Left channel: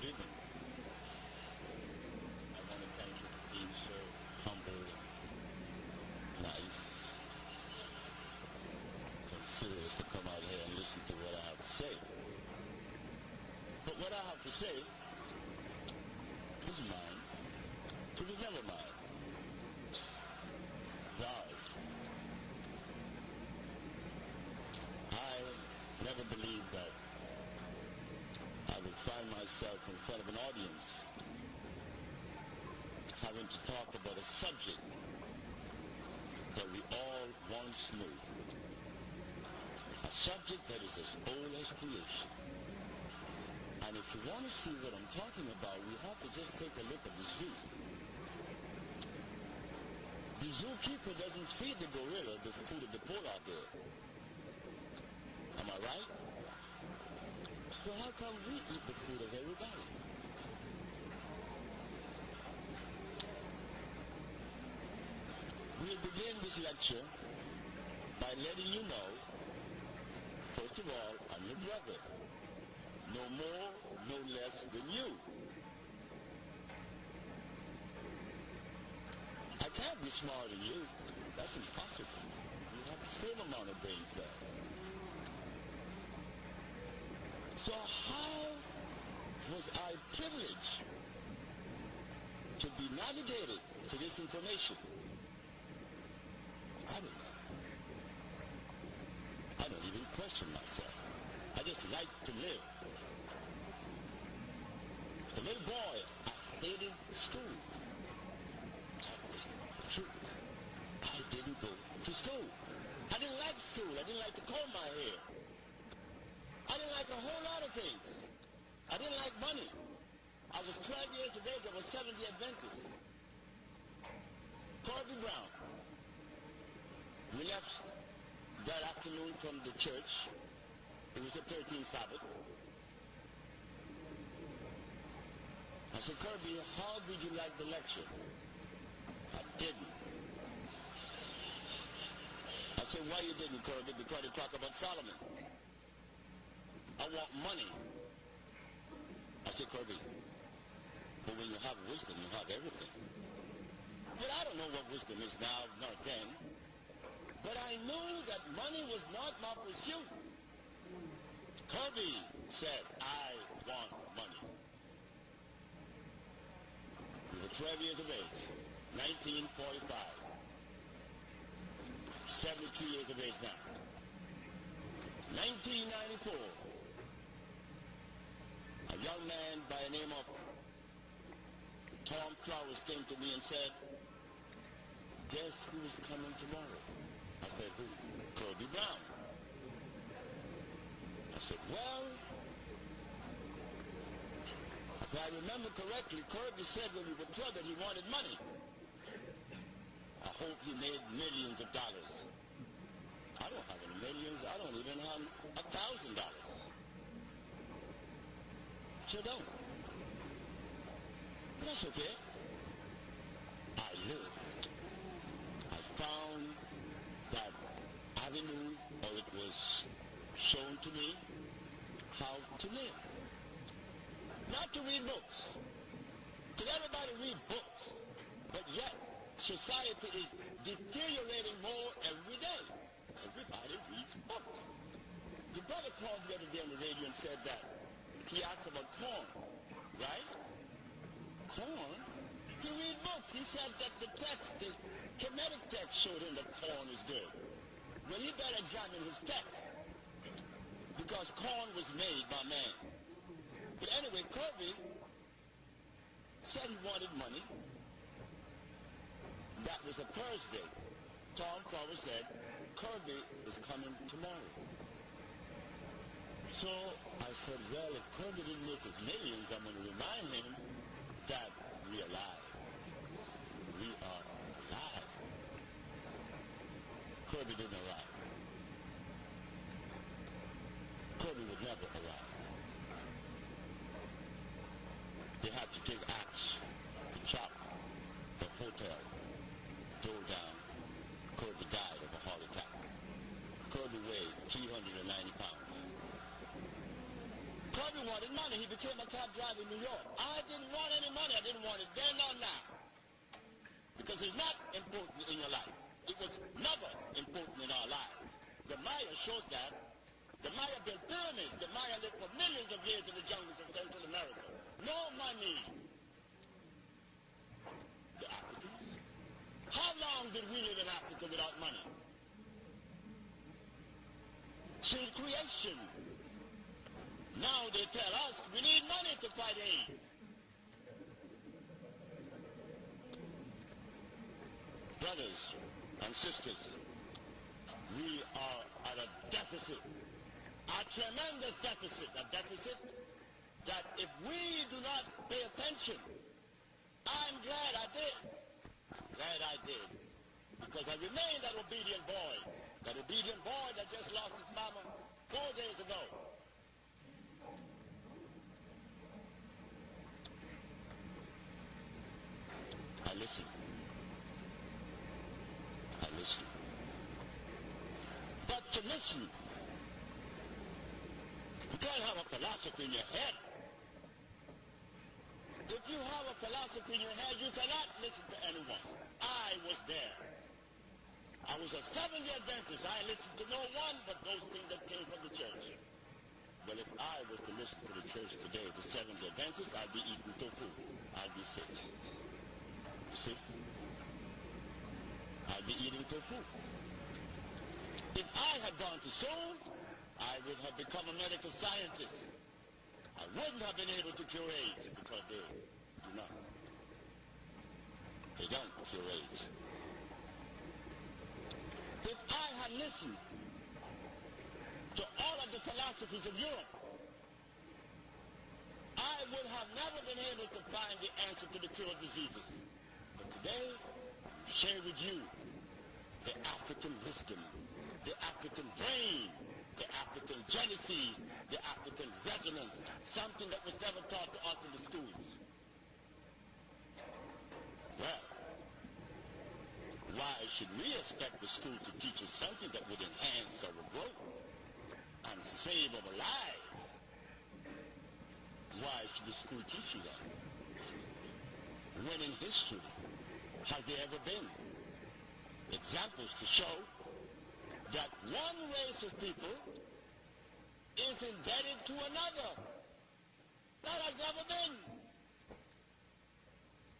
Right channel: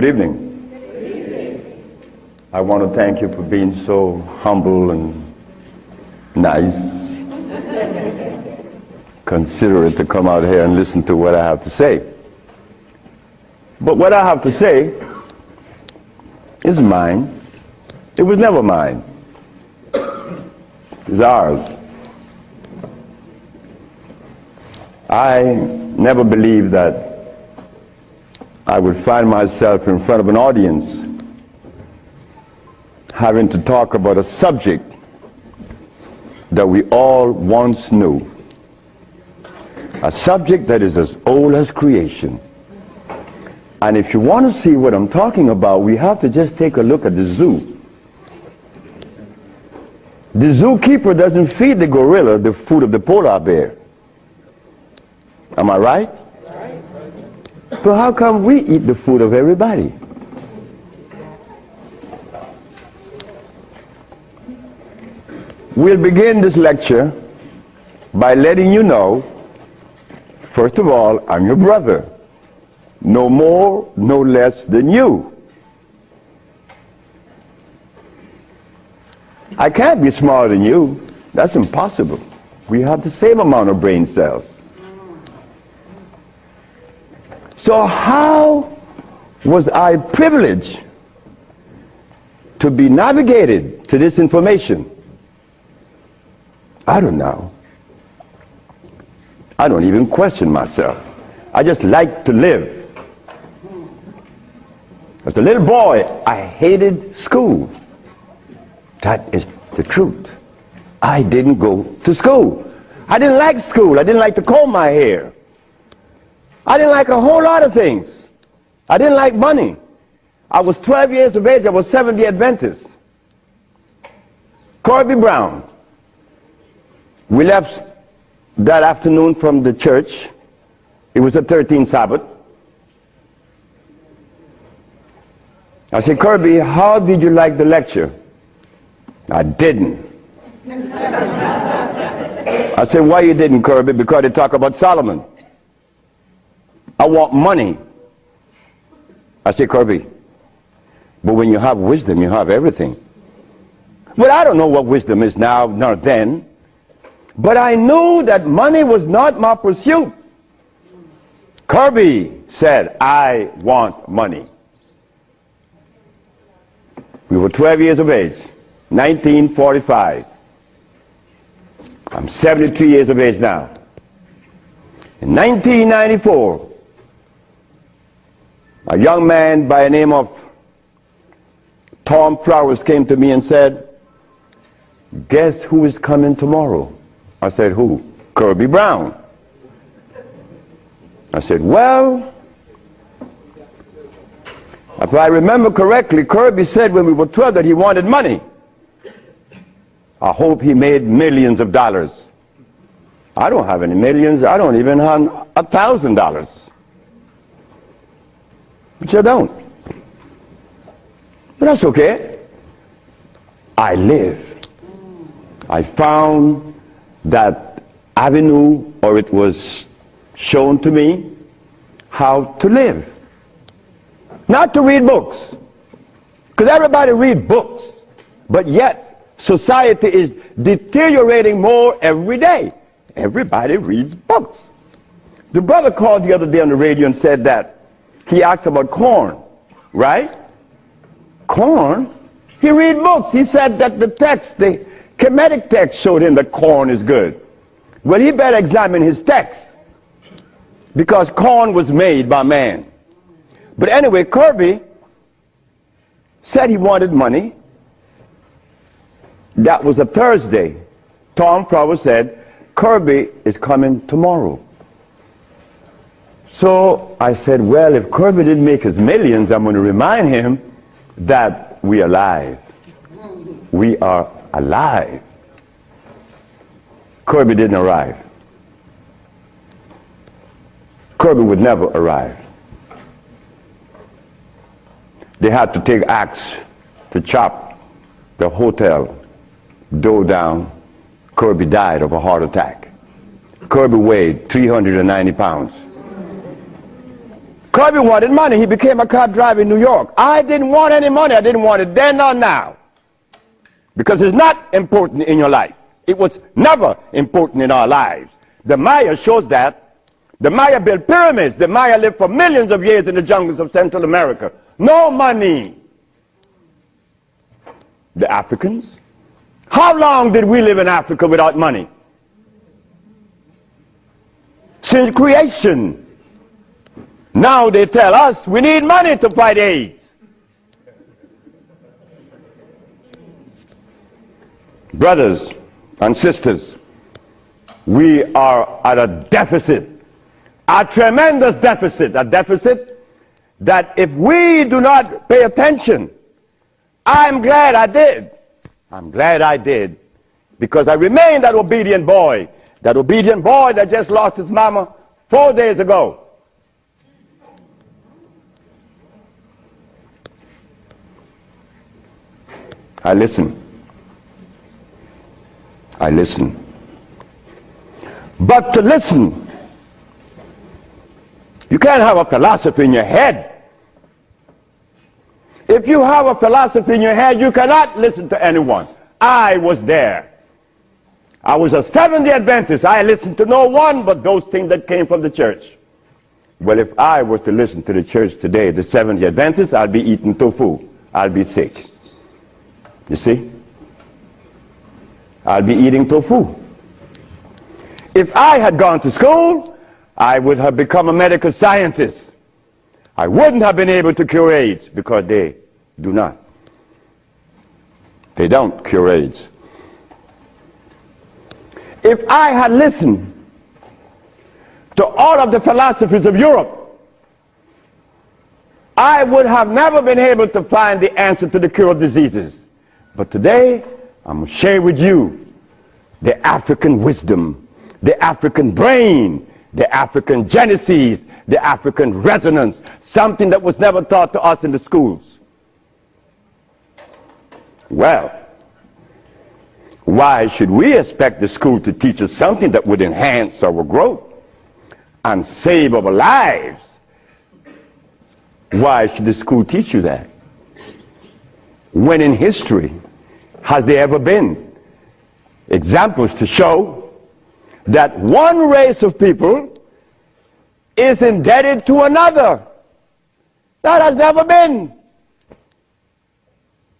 Good evening. Good evening. I want to thank you for being so humble and nice, considerate to come out here and listen to what I have to say. But what I have to say is mine. It was never mine. It's ours. I never believed that I would find myself in front of an audience having to talk about a subject that we all once knew. A subject that is as old as creation. And if you want to see what I'm talking about, we have to just take a look at the zoo. The zookeeper doesn't feed the gorilla the food of the polar bear. Am I right? So how come we eat the food of everybody? We'll begin this lecture by letting you know, first of all, I'm your brother. No more, no less than you. I can't be smarter than you. That's impossible. We have the same amount of brain cells. So how was I privileged to be navigated to this information? I don't know. I don't even question myself. I just like to live. As a little boy, I hated school. That is the truth. I didn't go to school. I didn't like school. I didn't like to comb my hair. I didn't like a whole lot of things. I didn't like money. I was 12 years of age. I was Seventh-day Adventist. Corby Brown. We left that afternoon from the church. It was the 13th Sabbath. I said, Kirby, how did you like the lecture? I didn't. I said, why you didn't, Kirby? Because they talk about Solomon. I want money. I said, Kirby, but when you have wisdom, you have everything. Well, I don't know what wisdom is now, nor then, but I knew that money was not my pursuit. Kirby said, I want money. We were 12 years of age, 1945. I'm 73 years of age now. In 1994, a young man by the name of Tom Flowers came to me and said, guess who is coming tomorrow? I said, who? Kirby Brown. I said, well, if I remember correctly, Kirby said when we were 12 that he wanted money. I hope he made millions of dollars. I don't have any millions. I don't even have $1,000. But you don't. But that's okay. I live. I found that avenue, or it was shown to me how to live. Not to read books. Because everybody reads books. But yet, society is deteriorating more every day. Everybody reads books. The brother called the other day on the radio and said that he asked about corn, right? Corn? He read books. He said that the text, the Kemetic text showed him that corn is good. Well, he better examine his text. Because corn was made by man. But anyway, Kirby said he wanted money. That was a Thursday. Tom Flowers said, Kirby is coming tomorrow. So I said, well, if Kirby didn't make his millions, I'm going to remind him that we are alive. We are alive. Kirby didn't arrive. Kirby would never arrive. They had to take axe to chop the hotel door down. Kirby died of a heart attack. Kirby weighed 390 pounds. Kirby wanted money. He became a cab driver in New York. I didn't want any money. I didn't want it then nor now. Because it's not important in your life. It was never important in our lives. The Maya shows that. The Maya built pyramids. The Maya lived for millions of years in the jungles of Central America. No money. The Africans? How long did we live in Africa without money? Since creation. Now they tell us we need money to fight AIDS. Brothers and sisters, we are at a deficit, a tremendous deficit, a deficit that if we do not pay attention, I'm glad I did. I'm glad I did, because I remained that obedient boy that just lost his mama 4 days ago. I listen. I listen. But to listen, you can't have a philosophy in your head. If you have a philosophy in your head, you cannot listen to anyone. I was there. I was a Seventh-day Adventist. I listened to no one but those things that came from the church. Well, if I was to listen to the church today, the Seventh-day Adventists, I'd be eating tofu. I'll be sick. You see? I'll be eating tofu. If I had gone to school, I would have become a medical scientist. I wouldn't have been able to cure AIDS, because they do not. They don't cure AIDS. If I had listened to all of the philosophies of Europe, I would have never been able to find the answer to the cure of diseases. But today, I'm going to share with you the African wisdom, the African brain, the African genesis, the African resonance, something that was never taught to us in the schools. Well, why should we expect the school to teach us something that would enhance our growth and save our lives? Why should the school teach you that? When in history has there ever been examples to show that one race of people is indebted to another? That has never been.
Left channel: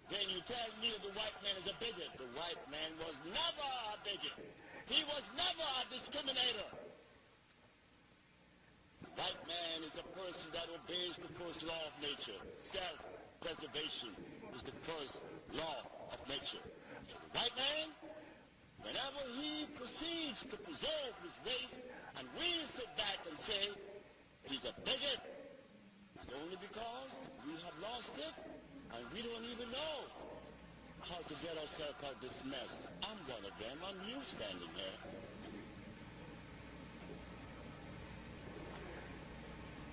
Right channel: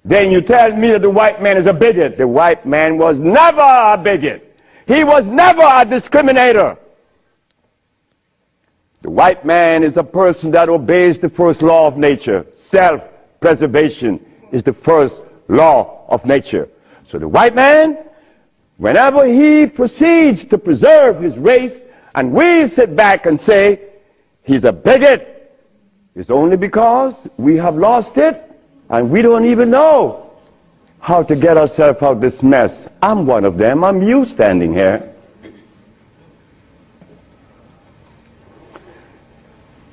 Then you tell me that the white man is a bigot. The white man was never a bigot. He was never a discriminator. The white man is a person that obeys the first law of nature. Self-preservation is the first law of nature. So the white man, whenever he proceeds to preserve his race, and we sit back and say he's a bigot, it's only because we have lost it and we don't even know how to get ourselves out of this mess. I'm one of them. I'm you standing here.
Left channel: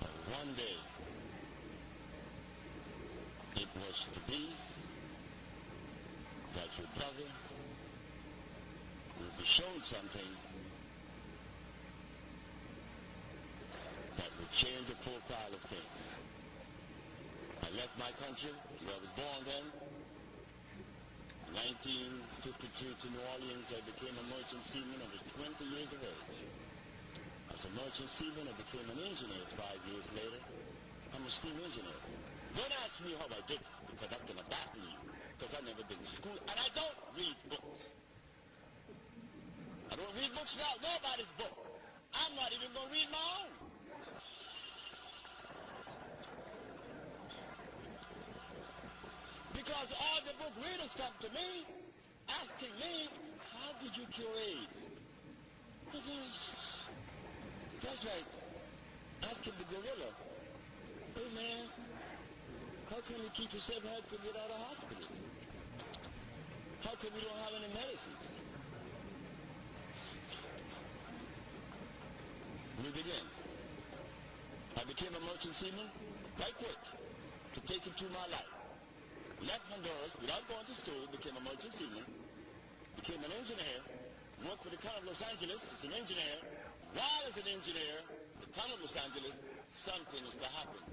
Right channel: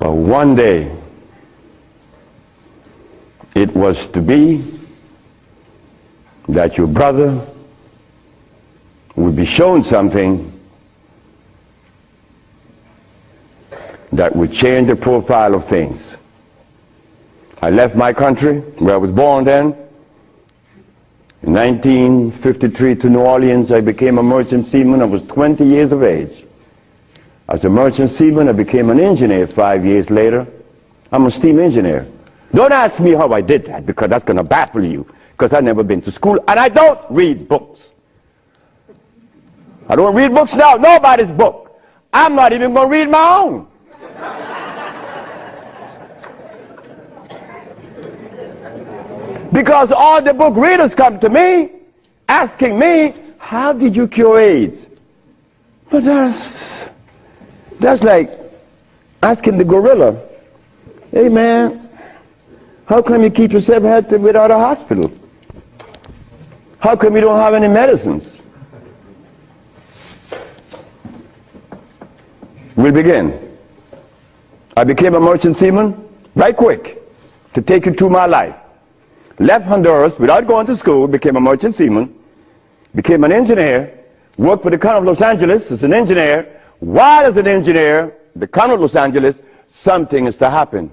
But one day, it was to be that your brother would be shown something that would change the profile of things. I left my country, where I was born then. In 1953 to New Orleans, I became a merchant seaman. I was 20 years of age. As a merchant seaman, I became an engineer 5 years later. I'm a steam engineer. Don't ask me how I did that, because that's going to baffle you, because I've never been to school, and I don't read books. I don't read books now, nobody's book. I'm not even going to read my own. Because all the book readers come to me, asking me, how did you cure AIDS? But that's like asking the gorilla, hey man, how come you keep yourself healthy without a hospital? How come you don't have any medicines? We'll begin. I became a merchant seaman, right quick, to take you through my life. Left Honduras without going to school, became a merchant seaman, became an engineer, worked for the County of Los Angeles as an engineer. While as an engineer, the County of Los Angeles, something is to happen.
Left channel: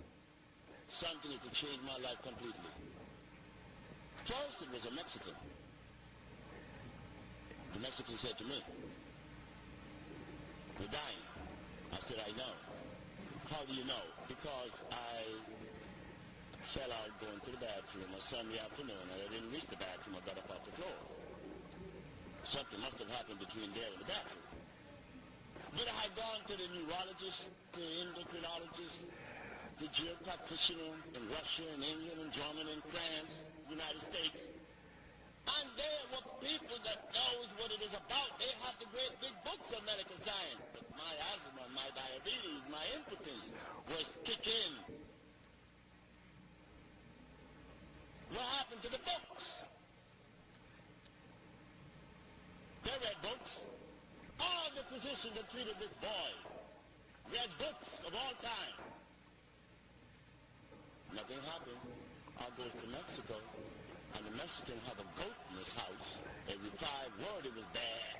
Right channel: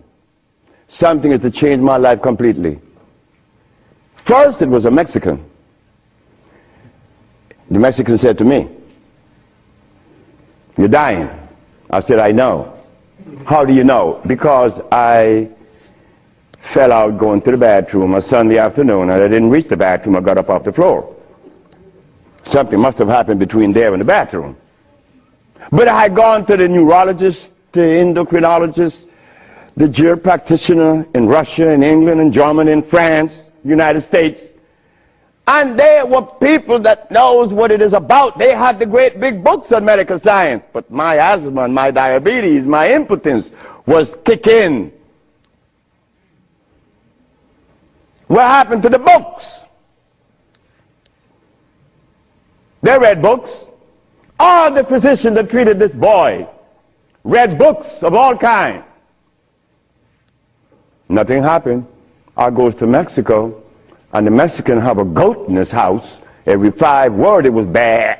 Something is to change my life completely. First, it was a Mexican. The Mexican said to me, "You're dying." I said, "I know." "How do you know?" "Because I fell out going to the bathroom a Sunday afternoon, and I didn't reach the bathroom. I got up off the floor. Something must have happened between there and the bathroom." But I had gone to the neurologist, the endocrinologist, the GER practitioner in Russia, in England, in Germany, in France, United States. And they were people that knows what it is about. They had the great big books on medical science. But my asthma and my diabetes, my impotence was kicking. What happened to the books? They read books. All the physicians that treated this boy read books of all kinds. Nothing happened. I goes to Mexico, and the Mexican have a goat in his house. Every 5 words it was bad,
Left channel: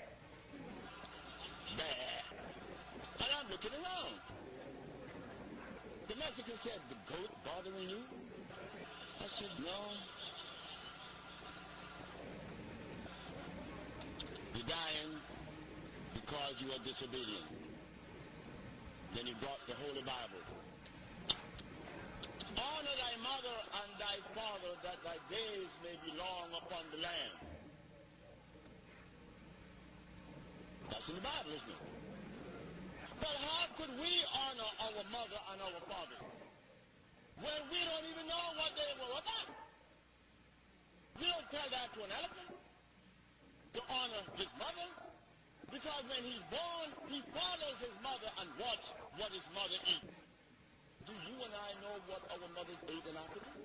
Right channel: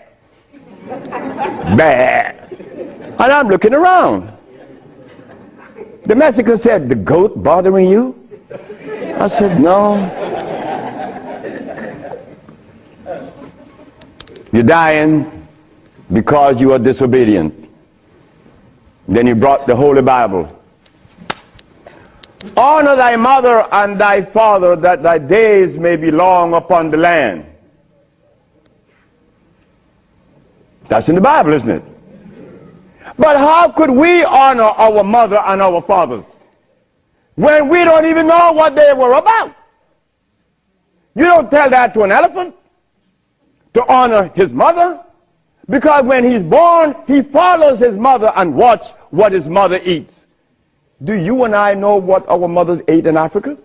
bad. And I'm looking around. The Mexican said, "The goat bothering you?" I said, "No." "You're dying because you are disobedient." Then he brought the Holy Bible. "Honor thy mother and thy father, that thy days may be long upon the land." That's in the Bible, isn't it? But how could we honor our mother and our fathers when we don't even know what they were about? You don't tell that to an elephant, to honor his mother, because when he's born, he follows his mother and watch what his mother eats. Do you and I know what our mothers ate in Africa?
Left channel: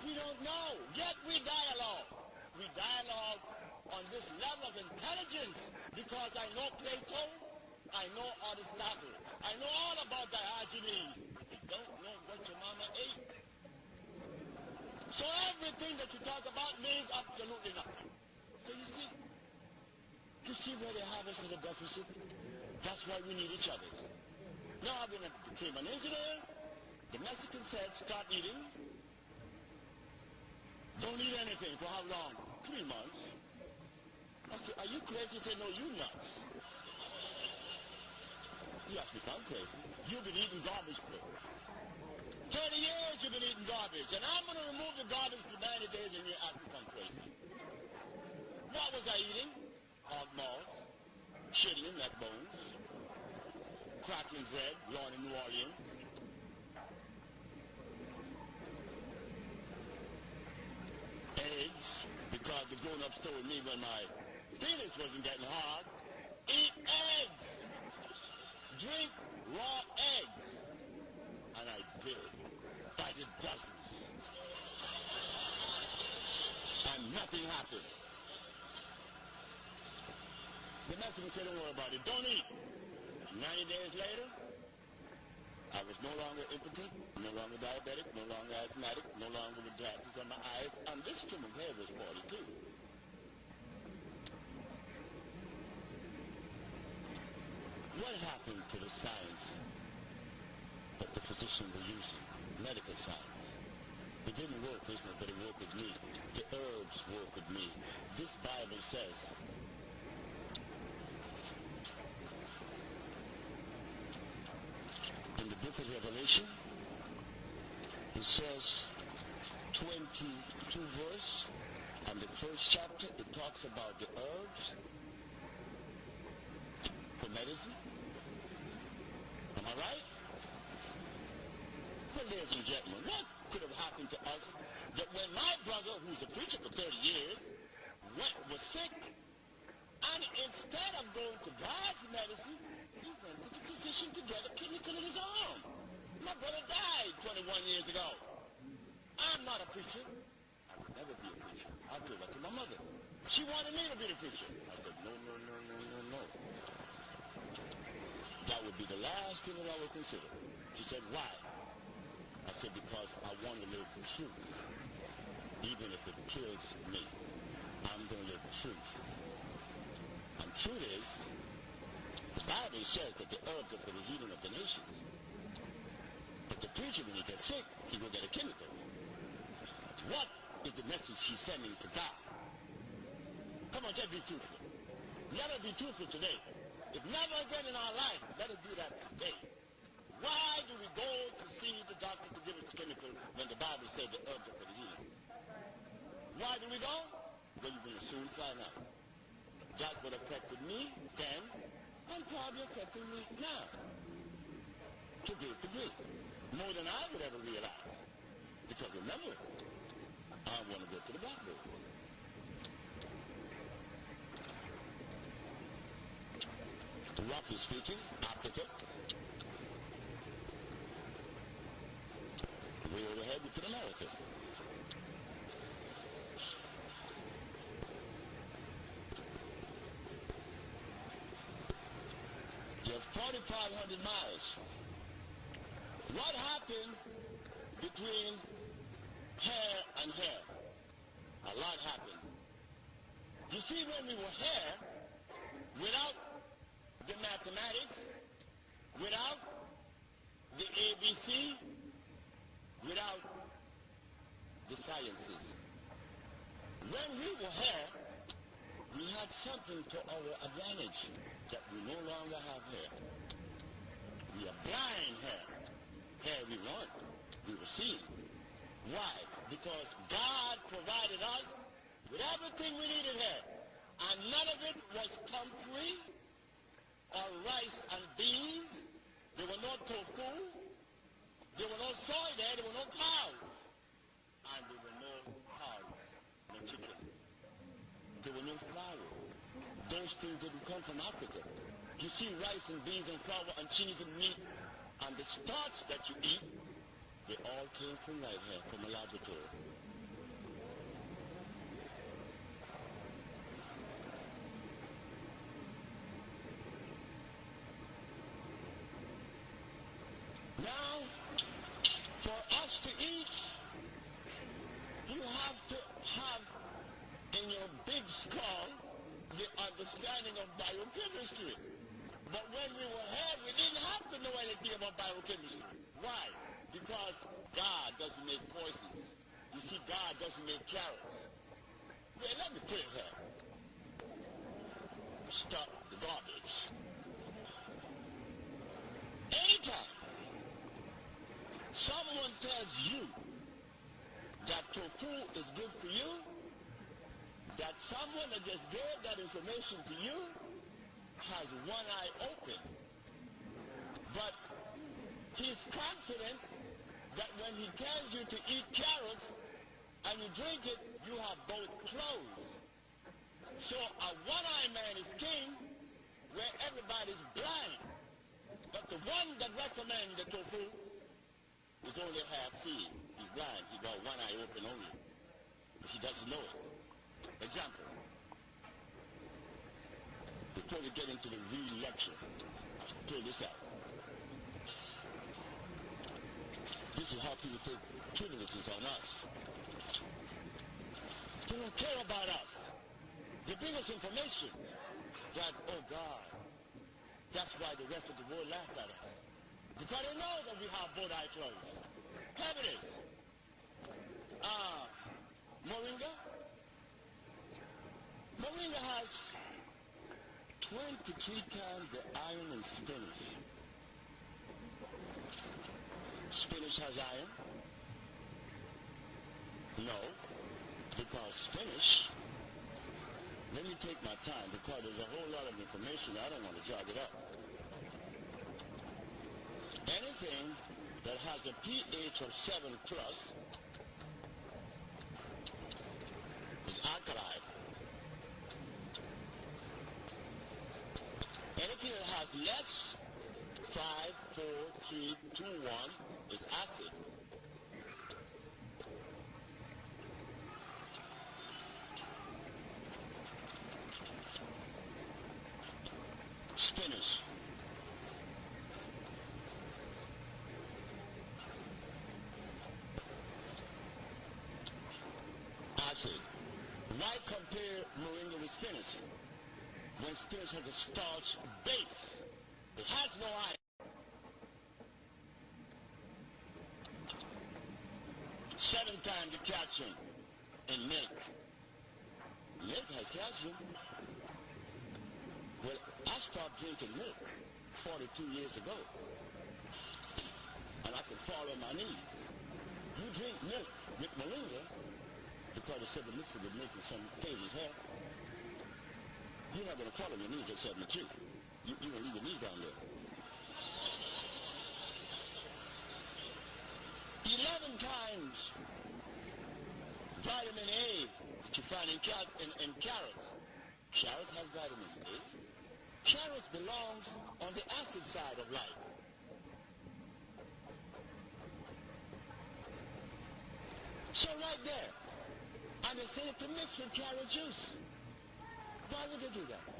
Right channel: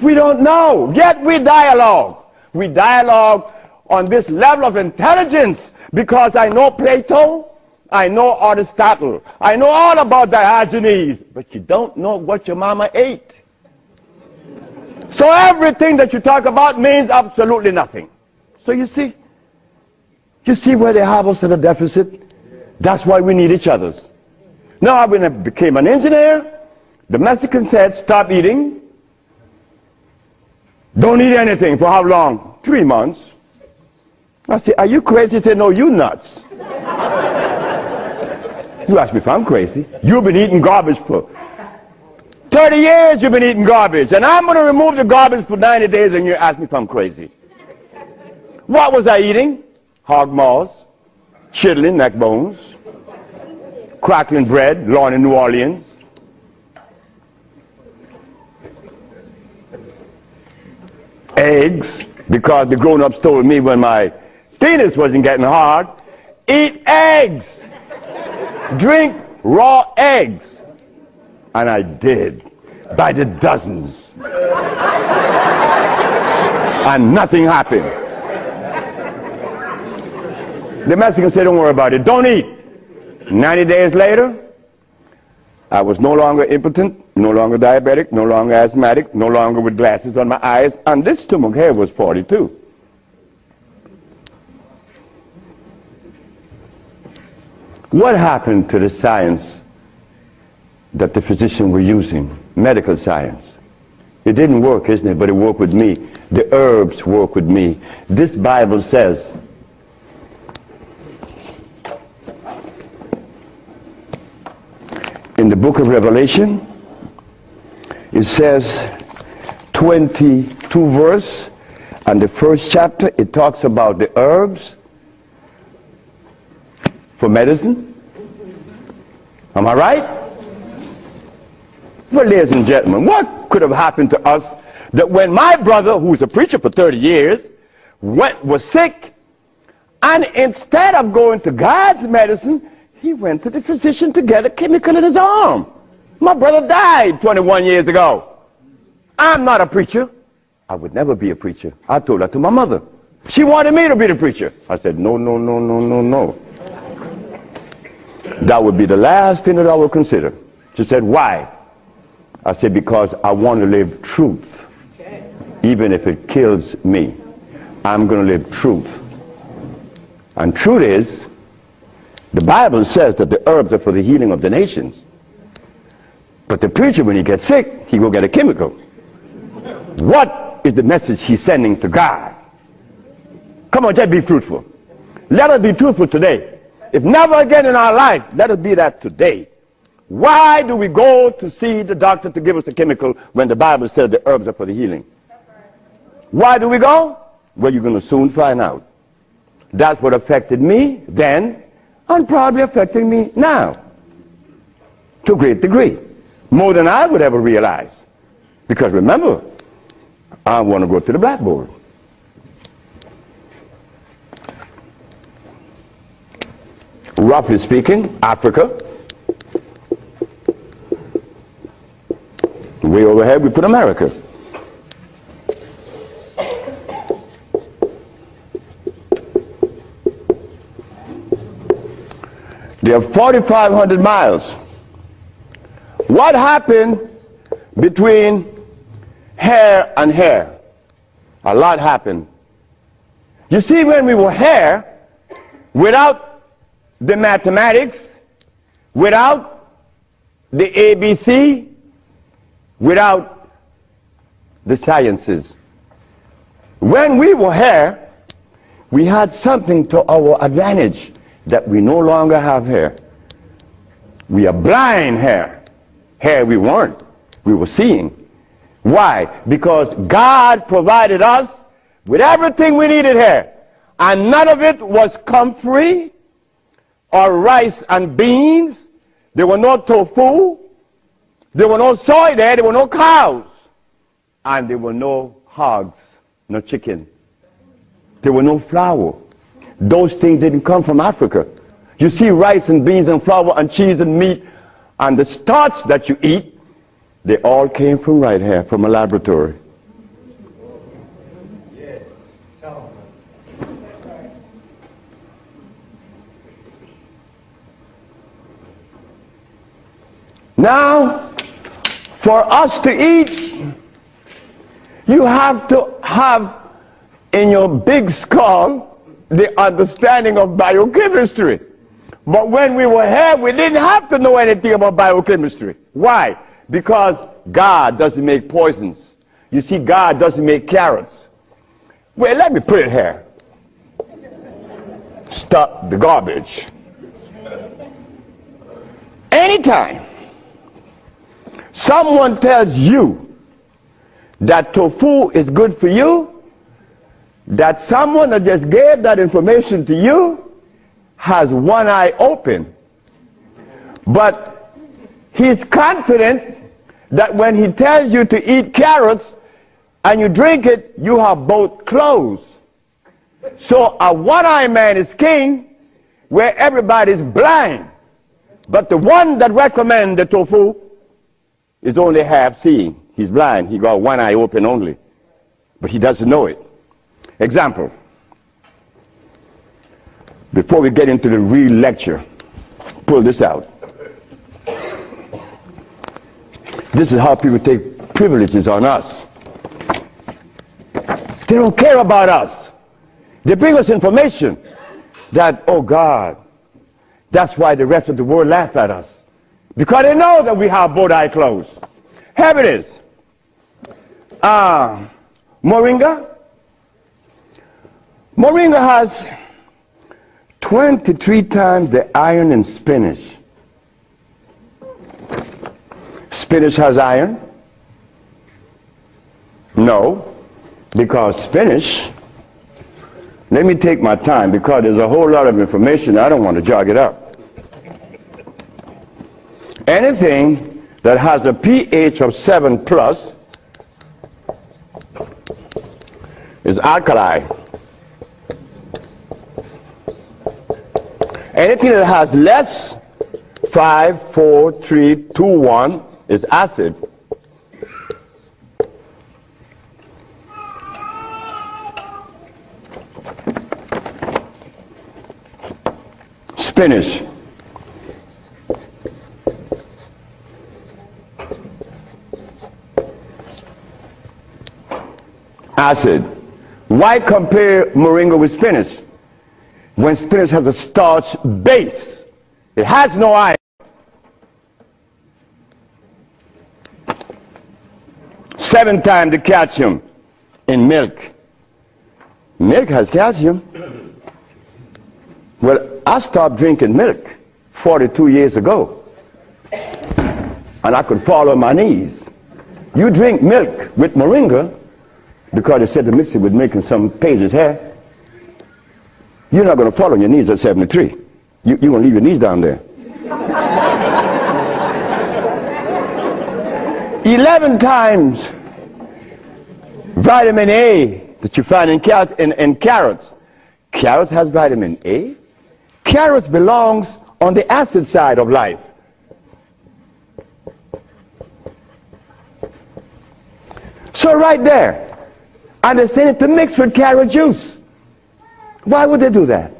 We don't know, yet we dialogue. We dialogue on this level of intelligence because I know Plato, I know Aristotle, I know all about Diogenes, but you don't know what your mama ate. So everything that you talk about means absolutely nothing. So you see where they have us at a deficit? That's why we need each other's. Now, when I became an engineer, the Mexican said, "Stop eating. Don't eat anything." For how long? 3 months. I said, "Are you crazy?" He said, "No, you nuts." You ask me if I'm crazy. You've been eating garbage for 30 years. You've been eating garbage. And I'm going to remove the garbage for 90 days, and you ask me if I'm crazy. What was I eating? Hog maws, chitlin, neck bones, crackling bread, Lawn in New Orleans. Eggs, because the grown-ups told me when my penis wasn't getting hard, eat eggs, drink raw eggs. And I did, by the dozens. And nothing happened. The Mexican said, "Don't worry about it, don't eat." 90 days later, I was no longer impotent, no longer diabetic, no longer asthmatic, no longer with glasses on my eyes, and this stomach hair was 42. What happened to the science that the physicians were using, medical science? It didn't work, isn't it? But it worked with me. The herbs work with me. This Bible says, in the book of Revelation, it says 22 verse, and the first chapter, it talks about the herbs for medicine. Am I right? Well, ladies and gentlemen, what could have happened to us that when my brother, who was a preacher for 30 years, was sick, and instead of going to God's medicine, he went to the physician to get a chemical in his arm. My brother died 21 years ago. I'm not a preacher. I would never be a preacher. I told that to my mother. She wanted me to be the preacher. I said, "No, no, no, no, no, no. That would be the last thing that I would consider." She said, "Why?" I said, "Because I want to live truth. Even if it kills me, I'm going to live truth." And truth is, the Bible says that the herbs are for the healing of the nations. But the preacher, when he gets sick, he go get a chemical. What is the message he's sending to God? Come on, just be fruitful. Let us be truthful today. If never again in our life, let us be that today. Why do we go to see the doctor to give us a chemical when the Bible says the herbs are for the healing? Why do we go? Well, you're going to soon find out. That's what affected me then and probably affecting me now to a great degree. More than I would ever realize. Because remember, I want to go to the blackboard. Roughly speaking, Africa. Way overhead, we put America. They are 4,500 miles. What happened between here and here? A lot happened. You see, when we were here, without the mathematics, without the ABC, without the sciences, when we were here, we had something to our advantage that we no longer have here. We are blind here. Here we weren't. We were seeing. Why? Because God provided us with everything we needed here. And none of it was comfrey or rice and beans. There were no tofu. There were no soy there. There were no cows. And there were no hogs, no chicken. There were no flour. Those things didn't come from Africa. You see, rice and beans and flour and cheese and meat and the starch that you eat, they all came from right here, from a laboratory. Now, for us to eat, you have to have in your big skull the understanding of biochemistry. But when we were here, we didn't have to know anything about biochemistry. Why? Because God doesn't make poisons. You see, God doesn't make carrots. Well, let me put it here. Stop the garbage. Anytime someone tells you that tofu is good for you, that someone that just gave that information to you has one eye open. But he's confident that when he tells you to eat carrots and you drink it, you have both closed. So a one-eyed man is king where everybody's blind. But the one that recommends the tofu is only half seeing. He's blind. He got one eye open only. But he doesn't know it. Example. Before we get into the real lecture, pull this out. This is how people take privileges on us. They don't care about us. They bring us information that, oh God, that's why the rest of the world laugh at us. Because they know that we have both eyes closed. Here it is. Moringa. Moringa has 23 times the iron in spinach. Spinach has iron? No, because spinach, let me take my time because there's a whole lot of information. I don't want to jog it up. Anything that has a pH of 7 plus is alkali. Anything that has less, 5, 4, 3, 2, 1, is acid. Spinach. Acid. Why compare moringa with spinach? When spinach has a starch base, it has no iron. 7 times the calcium in milk. Milk has calcium. Well, I stopped drinking milk 42 years ago, and I could fall on my knees. You drink milk with moringa, because they said to mix it with milk and some pages hair, you're not going to fall on your knees at 73. You're going to leave your knees down there. 11 times vitamin A that you find in carrots. Carrots has vitamin A. Carrots belongs on the acid side of life. So right there, and they're saying to mix with carrot juice. Why would they do that?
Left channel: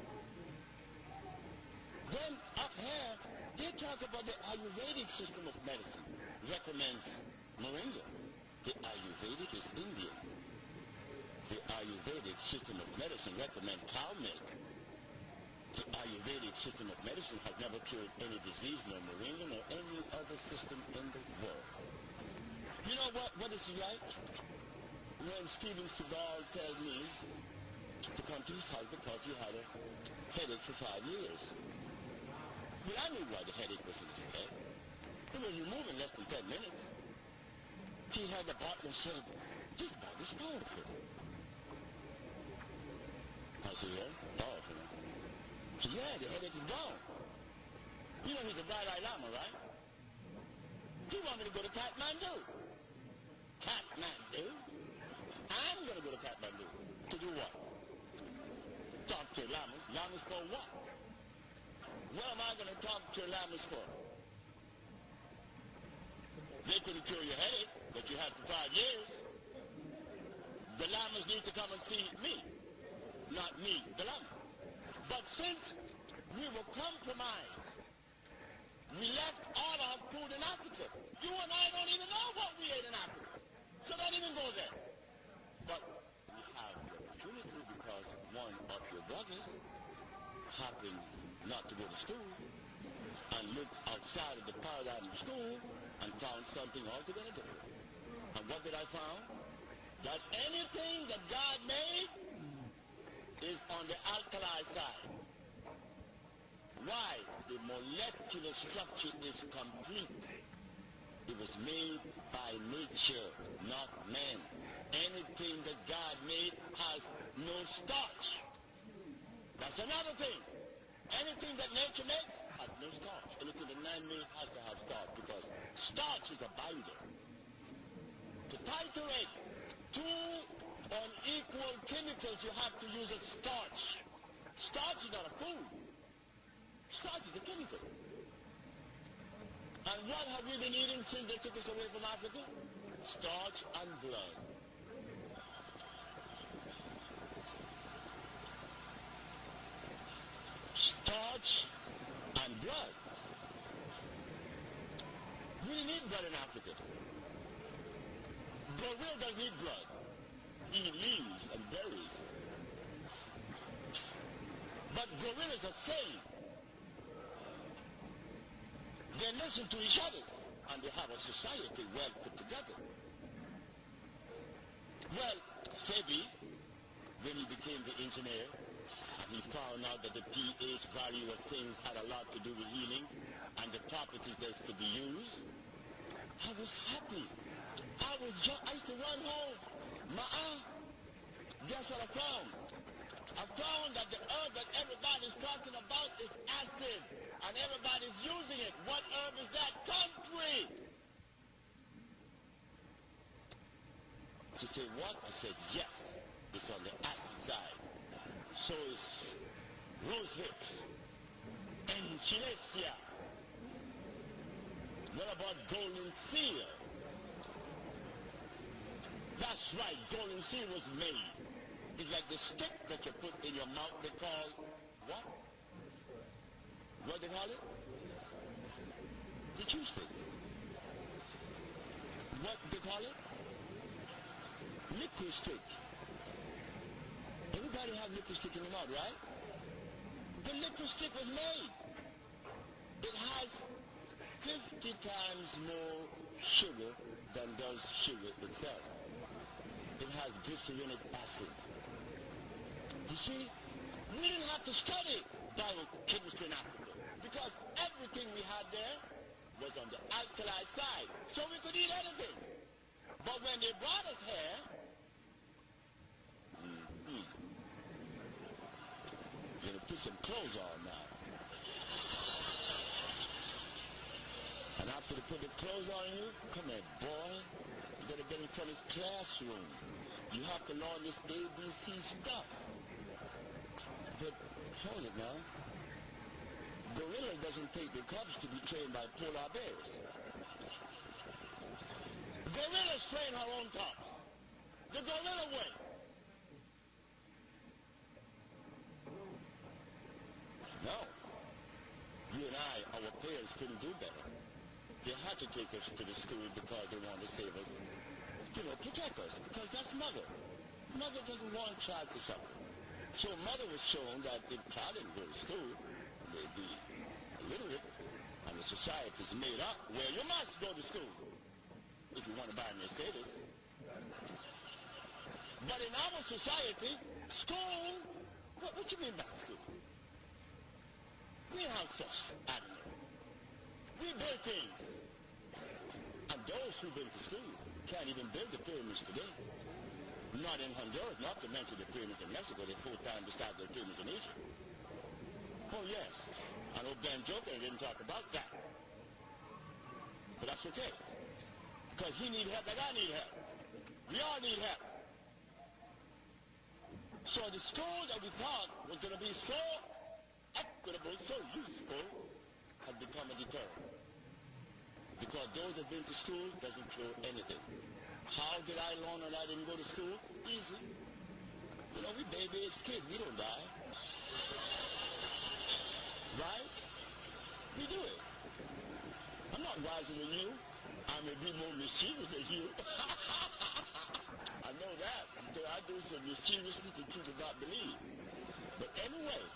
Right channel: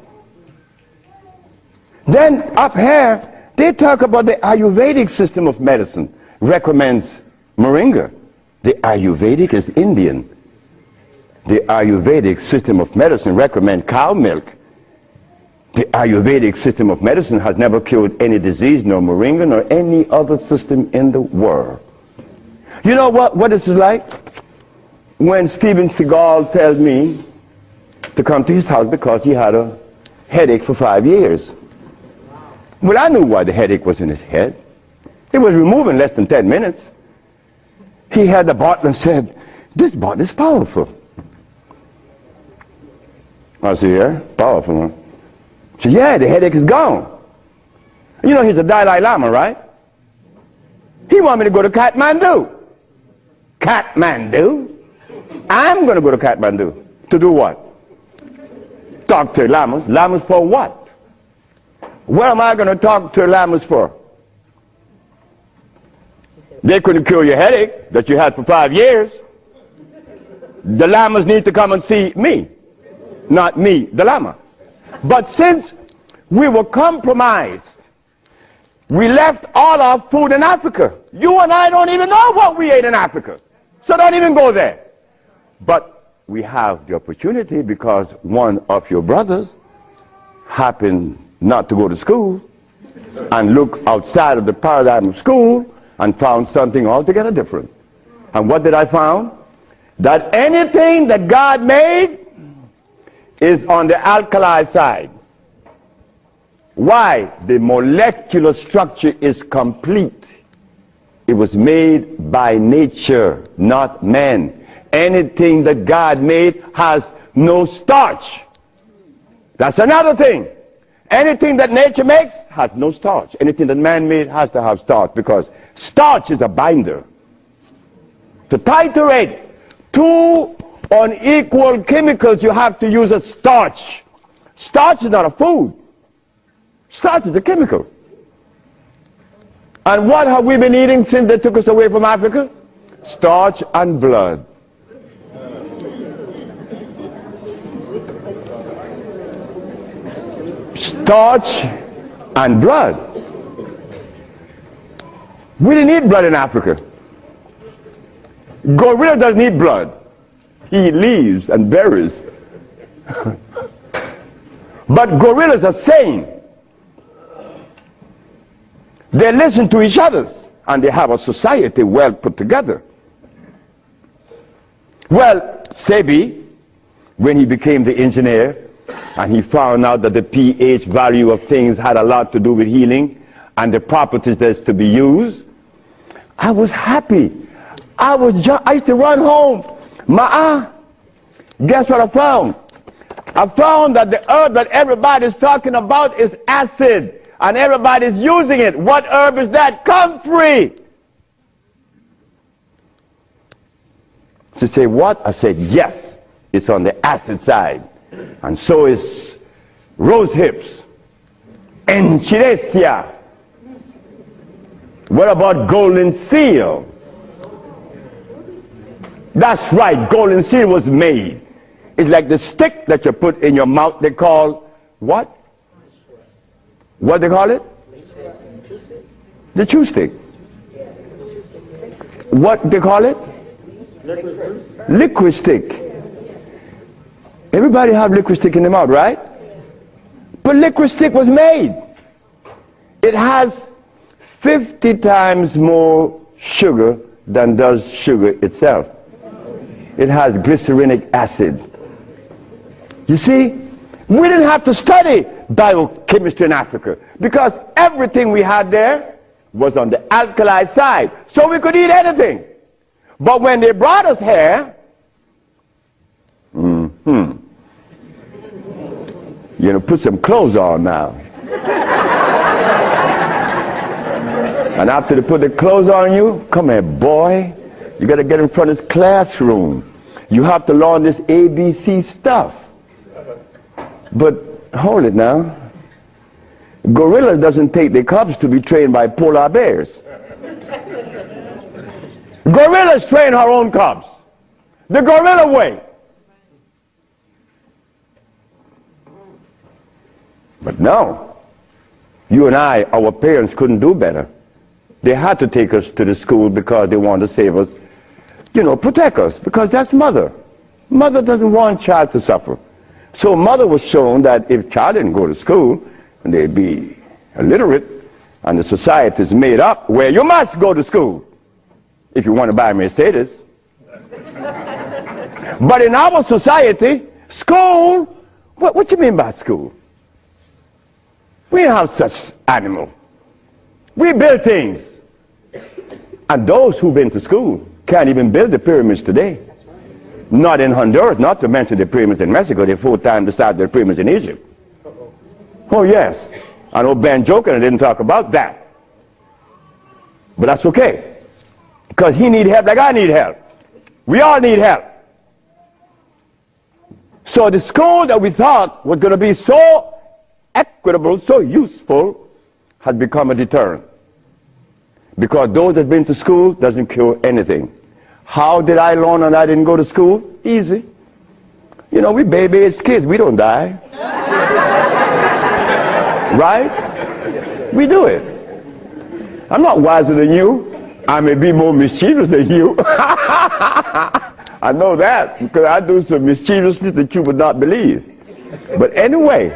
Then up here, they talk about the Ayurvedic system of medicine recommends moringa. The Ayurvedic is Indian. The Ayurvedic system of medicine recommends cow milk. The Ayurvedic system of medicine has never cured any disease, nor moringa, nor any other system in the world. You know what this is like? When Steven Seagal tells me to come to his house because he had a headache for 5 years. Well, I knew why the headache was in his head. It was removed in less than 10 minutes. He had the bottle and said, "This bottle is powerful." I said, "Yeah, powerful, huh?" He said, "Yeah, the headache is gone." You know, he's a Dalai Lama, right? He wanted me to go to Kathmandu. Kathmandu? I'm going to go to Kathmandu. To do what? Talk to lamas. Lamas for what? What am I going to talk to lamas for? They couldn't cure your headache that you had for 5 years. The lamas need to come and see me, not me, the lama. But since we were compromised, we left all our food in Africa. You and I don't even know what we ate in Africa. So don't even go there. But we have the opportunity because one of your brothers happened not to go to school and look outside of the paradigm of school and found something altogether different. And what did I find? That anything that God made is on the alkali side. Why? The molecular structure is complete. It was made by nature, not man. Anything that God made has no starch. That's another thing. Anything that nature makes has no starch. Anything that man made has to have starch, because starch is a binder. To titrate two unequal chemicals, you have to use a starch. Starch is not a food. Starch is a chemical. And what have we been eating since they took us away from Africa? Starch and blood. Starch and blood. We didn't eat blood in Africa. Gorilla doesn't eat blood. He eats leaves and berries. But gorillas are sane. They listen to each other, and they have a society well put together. Well, Sebi, when he became the engineer, and he found out that the pH value of things had a lot to do with healing and the properties that's to be used, I was happy. I used to run home. Guess what I found? I found that the herb that everybody's talking about is acid, and everybody's using it. What herb is that? Comfrey. She said, what? I said, yes, it's on the acid side. And so is rose hips, enchirecia. What about golden seal? That's right, golden seal was made. It's like the stick that you put in your mouth. They call what? What they call it? The chew stick. What they call it? Liquid stick. Everybody have liquid stick in the mouth, right? But liquid stick was made. It has 50 times more sugar than does sugar itself. It has glycerinic acid. You see, we didn't have to study biochemistry in Africa because everything we had there was on the alkali side, so we could eat anything. But when they brought us here, you know, put some clothes on now. And after they put the clothes on you, come here, boy, you got to get in front of this classroom. You have to learn this ABC stuff. But hold it now. Gorilla doesn't take the cubs to be trained by polar bears. Gorillas train her own cubs. The gorilla way. But no, you and I, our parents couldn't do better. They had to take us to the school because they wanted to save us, you know, protect us, because that's mother. Mother doesn't want child to suffer. So mother was shown that if child didn't go to school, they'd be illiterate, and the society is made up where you must go to school if you want to buy a Mercedes. But in our society, school, what you mean by school? We don't have such animal. We build things. And those who've been to school can't even build the pyramids today. Not in Honduras, not to mention the pyramids in Mexico. They're 4 times the size of the pyramids in Egypt. Oh yes. I know Ben joking and didn't talk about that. But that's okay. Because he need help like I need help. We all need help. So the school that we thought was going to be so equitable, so useful, has become a deterrent. Because those that have been to school doesn't cure anything. How did I learn and I didn't go to school? Easy. You know, we baby-aged kids, we don't die. Right? We do it. I'm not wiser than you. I may be more mischievous than you. I know that because I do some mischievousness that you would not believe. But anyway,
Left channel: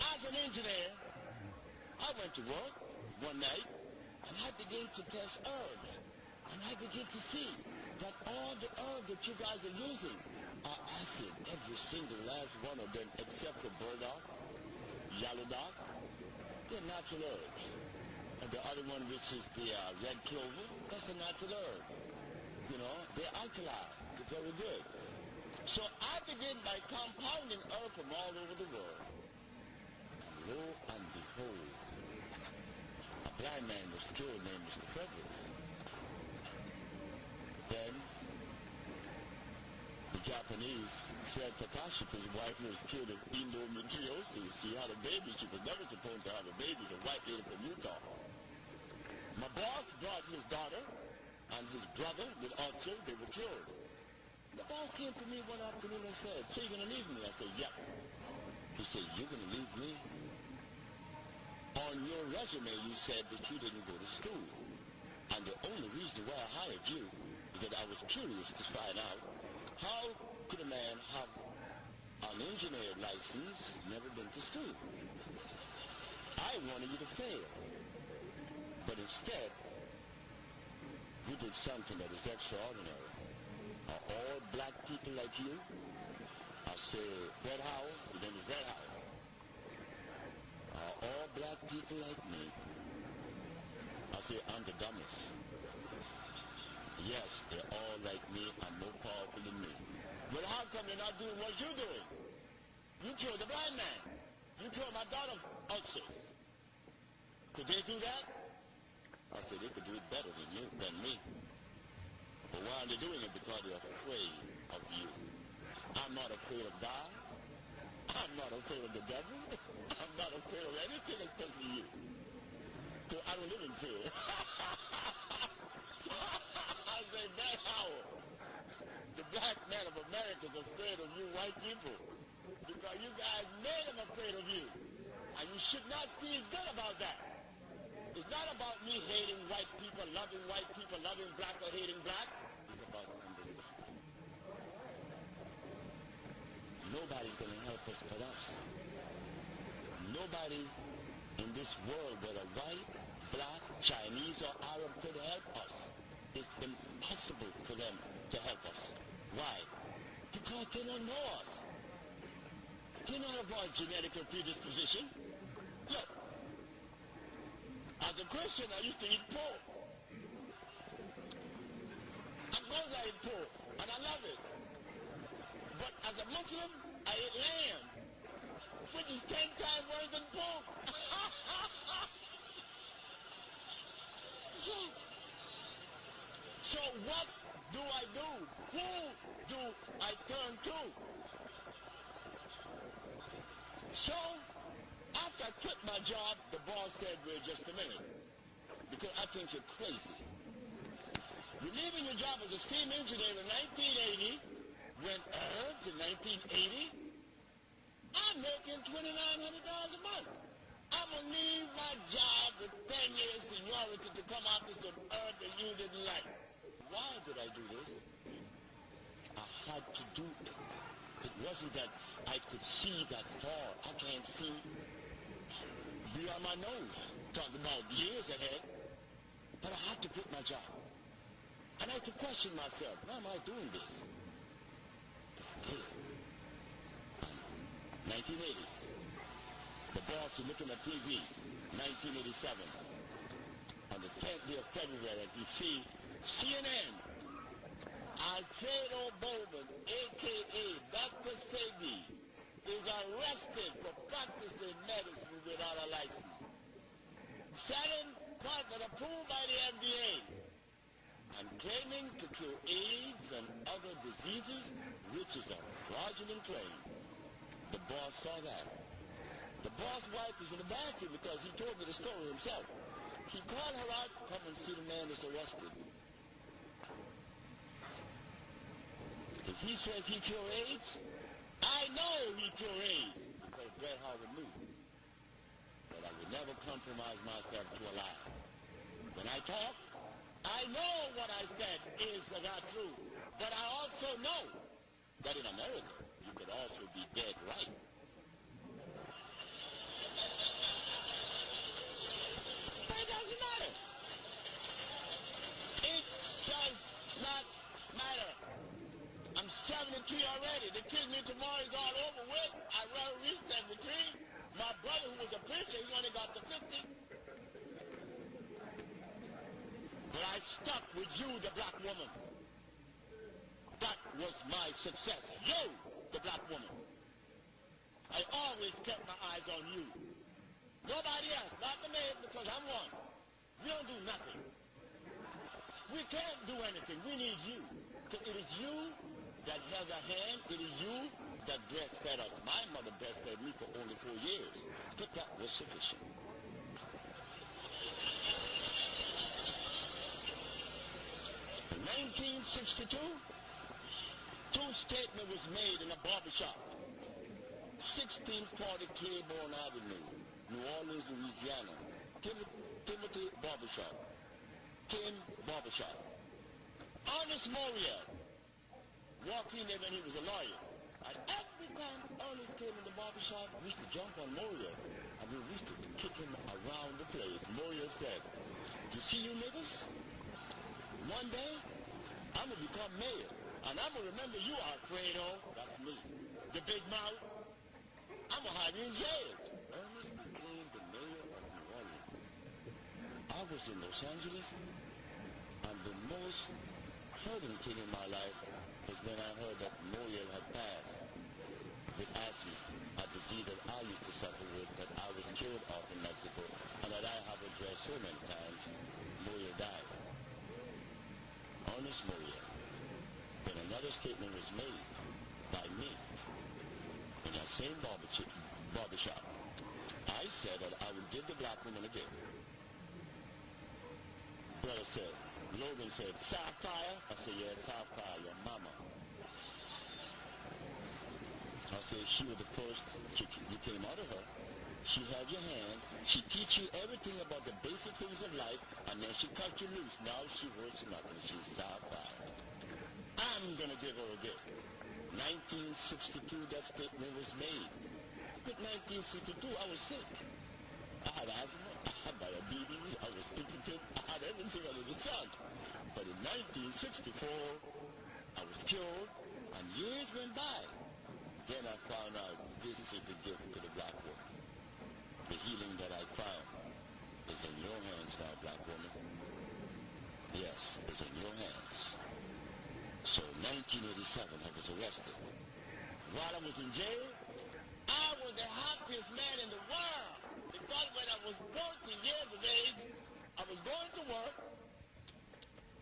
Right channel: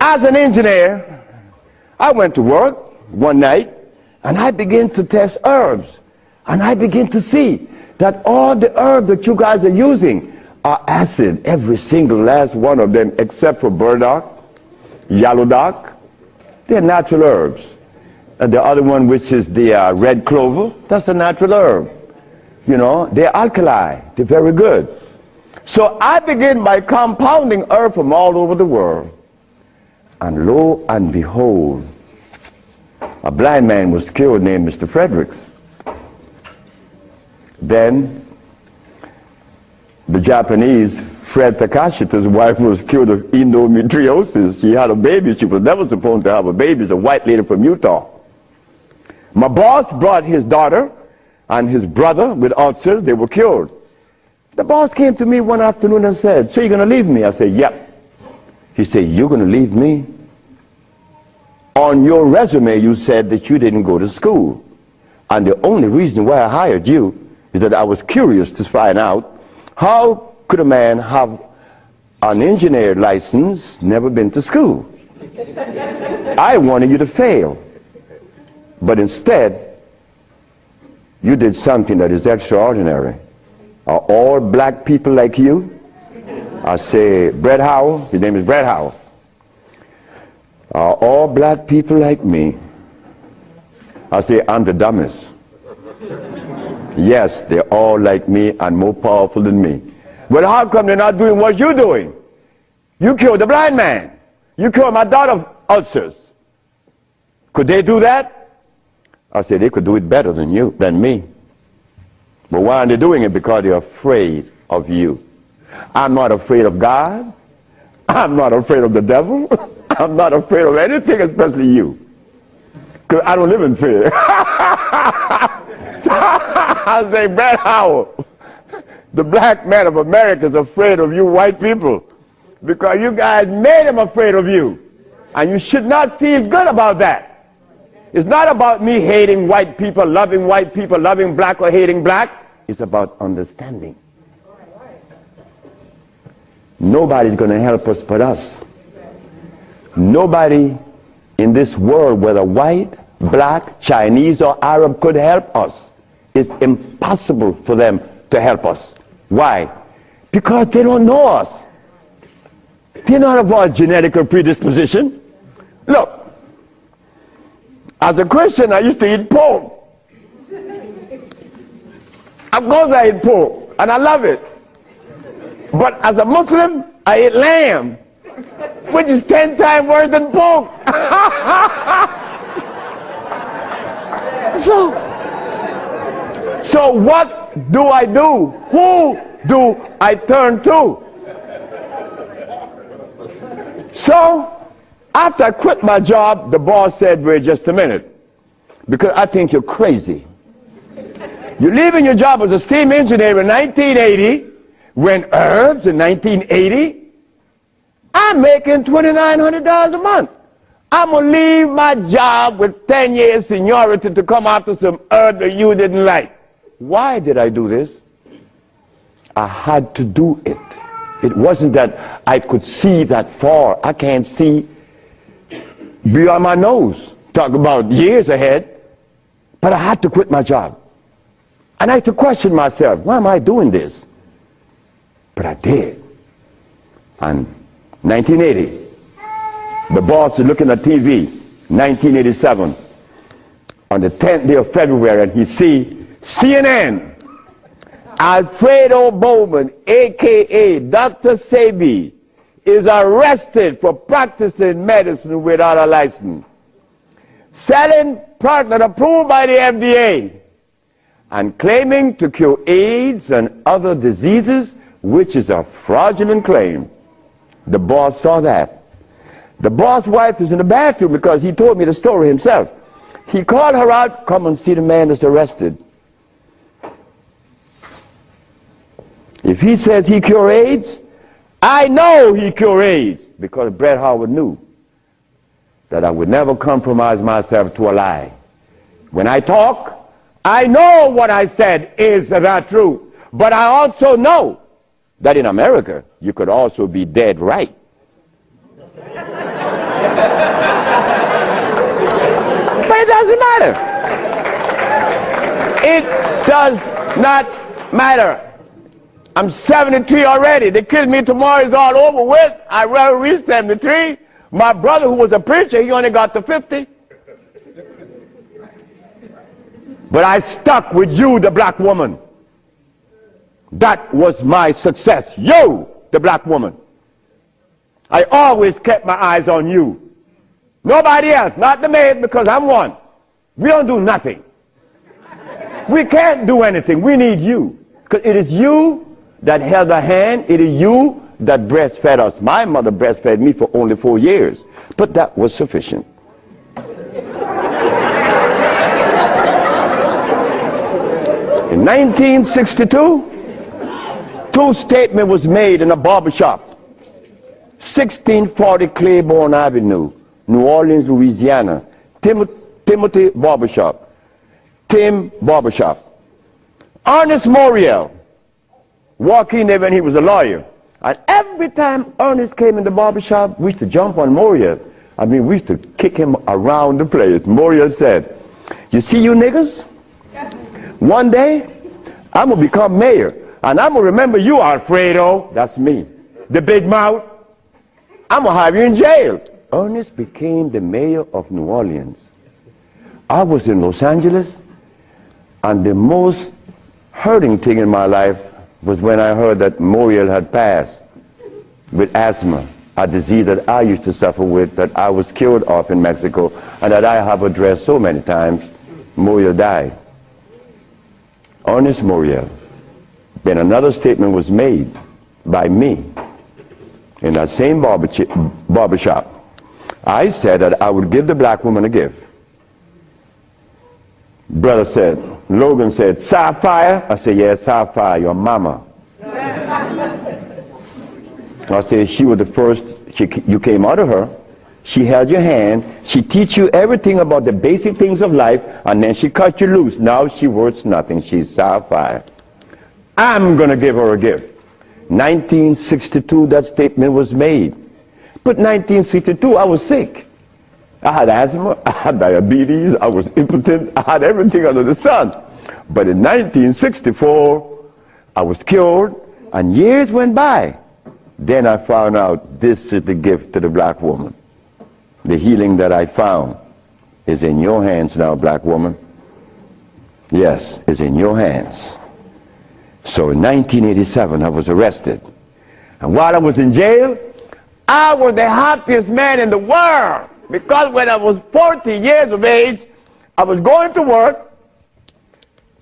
as an engineer, I went to work one night and I began to test herbs. And I began to see that all the herbs that you guys are using are acid, every single last one of them, except for burdock, yellow dock. They're natural herbs. And the other one, which is the red clover, that's a natural herb. You know, they're alkali. They're very good. So I began by compounding herbs from all over the world. And lo and behold, a blind man was killed named Mr. Fredericks. Then the Japanese, Fred Takashita's wife, was killed of endometriosis. She had a baby. She was never supposed to have a baby. It's a white lady from Utah. My boss brought his daughter and his brother with ulcers. They were killed. The boss came to me one afternoon and said, "So you're going to leave me?" I said, "Yep." He said, "You're going to leave me? On your resume, you said that you didn't go to school. And the only reason why I hired you is that I was curious to find out how could a man have an engineer license, never been to school. I wanted you to fail. But instead, you did something that is extraordinary. Are all black people like you?" I say, "Brett Howell," his name is Brett Howell. "Are all black people like me?" I say, "I'm the dumbest." "Yes, they're all like me and more powerful than me." "Well, how come they're not doing what you're doing? You killed the blind man. You killed my daughter's ulcers. Could they do that?" I said, "They could do it better than you, than me. But why aren't they doing it? Because they're afraid of you. I'm not afraid of God. I'm not afraid of the devil. I'm not afraid of anything, especially you. Because I don't live in fear." So I say, "Brett Howell, the black man of America is afraid of you white people because you guys made him afraid of you. And you should not feel good about that. It's not about me hating white people, loving black or hating black. It's about understanding. Nobody's going to help us but us. Nobody in this world, whether white, black, Chinese, or Arab, could help us it's impossible for them to help us. Why? Because they don't know us. They don't have our genetic predisposition. Look, as a Christian, I used to eat pork. Of course I eat pork, and I love it. But as a Muslim, I eat lamb, which is 10 times worse than pork. So what do I do? Who do I turn to? So after I quit my job, the boss said, wait just a minute, because I think you're crazy. You're leaving your job as a steam engineer in 1980, when herbs in 1980, I'm making $2,900 a month. I'm going to leave my job with 10 years seniority to come after some herb that you didn't like. Why did I do this? I had to do it. It wasn't that I could see that far. I can't see beyond my nose. Talk about years ahead. But I had to quit my job. And I had to question myself, why am I doing this? But I did. And 1980, the boss is looking at TV, 1987, on the 10th day of February, and he see CNN, Alfredo Bowman, a.k.a. Dr. Sebi, is arrested for practicing medicine without a license, selling product approved by the FDA, and claiming to cure AIDS and other diseases, which is a fraudulent claim. The boss saw that. The boss' wife is in the bathroom because he told me the story himself. He called her out, come and see the man that's arrested. If he says he cure AIDS, I know he cure AIDS, because Bret Howard knew that I would never compromise myself to a lie. When I talk, I know what I said is not true, but I also know that in America, you could also be dead right. But it doesn't matter. It does not matter. I'm 73 already. They kill me tomorrow, it's all over with. I rather reach 73. My brother, who was a preacher, he only got to 50. But I stuck with you, the black woman. That was my success. You, the black woman. I always kept my eyes on you. Nobody else, not the maid, because I'm one. We don't do nothing. We can't do anything. We need you. Because it is you that held a hand. It is you that breastfed us. My mother breastfed me for only 4 years. But that was sufficient. In 1962, two statements was made in a barbershop. 1640 Claiborne Avenue, New Orleans, Louisiana. Timothy Barbershop. Tim Barbershop. Ernest Moriel walked in there when he was a lawyer. And every time Ernest came in the barbershop, we used to jump on Moriel. I mean, we used to kick him around the place. Moriel said, you see you niggas? One day, I'm going to become mayor. And I'm going to remember you, Alfredo. That's me. The big mouth. I'm going to have you in jail. Ernest became the mayor of New Orleans. I was in Los Angeles, and the most hurting thing in my life was when I heard that Moriel had passed with asthma, a disease that I used to suffer with, that I was cured of in Mexico, and that I have addressed so many times. Moriel died. Ernest Moriel. Then another statement was made by me in that same barbershop. I said that I would give the black woman a gift. Brother said, Logan said, sapphire? I said, yes, sapphire, your mama. I said, she was the first, you came out of her, she held your hand, she teach you everything about the basic things of life, and then she cut you loose. Now she worth nothing, she's sapphire. I'm going to give her a gift. 1962, that statement was made. But 1962, I was sick. I had asthma, I had diabetes, I was impotent, I had everything under the sun. But in 1964, I was cured, and years went by. Then I found out this is the gift to the black woman. The healing that I found is in your hands now, black woman. Yes, it's in your hands. So in 1987, I was arrested. And while I was in jail, I was the happiest man in the world. Because when I was 40 years of age, I was going to work,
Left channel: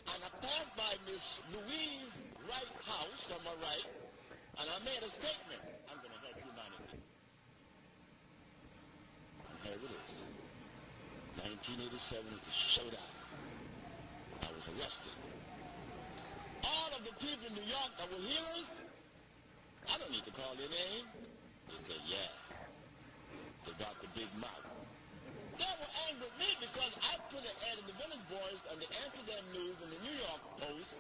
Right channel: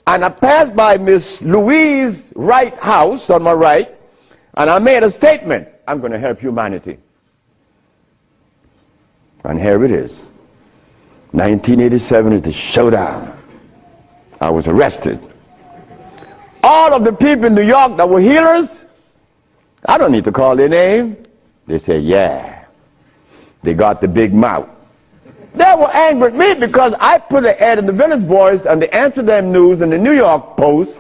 and I passed by Miss Louise Wright's house on my right, and I made a statement: I'm going to help humanity. And here it is. 1987 is the showdown. I was arrested. All of the people in New York that were healers, I don't need to call their name. They said, yeah. They got the big mouth. They were angry with me because I put an ad in the Village Voice and the Amsterdam News and the New York Post.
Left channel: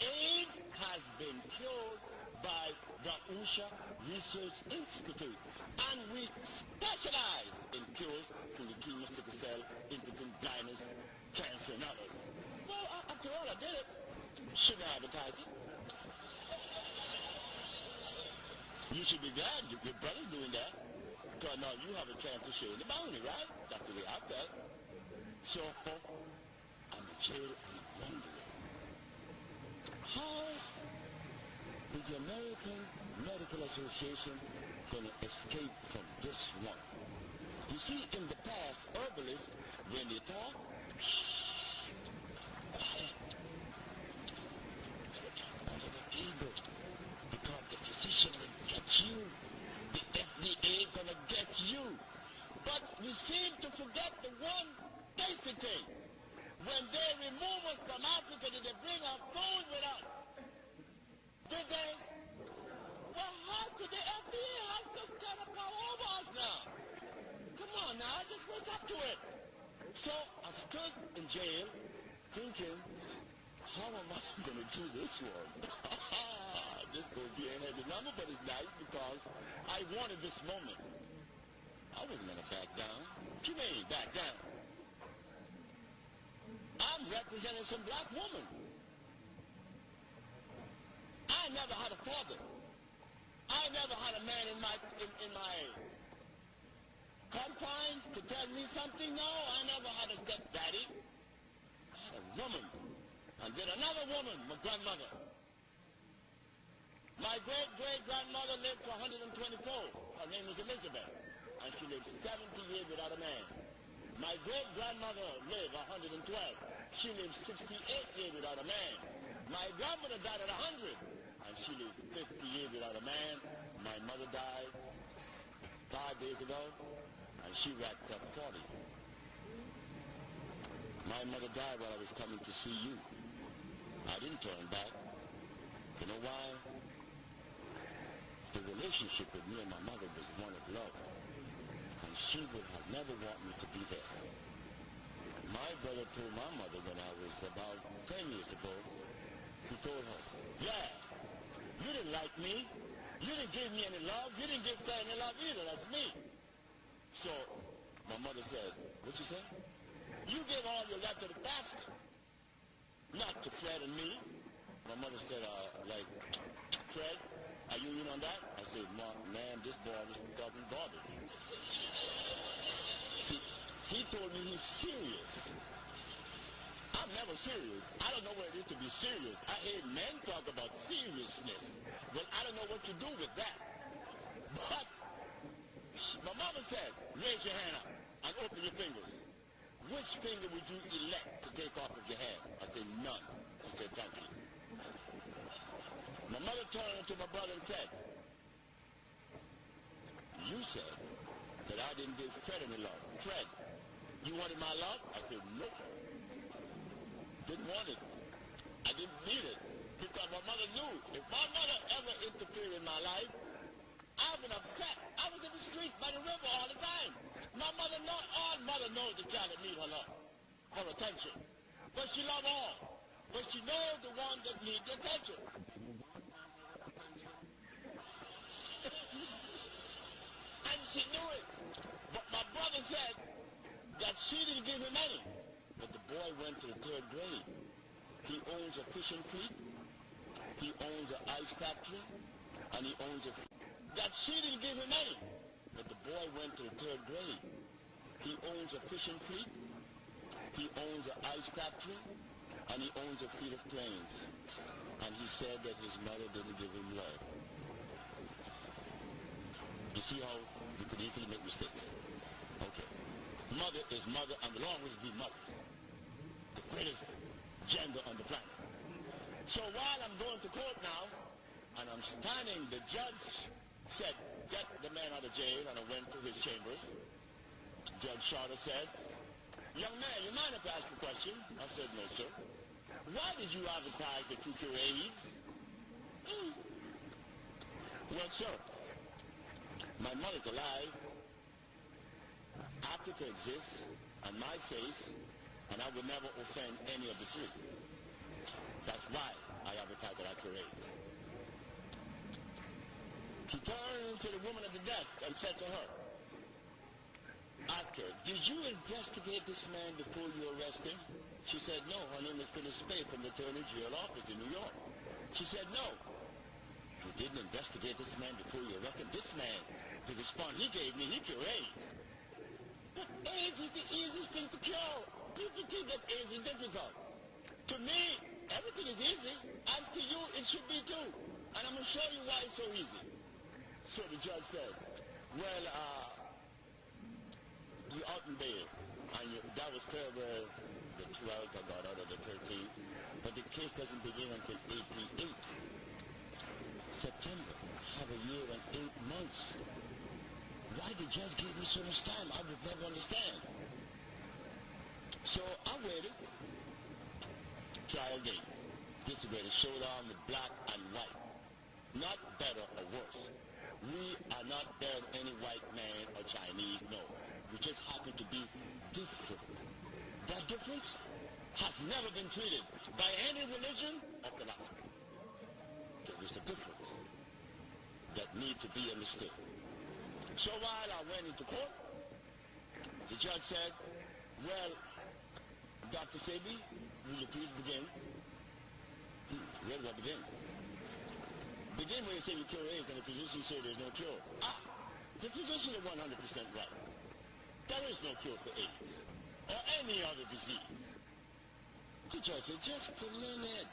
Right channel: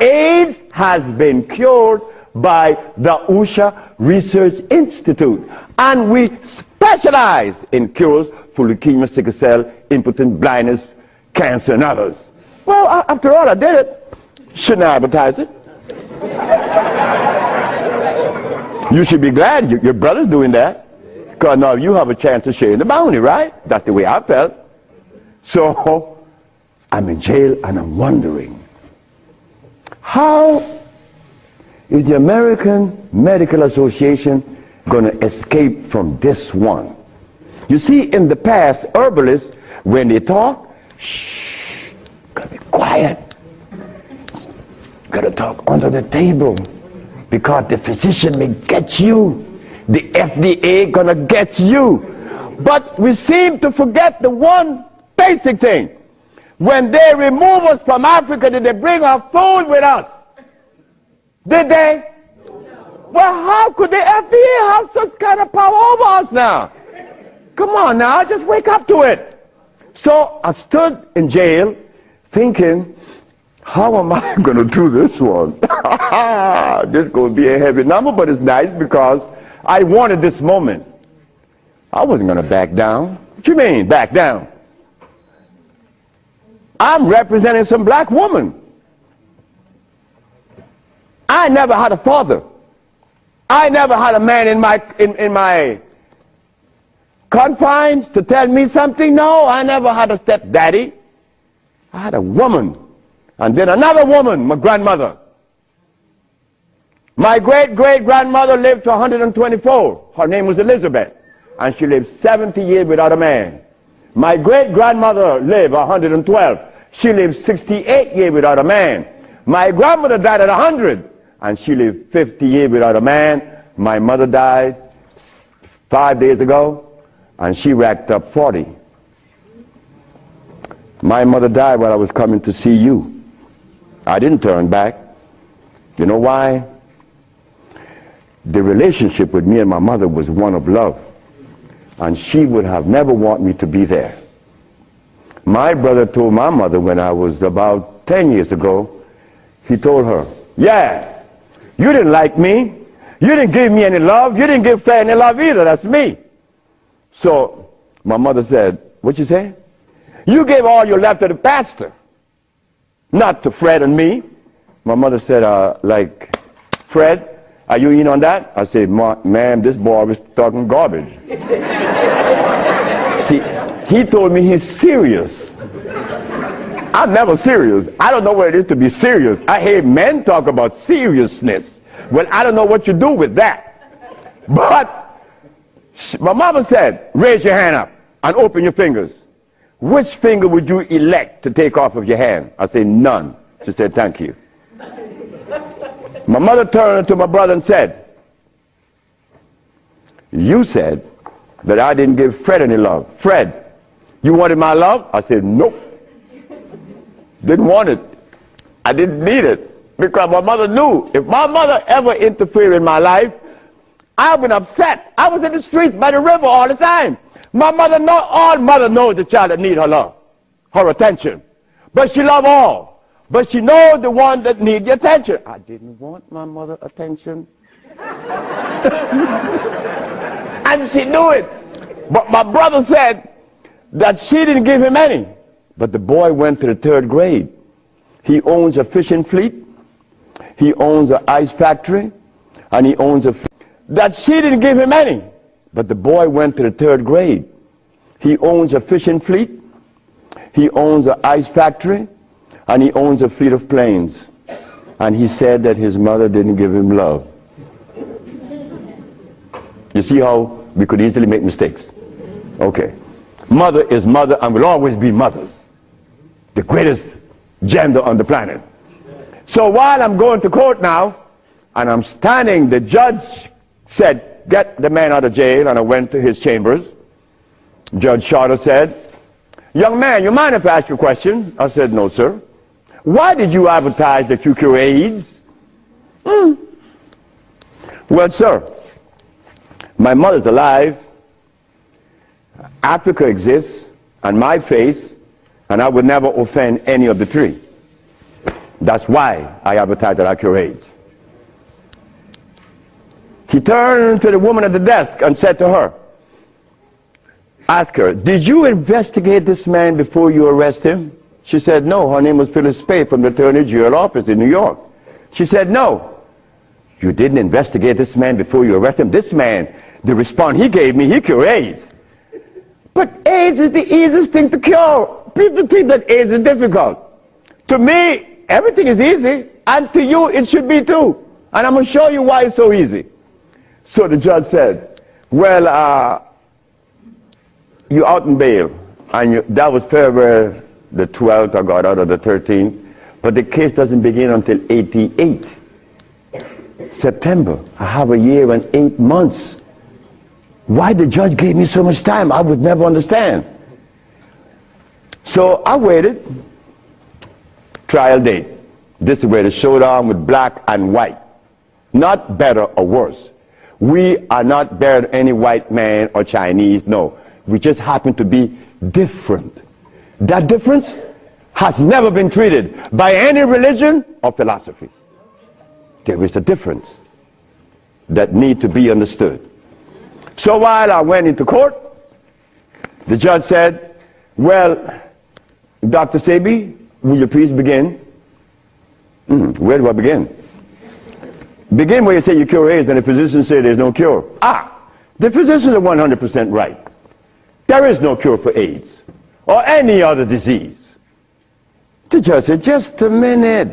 AIDS has been cured by the USHA Research Institute. And we specialize in cures for leukemia, sickle cell, impotence, blindness, cancer, and others. Well, after all, I did it. Shouldn't I advertise it? You should be glad your brother's doing that. Because now you have a chance to share in the bounty, right? That's the way I felt. So I'm in jail and I'm wondering, how is the American Medical Association going to escape from this one? You see, in the past, herbalists, when they talk, shh, gotta be quiet. Gotta talk under the table, because the physician may get you. The FDA gonna get you. But we seem to forget the one basic thing. When they remove us from Africa, did they bring our food with us? Did they? Well, how could the FDA have such kind of power over us now? Come on now, just wake up to it. So I stood in jail thinking, how am I going to do this one? This is going to be a heavy number, but it's nice because I wanted this moment. I wasn't going to back down. What you mean, back down? I'm representing some black woman. I never had a father. I never had a man in my confines to tell me something. No, I never had a stepdaddy. I had a woman. And then another woman, my grandmother. My great-great-grandmother lived to 124. Her name was Elizabeth. And she lived 70 years without a man. My great-grandmother lived 112. She lived 68 years without a man. My grandmother died at 100. And she lived 50 years without a man. My mother died 5 days ago. And she racked up 40. My mother died while I was coming to see you. I didn't turn back. You know why? The relationship with me and my mother was one of love. And she would have never wanted me to be there. My brother told my mother when I was about 10 years ago, he told her, yeah, you didn't like me. You didn't give me any love. You didn't give Fred any love either. That's me. So my mother said, what you say? You gave all your love to the pastor, not to Fred and me. My mother said, like, Fred, are you in on that? I said, ma'am, this boy was talking garbage. See, he told me he's serious. I'm never serious. I don't know what it is to be serious. I hear men talk about seriousness. Well, I don't know what you do with that. But my mama said, raise your hand up and open your fingers. Which finger would you elect to take off of your hand? I said, none. She said, thank you. My mother turned to my brother and said, you said that I didn't give Fred any love. Fred, you wanted my love? I said, nope. Didn't want it. I didn't need it. Because my mother knew if my mother ever interfered in my life, I would be upset. I was in the streets by the river all the time. My mother knows, all mother knows the child that needs her love, her attention. But she loves all. But she knows the one that needs the attention. I didn't want my mother attention. And she knew it. But my brother said that she didn't give him any. But the boy went to the 3rd grade. He owns a fishing fleet. He owns an ice factory. And he owns a... That she didn't give him any. But the boy went to the 3rd grade. He owns a fishing fleet. He owns an ice factory. And he owns a fleet of planes. And he said that his mother didn't give him love. You see how we could easily make mistakes? Okay. Mother is mother and will always be mothers. The greatest gender on the planet. So while I'm going to court now, and I'm standing, the judge said, get the man out of jail, and I went to his chambers. Judge Shorter said, young man, you mind if I ask you a question? I said, no, sir. Why did you advertise that you cure AIDS? Well, sir, my mother's alive, Africa exists, and my face, and I would never offend any of the three. That's why I advertise that I cure AIDS. He turned to the woman at the desk and said to her, ask her, did you investigate this man before you arrest him? She said, no. Her name was Phyllis Spade from the Attorney General office in New York. She said, no. You didn't investigate this man before you arrest him? This man, the response he gave me, he cured AIDS. But AIDS is the easiest thing to cure. People think that AIDS is difficult. To me, everything is easy, and to you it should be too. And I'm going to show you why it's so easy. So the judge said, well, you're out in bail. And that was February the 12th, I got out of the 13th. But the case doesn't begin until 88. September. I have a year and 8 months. Why the judge gave me so much time, I would never understand. So I waited. Trial date. This is where the showdown with black and white. Not better or worse. We are not better than any white man or Chinese, no. We just happen to be different. That difference has never been treated by any religion or philosophy. There is a difference that needs to be understood. So while I went into court, the judge said, well, Dr. Sebi, will you please begin? Where do I begin? Begin where you say you cure AIDS and the physicians say there's no cure. The physicians are 100% right. There is no cure for AIDS or any other disease. The judge said, just a minute.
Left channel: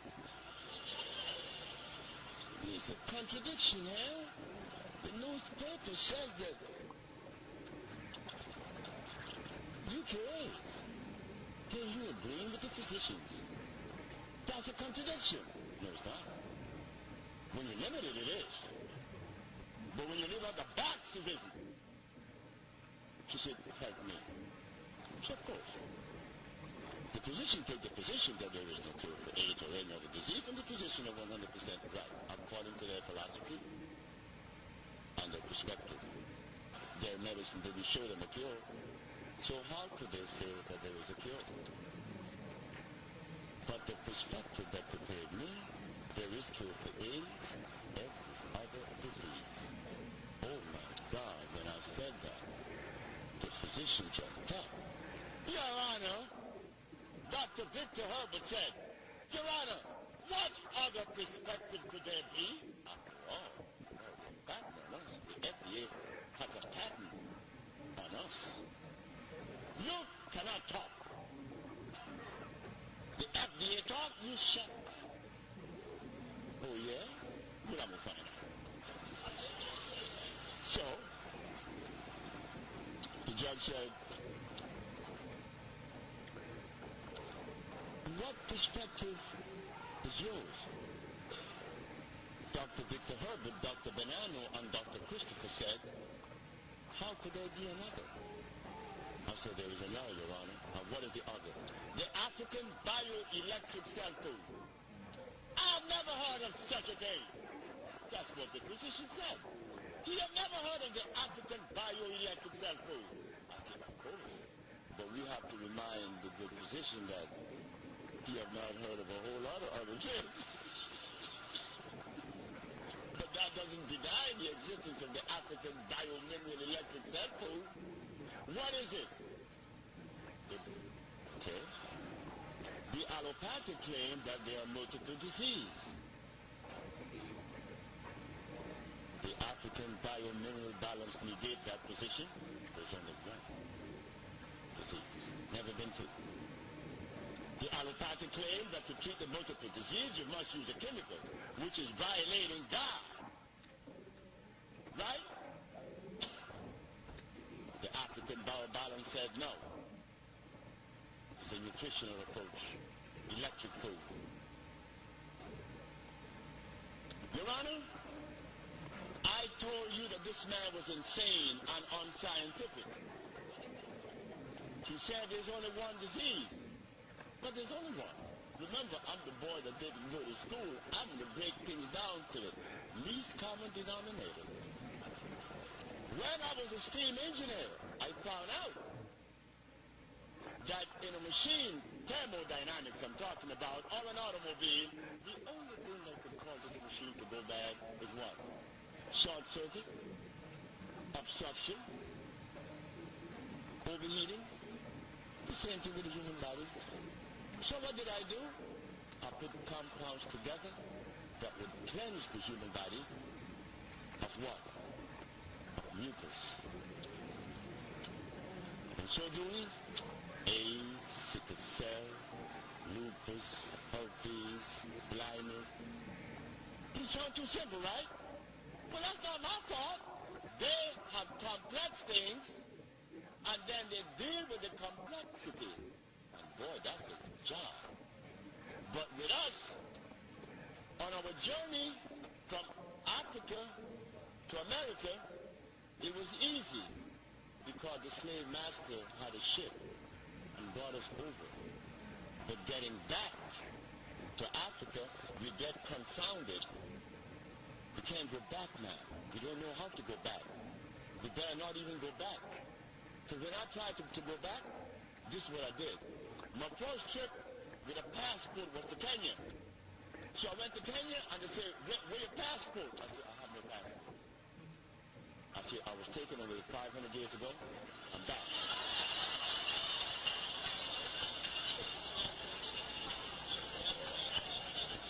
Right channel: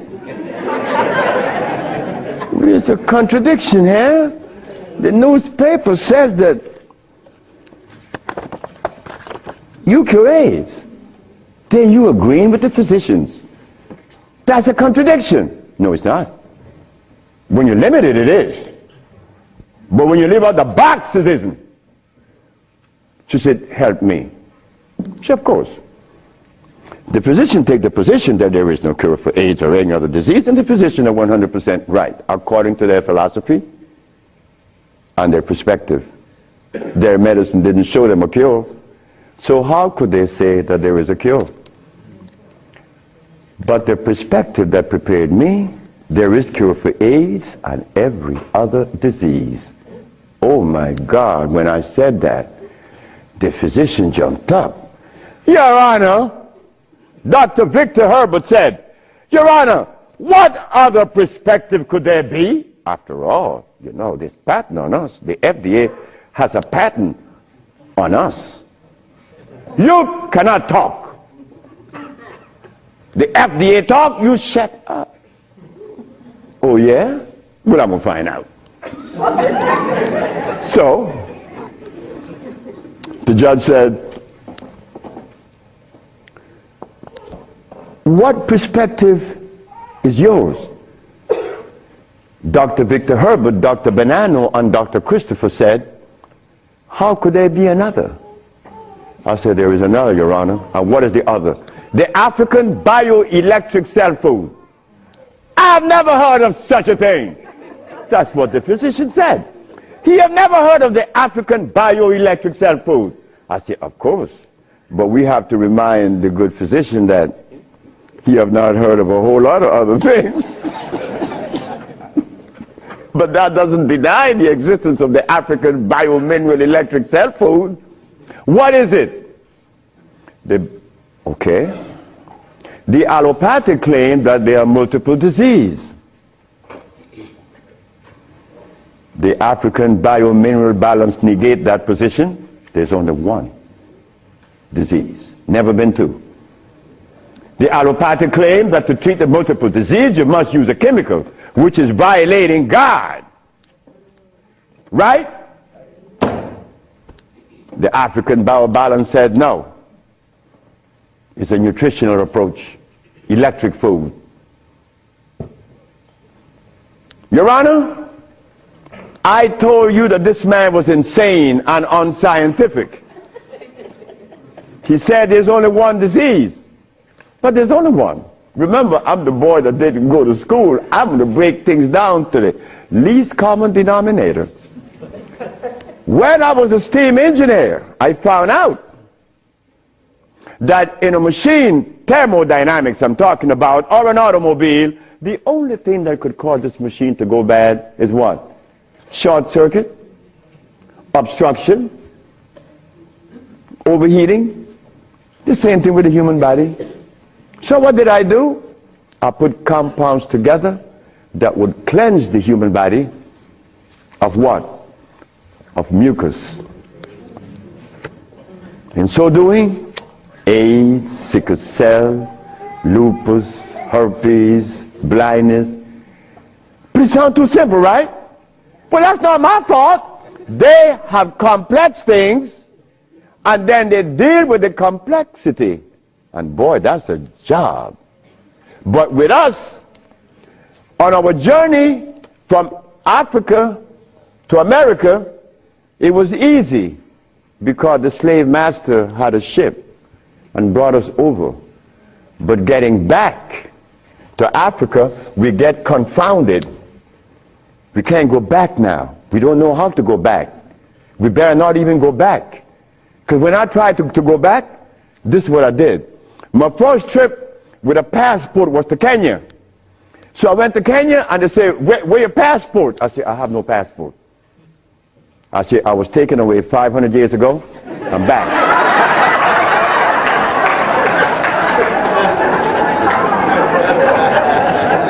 There's a contradiction here. The newspaper says that you cure AIDS. Then you agreeing with the physicians. That's a contradiction. No, it's not. When you're limited, it is. But when you live out the box, it isn't. She said, help me. She said, of course. The physician take the position that there is no cure for AIDS or any other disease, and the physician are 100% right, according to their philosophy and their perspective. Their medicine didn't show them a cure. So how could they say that there is a cure? But the perspective that prepared me, there is cure for AIDS and every other disease. Oh my God, when I said that, the physician jumped up. Your Honor, Dr. Victor Herbert said, Your Honor, what other perspective could there be? After all, you know, this patent on us, the FDA has a patent on us. You cannot talk. The FDA talk, you shut up. Oh yeah? Well, I'm going to find out. So, the judge said, what perspective is yours? Dr. Victor Herbert, Dr. Bonanno, and Dr. Christopher said, how could there be another? I said, there is another, Your Honor. And what is the other? The African bioelectric cell food. I've never heard of such a thing. That's what the physician said. He had never heard of the African bioelectric cell food. I said, of course. But we have to remind the good physician that he have not heard of a whole lot of other things. But that doesn't deny the existence of the African biomineral electric cell food. What is it? Okay. The allopathic claim that there are multiple diseases. The African biomineral balance negate that position. There's only one disease, never been two. The allopathic claim that to treat the multiple disease you must use a chemical, which is violating God. Right? The African biobalance said no. It's a nutritional approach, electric food. Your Honor, I told you that this man was insane and unscientific. He said there's only one disease, but there's only one. Remember, I'm the boy that didn't go to school. I'm going to break things down to the least common denominator. When I was a steam engineer, I found out that in a machine, thermodynamics I'm talking about, or an automobile, the only thing that could cause this machine to go bad is what? Short circuit, obstruction, overheating. The same thing with the human body. So what did I do? I put compounds together that would cleanse the human body of what? Of mucus. In so doing, AIDS, sickle cell, lupus, herpes, blindness. But it sounds too simple, right? Well, that's not my fault. They have complex things, and then they deal with the complexity. And boy, that's a job. But with us, on our journey from Africa to America, it was easy because the slave master had a ship and brought us over. But getting back to Africa, we get confounded. We can't go back now. We don't know how to go back. We better not even go back. Because when I tried to go back, this is what I did. My first trip with a passport was to Kenya. So I went to Kenya and they said, where your passport? I said, I have no passport. I said, I was taken away 500 years ago. I'm back.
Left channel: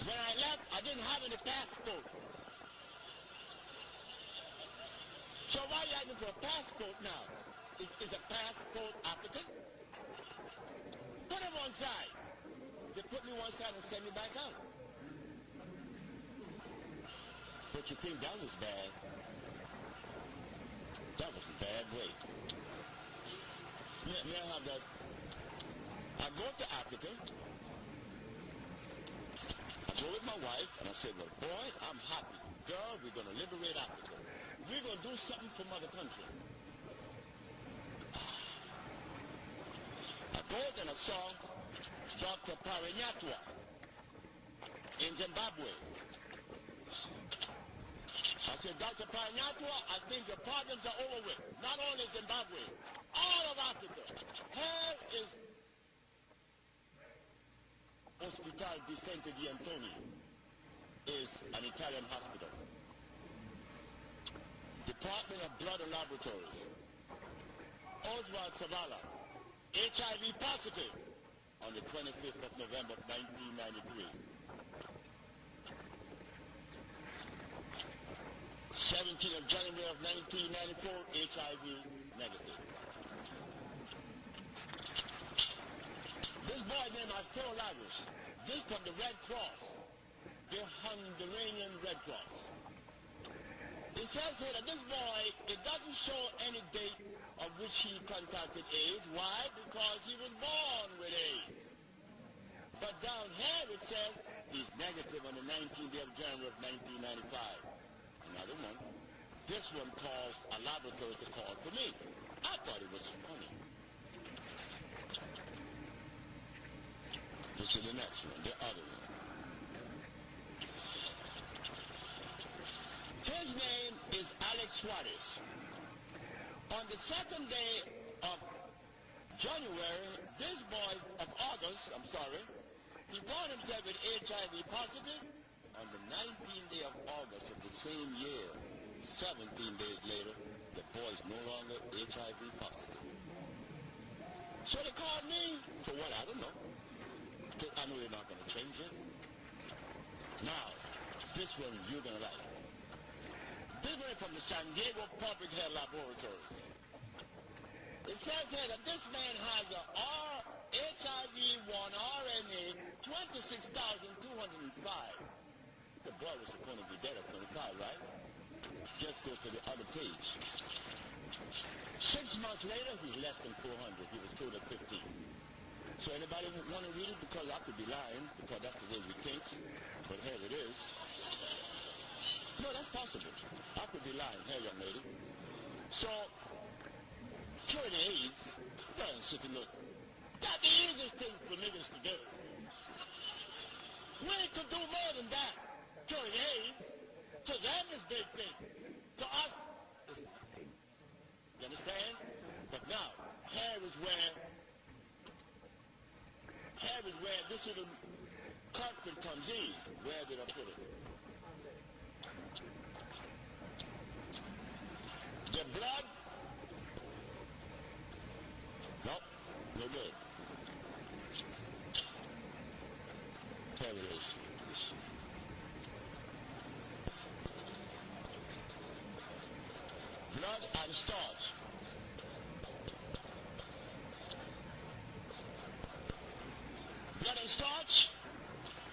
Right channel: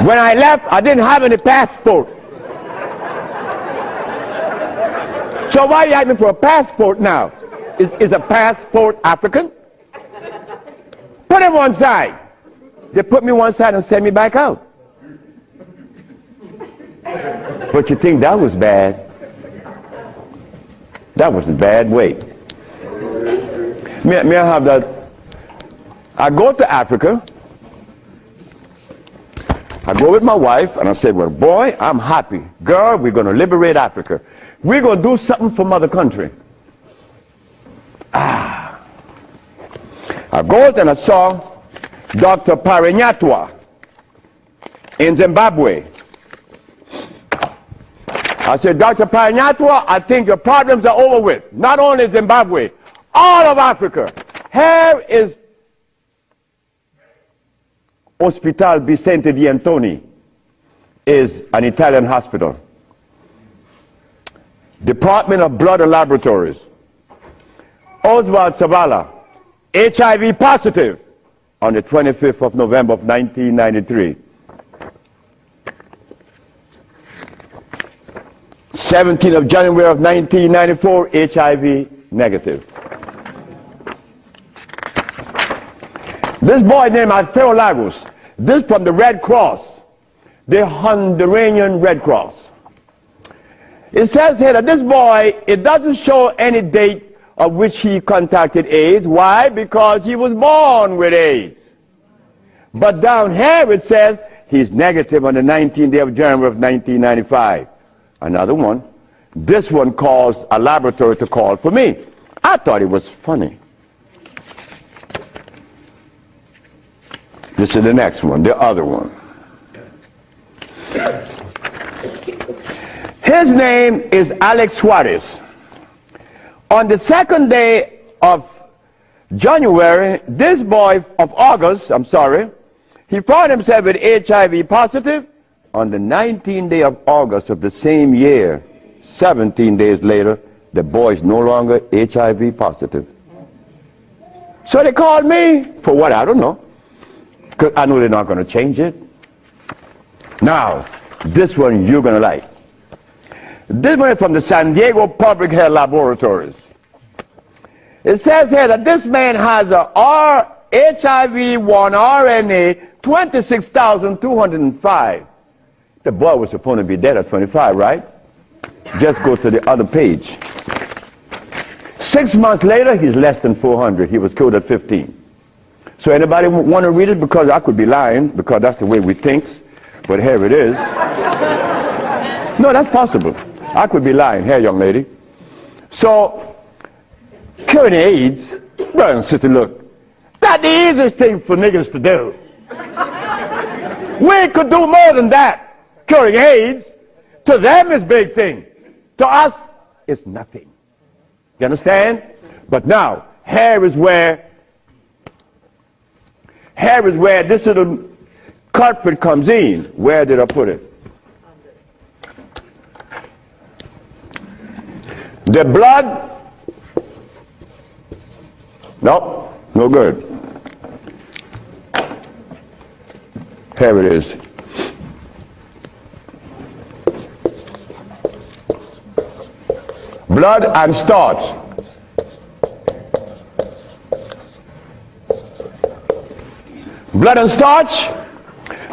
When I left, I didn't have any passport. So why are you asking for a passport now? Is a passport African? Put him one side. They put me one side and sent me back out. But you think that was bad? That was a bad way. May I have that? I go to Africa. I go with my wife and I said, well, boy, I'm happy. Girl, we're going to liberate Africa. We're going to do something for mother country. I go and I saw Dr. Parinyatwa in Zimbabwe. I said, Dr. Parinyatwa, I think your problems are over with. Not only Zimbabwe, all of Africa. Here is Hospital Vicente di Antoni, is an Italian hospital. Department of Blood and Laboratories. Oswald Zavala, HIV positive on the 25th of November of 1993. 17th of January of 1994, HIV negative. This boy named Alfredo Lagos, this from the Red Cross, the Honduran Red Cross. It says here that this boy, it doesn't show any date of which he contracted AIDS. Why? Because he was born with AIDS. But down here it says he's negative on the 19th day of January of 1995. Another one. This one caused a laboratory to call for me. I thought it was funny. This is the next one, the other one. His name is Alex Suarez. On the second day of January, this boy of August, he found himself with HIV positive. On the 19th day of August of the same year, 17 days later, the boy is no longer HIV positive. So they called me for what? I don't know. Because I know they're not going to change it. Now, this one you're going to like. This one is from the San Diego Public Health Laboratories. It says here that this man has a HIV-1 RNA 26,205. The boy was supposed to be dead at 25, right? Just go to the other page. 6 months later, he's less than 400. He was killed at 15. So anybody want to read it? Because I could be lying, because that's the way we think. But here it is. No, that's possible. I could be lying. Here, young lady. So, curing AIDS, brother and sister, look, that's the easiest thing for niggas to do. We could do more than that. Curing AIDS, to them is big thing. To us, it's nothing. You understand? But now, here is where this little culprit comes in. Where did I put it? The blood. Nope, no good. Here it is. Blood and starch. Blood and starch.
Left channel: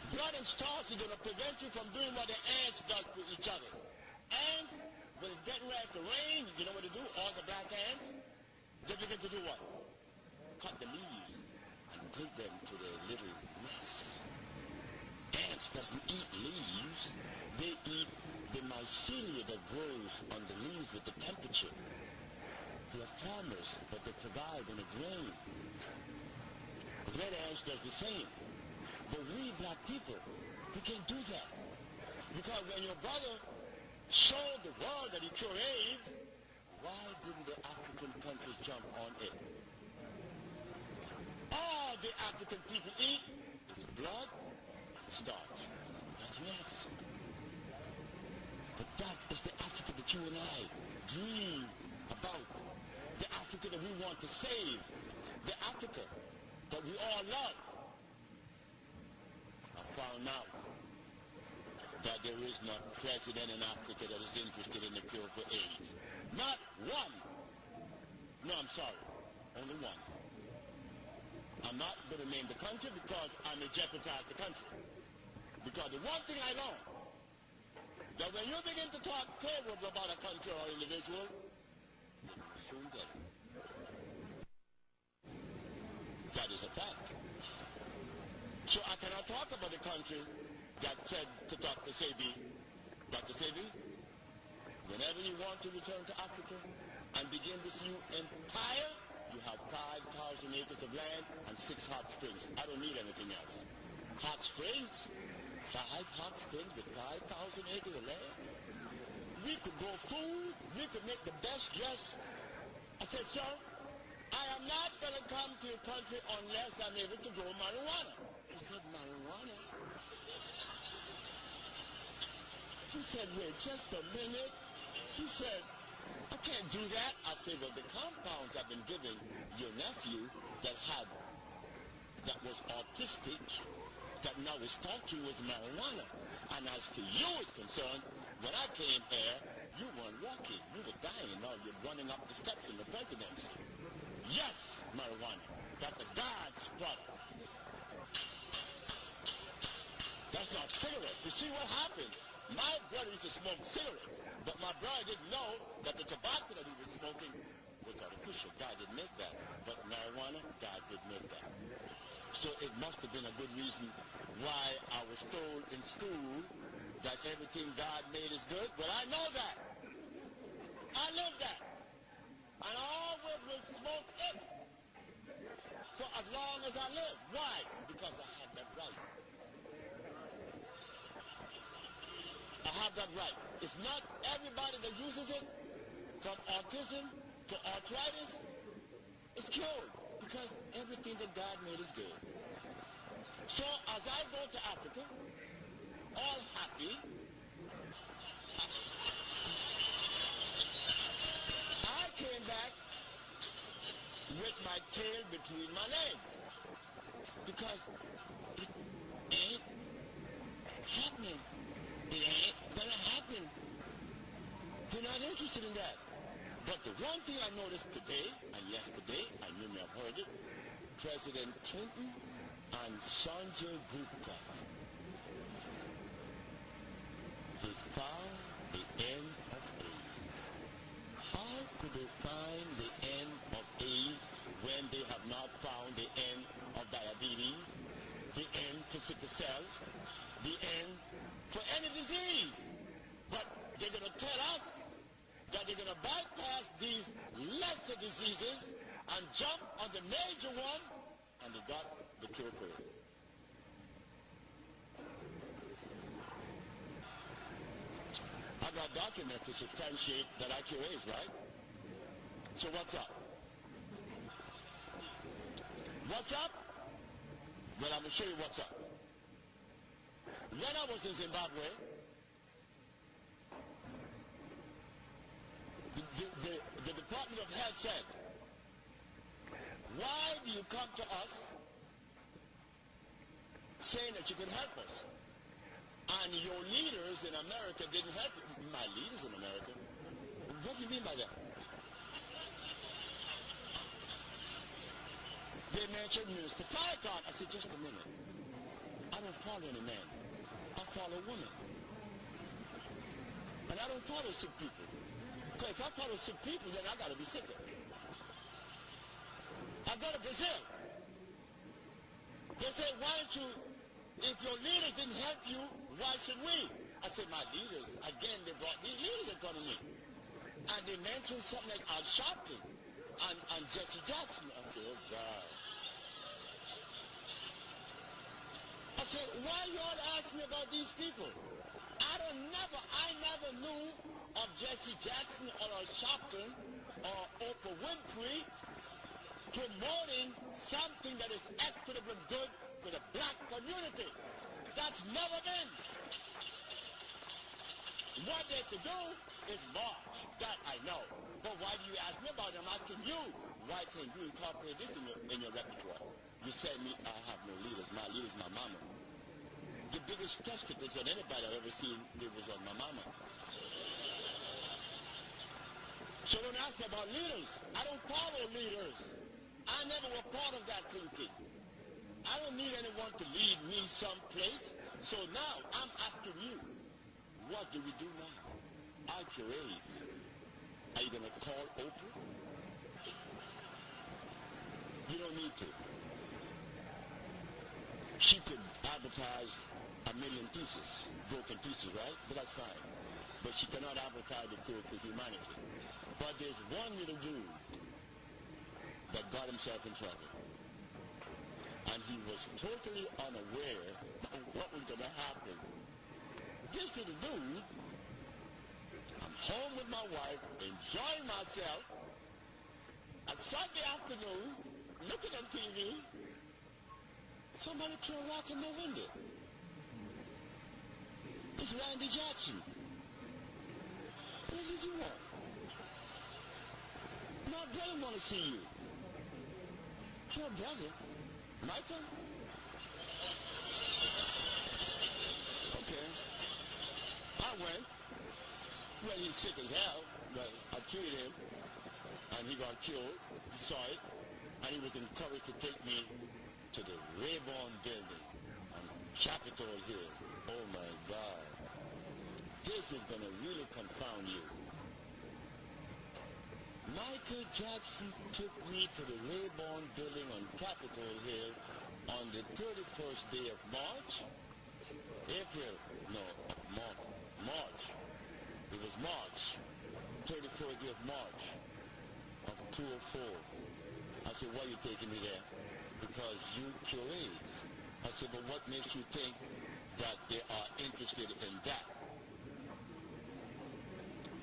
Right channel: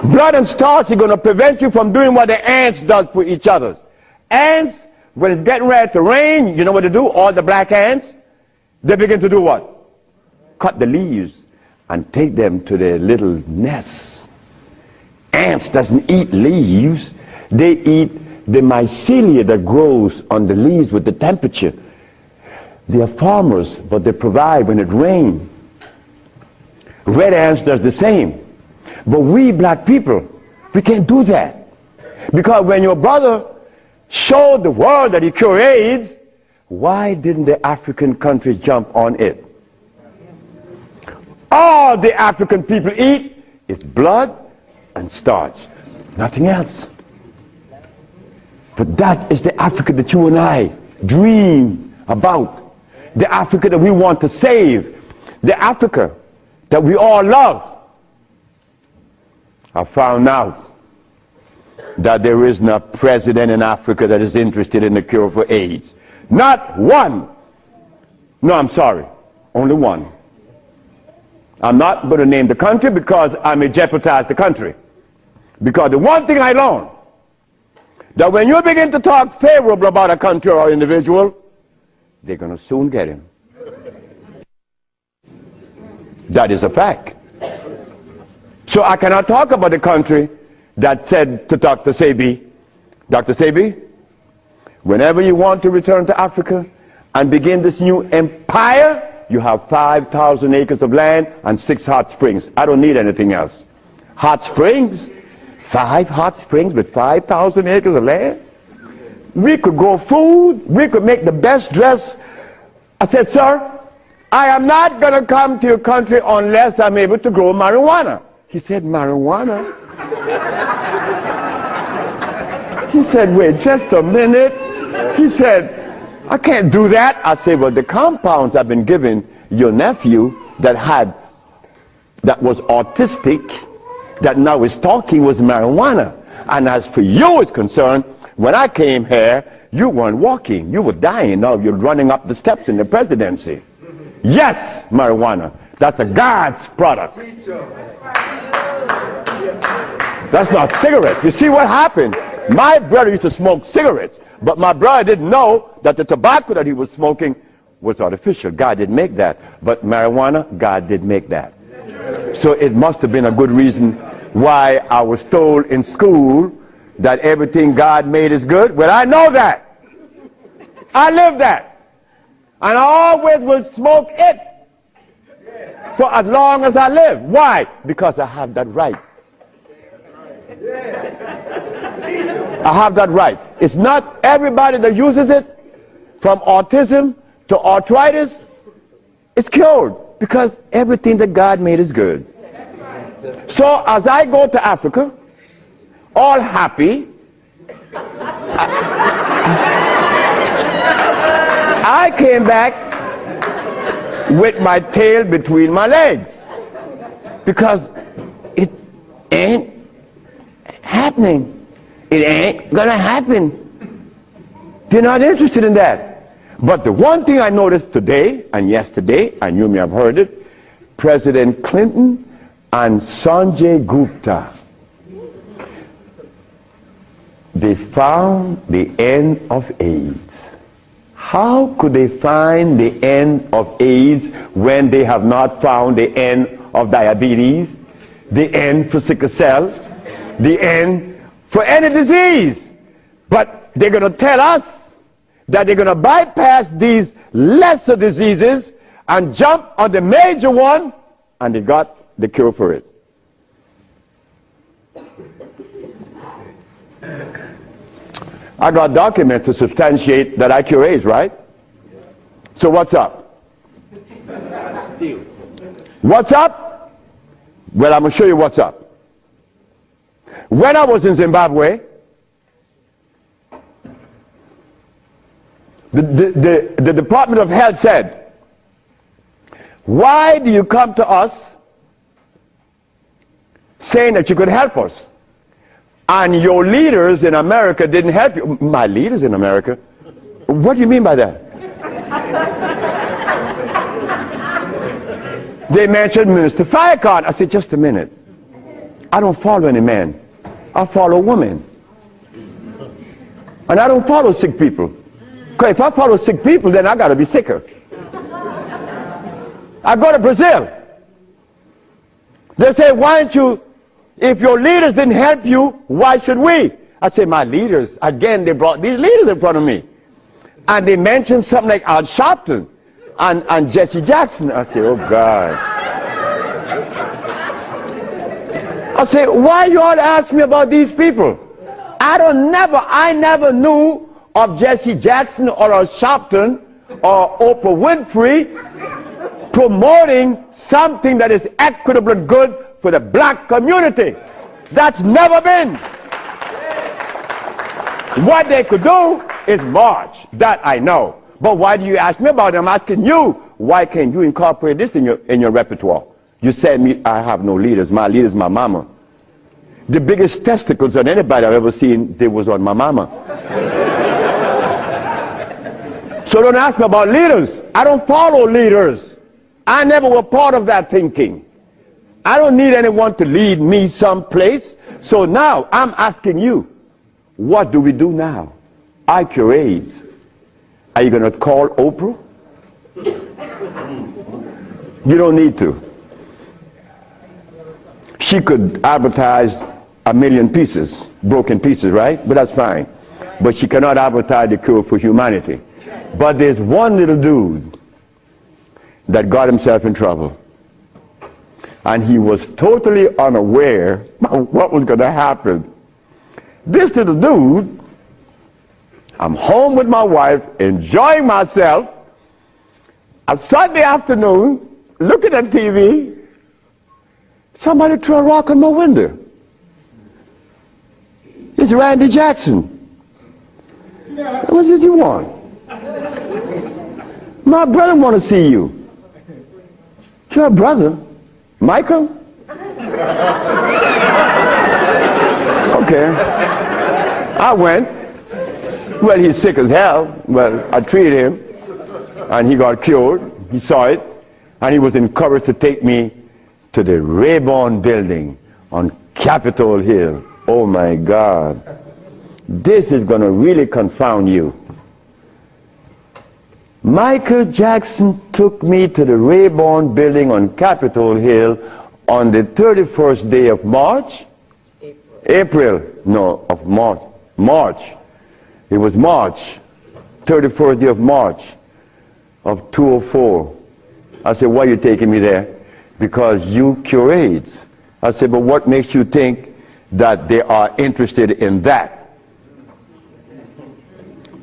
Blood and starch is going to prevent you from doing what the ants does for each other. Ants, when it's getting ready to rain, you know what they do? All the black ants, they begin to do what? Cut the leaves and take them to their little nests. Ants doesn't eat leaves. They eat the mycelia that grows on the leaves with the temperature. They are farmers, but they provide when it rains. Red ants does the same. But we black people, we can't do that. Because when your brother showed the world that he cured AIDS, why didn't the African countries jump on it? All the African people eat is blood and starch, nothing else. But that is the Africa that you and I dream about. The Africa that we want to save. The Africa that we all love. I found out that there is no president in Africa that is interested in the cure for AIDS. Not one. No, I'm sorry. Only one. I'm not going to name the country because I may jeopardize the country. Because the one thing I learned, that when you begin to talk favorable about a country or individual, they're going to soon get him. That is a fact. So I cannot talk about the country that said to Dr. Sebi, Dr. Sebi, whenever you want to return to Africa and begin this new empire, you have 5,000 acres of land and 6 hot springs. I don't need anything else. Hot springs? 5 hot springs with 5,000 acres of land? We could grow food. We could make the best dress. I said, sir, I am not going to come to your country unless I'm able to grow marijuana. He said, marijuana? He said, wait just a minute. He said, I can't do that. I said, well, the compounds I've been giving your nephew that was autistic, that now is talking, was marijuana. And as for you is concerned, when I came here, you weren't walking. You were dying. Now you're running up the steps in the presidency. Yes, marijuana. That's a God's product. That's not cigarettes. You see what happened? My brother used to smoke cigarettes, but my brother didn't know that the tobacco that he was smoking was artificial. God didn't make that. But marijuana, God did make that. So it must have been a good reason why I was told in school that everything God made is good. Well, I know that. I live that. And I always will smoke it for as long as I live. Why? Because I have that right. I have that right. It's not everybody that uses it, from autism to arthritis, is cured, because everything that God made is good. So as I go to Africa, all happy, I came back with my tail between my legs, because ain't happening. It ain't gonna happen. They're not interested in that. But the one thing I noticed today and yesterday, and you may have heard it, President Clinton and Sanjay Gupta, they found the end of AIDS. How could they find the end of AIDS when they have not found the end of diabetes, the end for sickle cell, the end for any disease? But they're going to tell us that they're going to bypass these lesser diseases and jump on the major one, and they got the cure for it. I got documents to substantiate that I cure AIDS, right? So what's up? Still. What's up? Well, I'm going to show you what's up. When I was in Zimbabwe, the Department of Health said, why do you come to us saying that you could help us? And your leaders in America didn't help you. My leaders in America? What do you mean by that? They mentioned Minister Farrakhan. I said, just a minute. I don't follow any man. I follow women. And I don't follow sick people. Because if I follow sick people, then I got to be sicker. I go to Brazil. They say, why don't you, if your leaders didn't help you, why should we? I say, my leaders, again, they brought these leaders in front of me. And they mentioned something like Al Sharpton and Jesse Jackson. I say, oh God. I say, why you all ask me about these people? I never knew of Jesse Jackson or Al Sharpton or Oprah Winfrey promoting something that is equitable and good for the black community. That's never been. What they could do is march. That I know. But why do you ask me about it? I'm asking you, why can't you incorporate this in your repertoire? You said me, I have no leaders. My leader is my mama. The biggest testicles on anybody I've ever seen, they was on my mama. So don't ask me about leaders. I don't follow leaders. I never was part of that thinking. I don't need anyone to lead me someplace. So now I'm asking you, what do we do now? I cure AIDS. Are you going to call Oprah? You don't need to. She could advertise 1 million pieces, broken pieces, right? But that's fine. But she cannot advertise the cure for humanity. But there's one little dude that got himself in trouble. And he was totally unaware of what was going to happen. This little dude, I'm home with my wife, enjoying myself, a Sunday afternoon, looking at TV, somebody threw a rock on my window. It's Randy Jackson. What did you want? My brother want to see you. Your brother? Michael? Okay. I went. Well, he's sick as hell. Well, I treated him, and he got cured. He saw it, and he was encouraged to take me to the Rayburn building on Capitol Hill. Oh, my God. This is going to really confound you. Michael Jackson took me to the Rayburn building on Capitol Hill on the 31st day of March? April. No, of March. March. It was March. 31st day of March of 2004. I said, why are you taking me there? Because you cure AIDS. I said, but what makes you think that they are interested in that?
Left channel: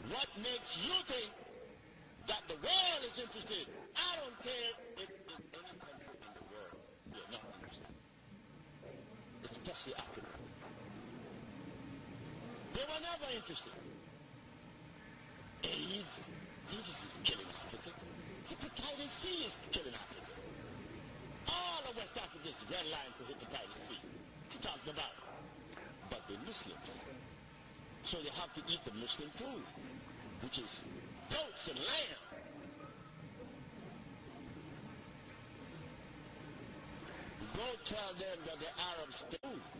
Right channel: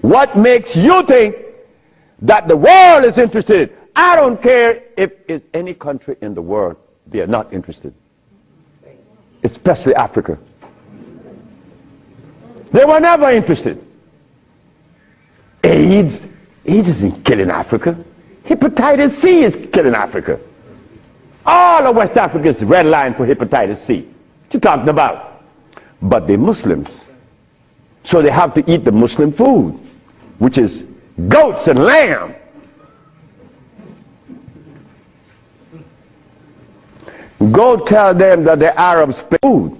What makes you think that the world is interested? I don't care if it's any country in the world, they are not interested. Especially Africa. They were never interested. AIDS isn't killing Africa. Hepatitis C is killing Africa. All of West Africa is red line for hepatitis C. you talking about? But they're Muslims. So they have to eat the Muslim food, which is goats and lamb. Go tell them that the Arabs play food,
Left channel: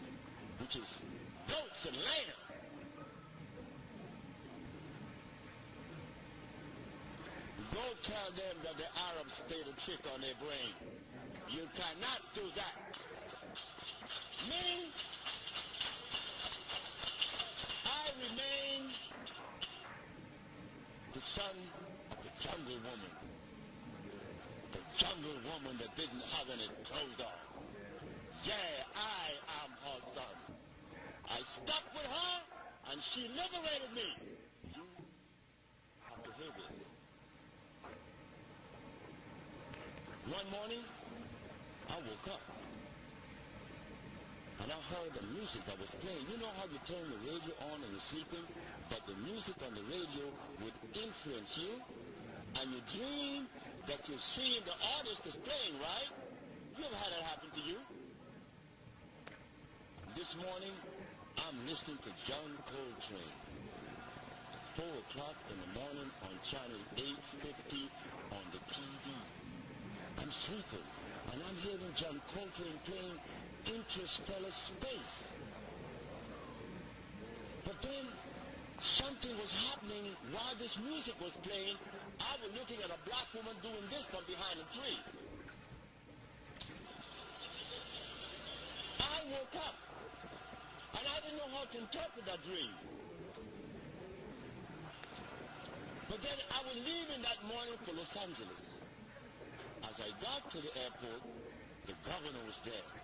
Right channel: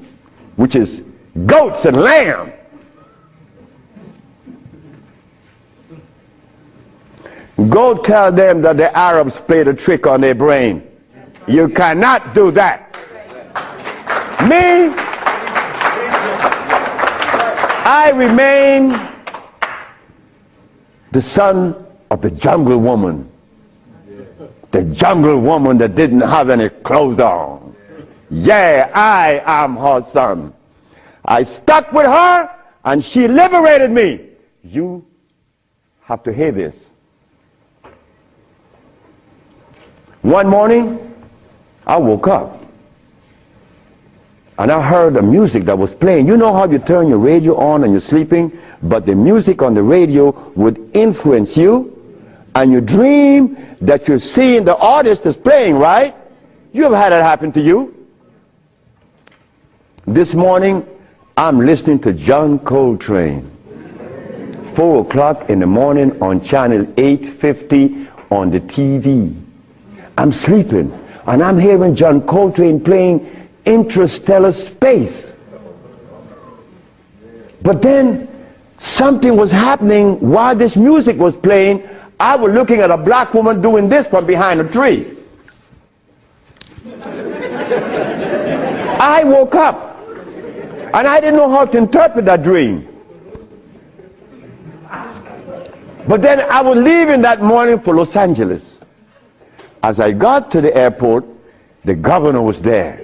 which is goats and lamb. Go tell them that the Arabs played a trick on their brain. You cannot do that. Me, I remain the son of the jungle woman. The jungle woman that didn't have any clothes on. Yeah, I am her son. I stuck with her and she liberated me. You have to hear this. One morning, I woke up and I heard the music that was playing. You know how you turn your radio on and you're sleeping, but the music on the radio would influence you, and you dream that you're seeing the artist that's playing, right? You ever had that happen to you? This morning, I'm listening to John Coltrane. 4 o'clock in the morning on channel 850 on the TV. I'm sleeping, and I'm hearing John Coltrane playing Interstellar Space. But then something was happening while this music was playing. I was looking at a black woman doing this from behind a tree. I woke up, and I didn't know how to interpret that dream. But then I was leaving that morning for Los Angeles. As I got to the airport, the governor was there.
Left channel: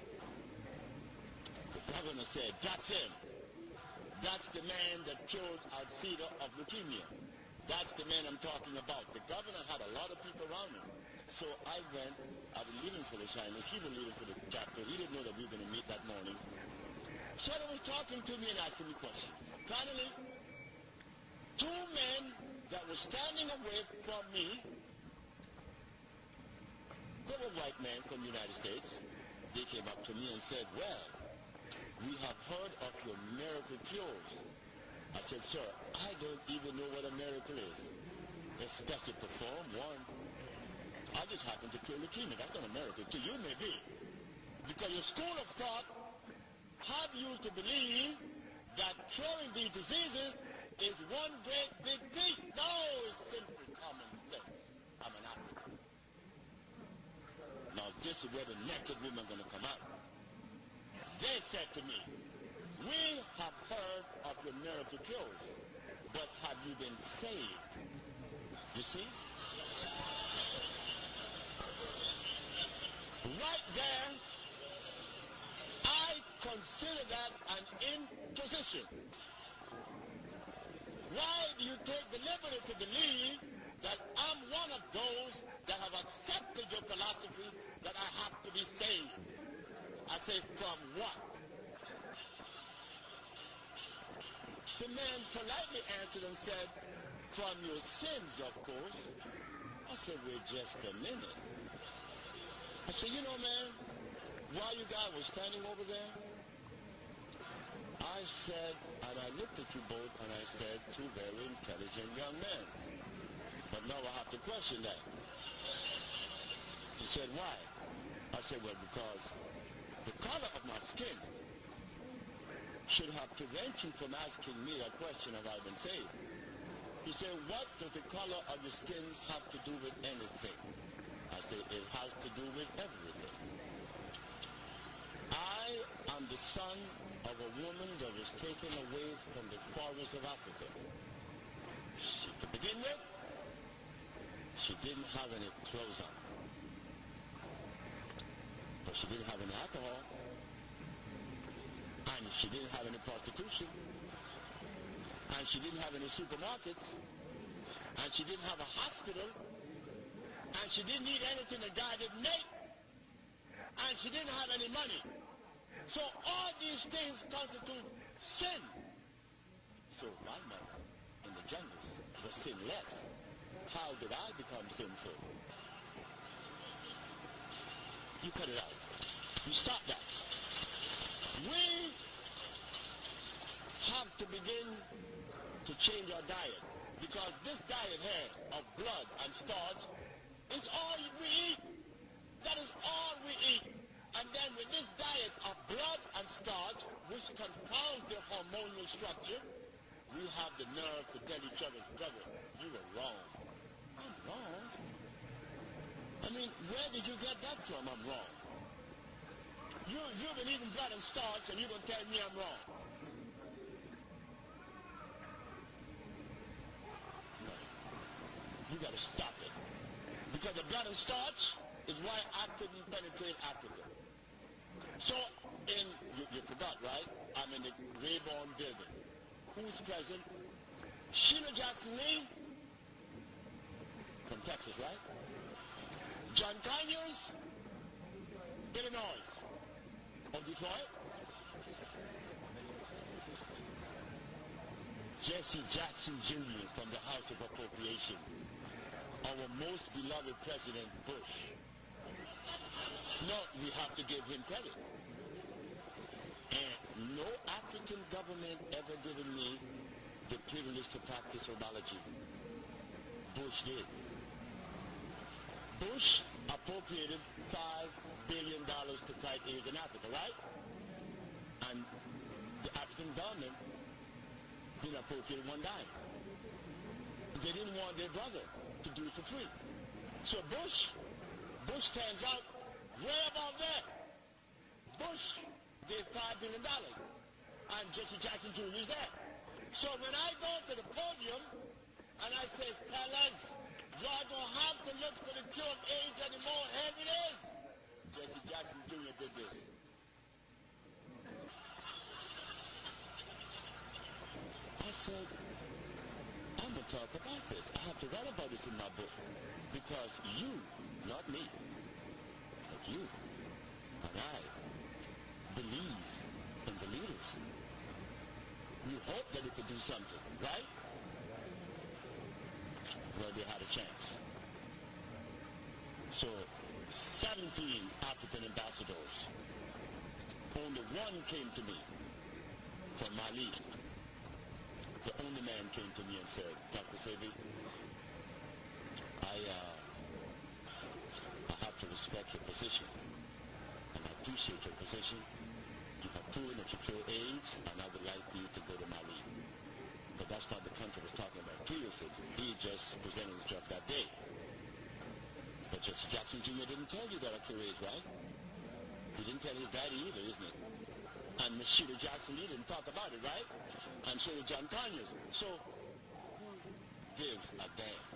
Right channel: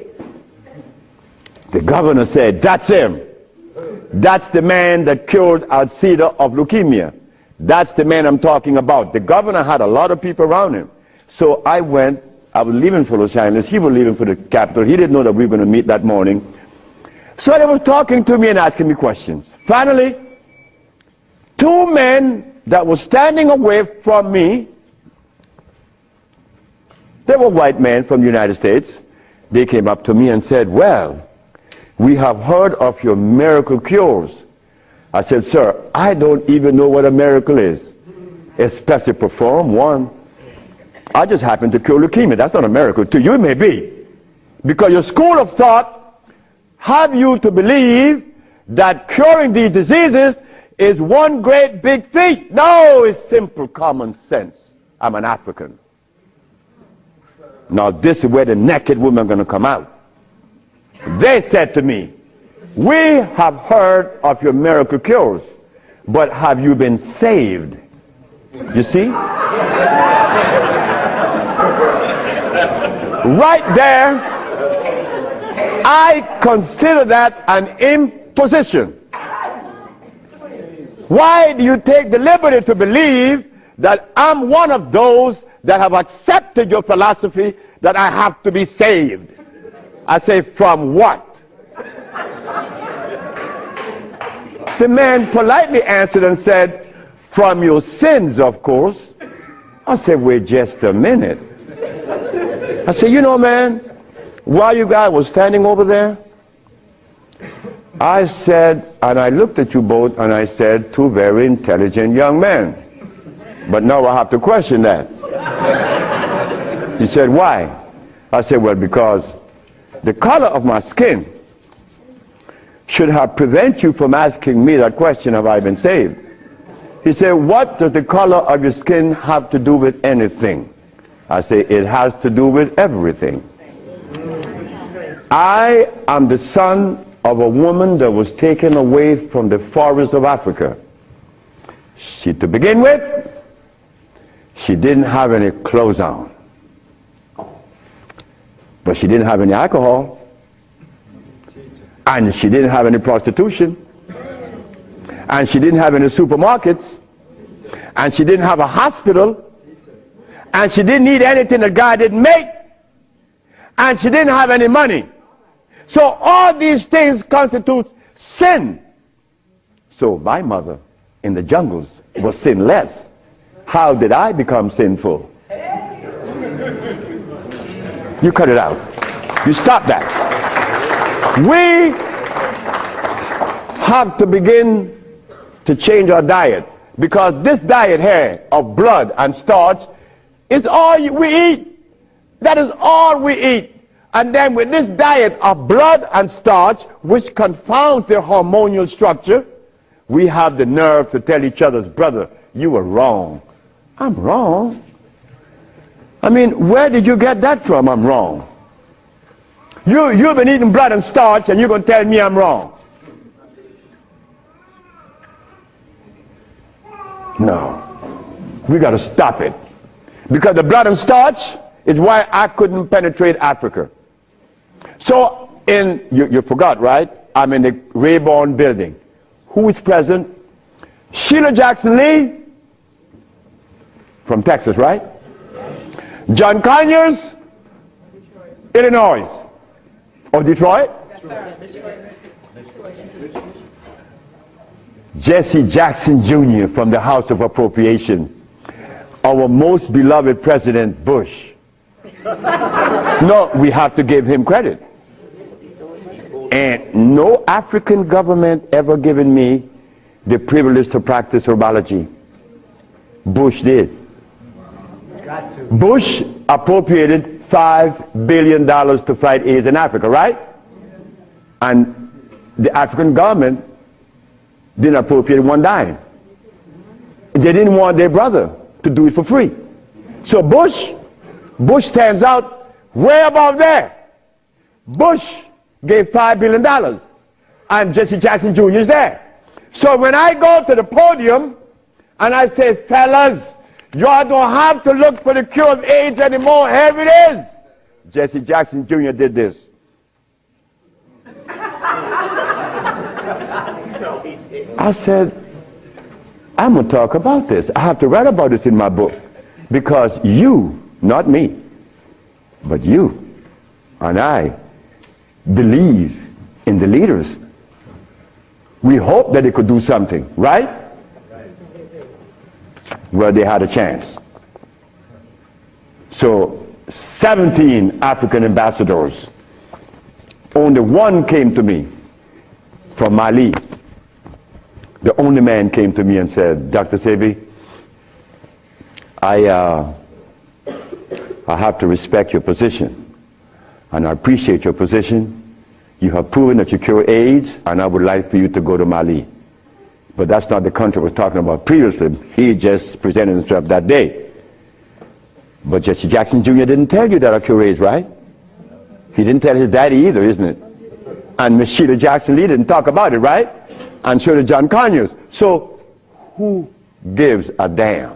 The governor said, "That's him. That's the man that cured Alcida of leukemia. That's the man I'm talking about." The governor had a lot of people around him. So I went. I was leaving for Los Angeles. He was leaving for the capital. He didn't know that we were going to meet that morning. So they was talking to me and asking me questions. Finally, 2 men that were standing away from me, they were white men from the United States. They came up to me and said, "Well, we have heard of your miracle cures." I said, "Sir, I don't even know what a miracle is, especially perform one. I just happen to cure leukemia. That's not a miracle. To you it may be. Because your school of thought have you to believe that curing these diseases is one great big feat. No, it's simple common sense. I'm an African. Now this is where the naked women are going to come out. They said to me, "We have heard of your miracle cures, but have you been saved?" You see? Right there, I consider that an imposition. Why do you take the liberty to believe that I'm one of those that have accepted your philosophy that I have to be saved? I say, from what? The man politely answered and said, "From your sins, of course." I said, "Wait just a minute." I said, "You know, man, while you guys were standing over there, I said," and I looked at you both, and I said, "Two very intelligent young men. But now I have to question that." He said, "Why?" I said, "Well, because the color of my skin should have prevented you from asking me that question, have I been saved?" He said, "What does the color of your skin have to do with anything?" I say, "It has to do with everything. I am the son of a woman that was taken away from the forest of Africa. To begin with, she didn't have any clothes on. But she didn't have any alcohol. And she didn't have any prostitution. And she didn't have any supermarkets. And she didn't have a hospital. And she didn't need anything that God didn't make. And she didn't have any money. So all these things constitute sin. So my mother in the jungles was sinless. How did I become sinful?" You cut it out. You stop that. We have to begin to change our diet, because this diet here of blood and starch is all we eat. That is all we eat. And then with this diet of blood and starch, which confounds their hormonal structure, we have the nerve to tell each other's brother, you were wrong. I'm wrong. I mean, where did you get that from? I'm wrong. You've been eating blood and starch, and you're going to tell me I'm wrong. No. We got to stop it. Because the blood and starch is why I couldn't penetrate Africa. So, you forgot, right? I'm in the Rayborn building. Who is present? Sheila Jackson Lee from Texas, right? John Conyers, Illinois. Or Detroit? Jesse Jackson Jr. from the House of Appropriation. Our most beloved President Bush. No, we have to give him credit. And no African government ever given me the privilege to practice herbology. Bush did. Bush appropriated $5 billion to fight AIDS in Africa, right? And the African government didn't appropriate one dime. They didn't want their brother to do it for free. So Bush stands out way above there. Bush gave $5 billion, and Jesse Jackson Jr. is there. So when I go to the podium and I say, fellas, y'all don't have to look for the cure of AIDS anymore. Here it is. Jesse Jackson Jr. did this. I said, I'm going to talk about this. I have to write about this in my book. Because you, not me, but you and I believe in the leaders. We hope that they could do something, right? Well, they had a chance. So 17 African ambassadors. Only one came to me from Mali. The only man came to me and said, Dr. Sebi, I have to respect your position, and I appreciate your position. You have proven that you cure AIDS, and I would like for you to go to Mali. But that's not the country I was talking about previously. He just presented himself that day. But Jesse Jackson Jr. didn't tell you that I cure AIDS, right? He didn't tell his daddy either, isn't it? And Miss Sheila Jackson Lee didn't talk about it, right? And so did John Conyers. So who gives a damn?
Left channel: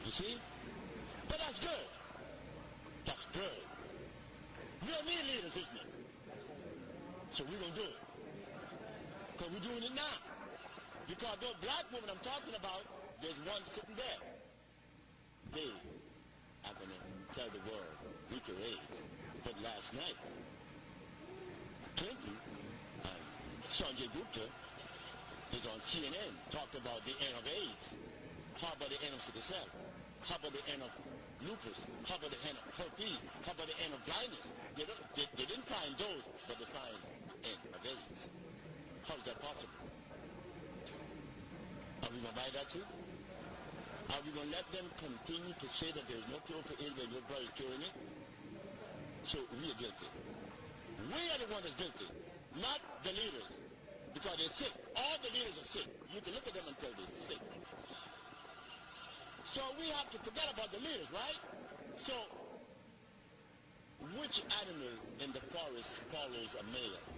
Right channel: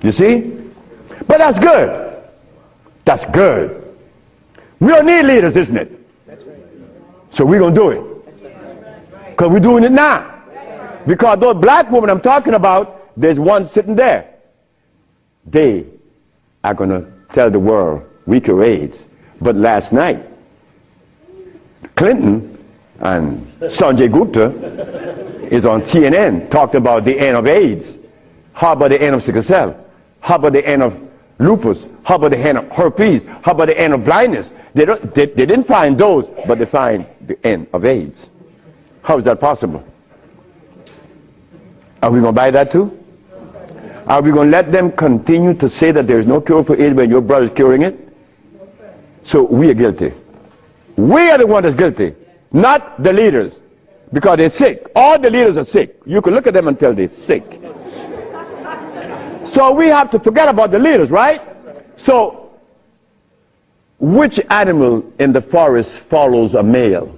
You see? But that's good. That's good. We don't need leaders, isn't it? So we're going to do it. Because we're doing it now. Because those black women I'm talking about, there's one sitting there. They are going to tell the world we cure AIDS. But last night, Clinton and Sanjay Gupta is on CNN talking about the end of AIDS. How about the end of sickle cell? How about the end of lupus? How about the end of herpes? How about the end of blindness? They didn't find those, but they find the end of AIDS. How is that possible? Are we going to buy that too? Are we going to let them continue to say that there's no cure for AIDS when your brother's curing it? So we are guilty. We are the one that's guilty, not the leaders, because they're sick. All the leaders are sick. You can look at them and tell they're sick. So we have to forget about the leaders, right? So which animal in the forest follows a male?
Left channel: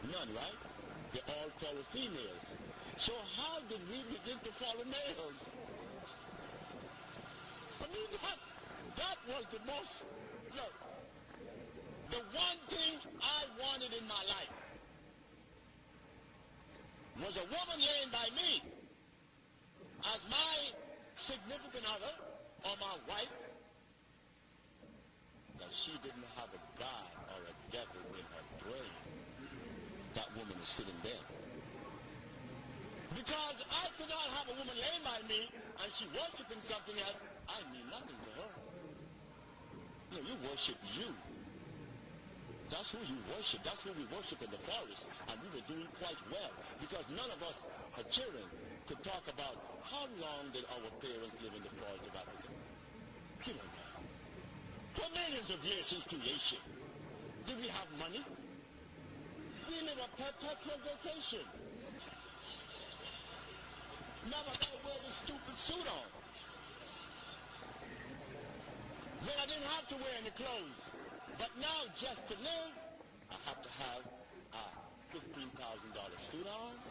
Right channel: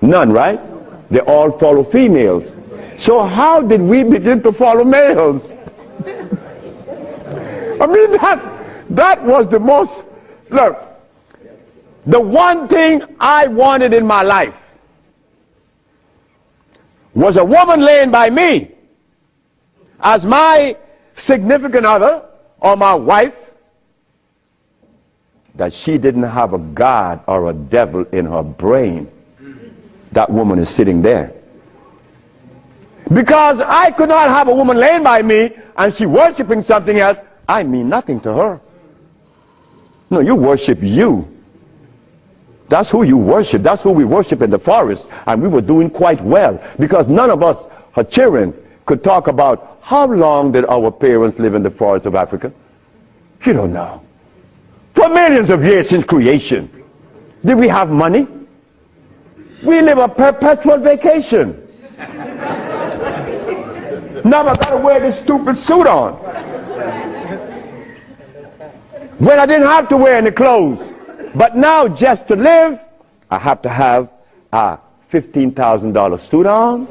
None, right? They all follow females. So how did we begin to follow males? I mean, that was the most, look, the one thing I wanted in my life was a woman laying by me as my significant other or my wife, that she didn't have a God or a devil in her brain. That woman is sitting there. Because I could not have a woman laying by me and she worshiping something else. I mean nothing to her. No, you worship you. That's who you worship. That's who we worship in the forest. And we were doing quite well because none of us, her children, could talk about how long did our parents live in the forest of Africa. You don't know. For millions of years since creation. Did we have money? We live a perpetual vacation. Now I gotta wear this stupid suit on. When I didn't have to wear any clothes. But now just to live, I have to have a $15,000 suit on,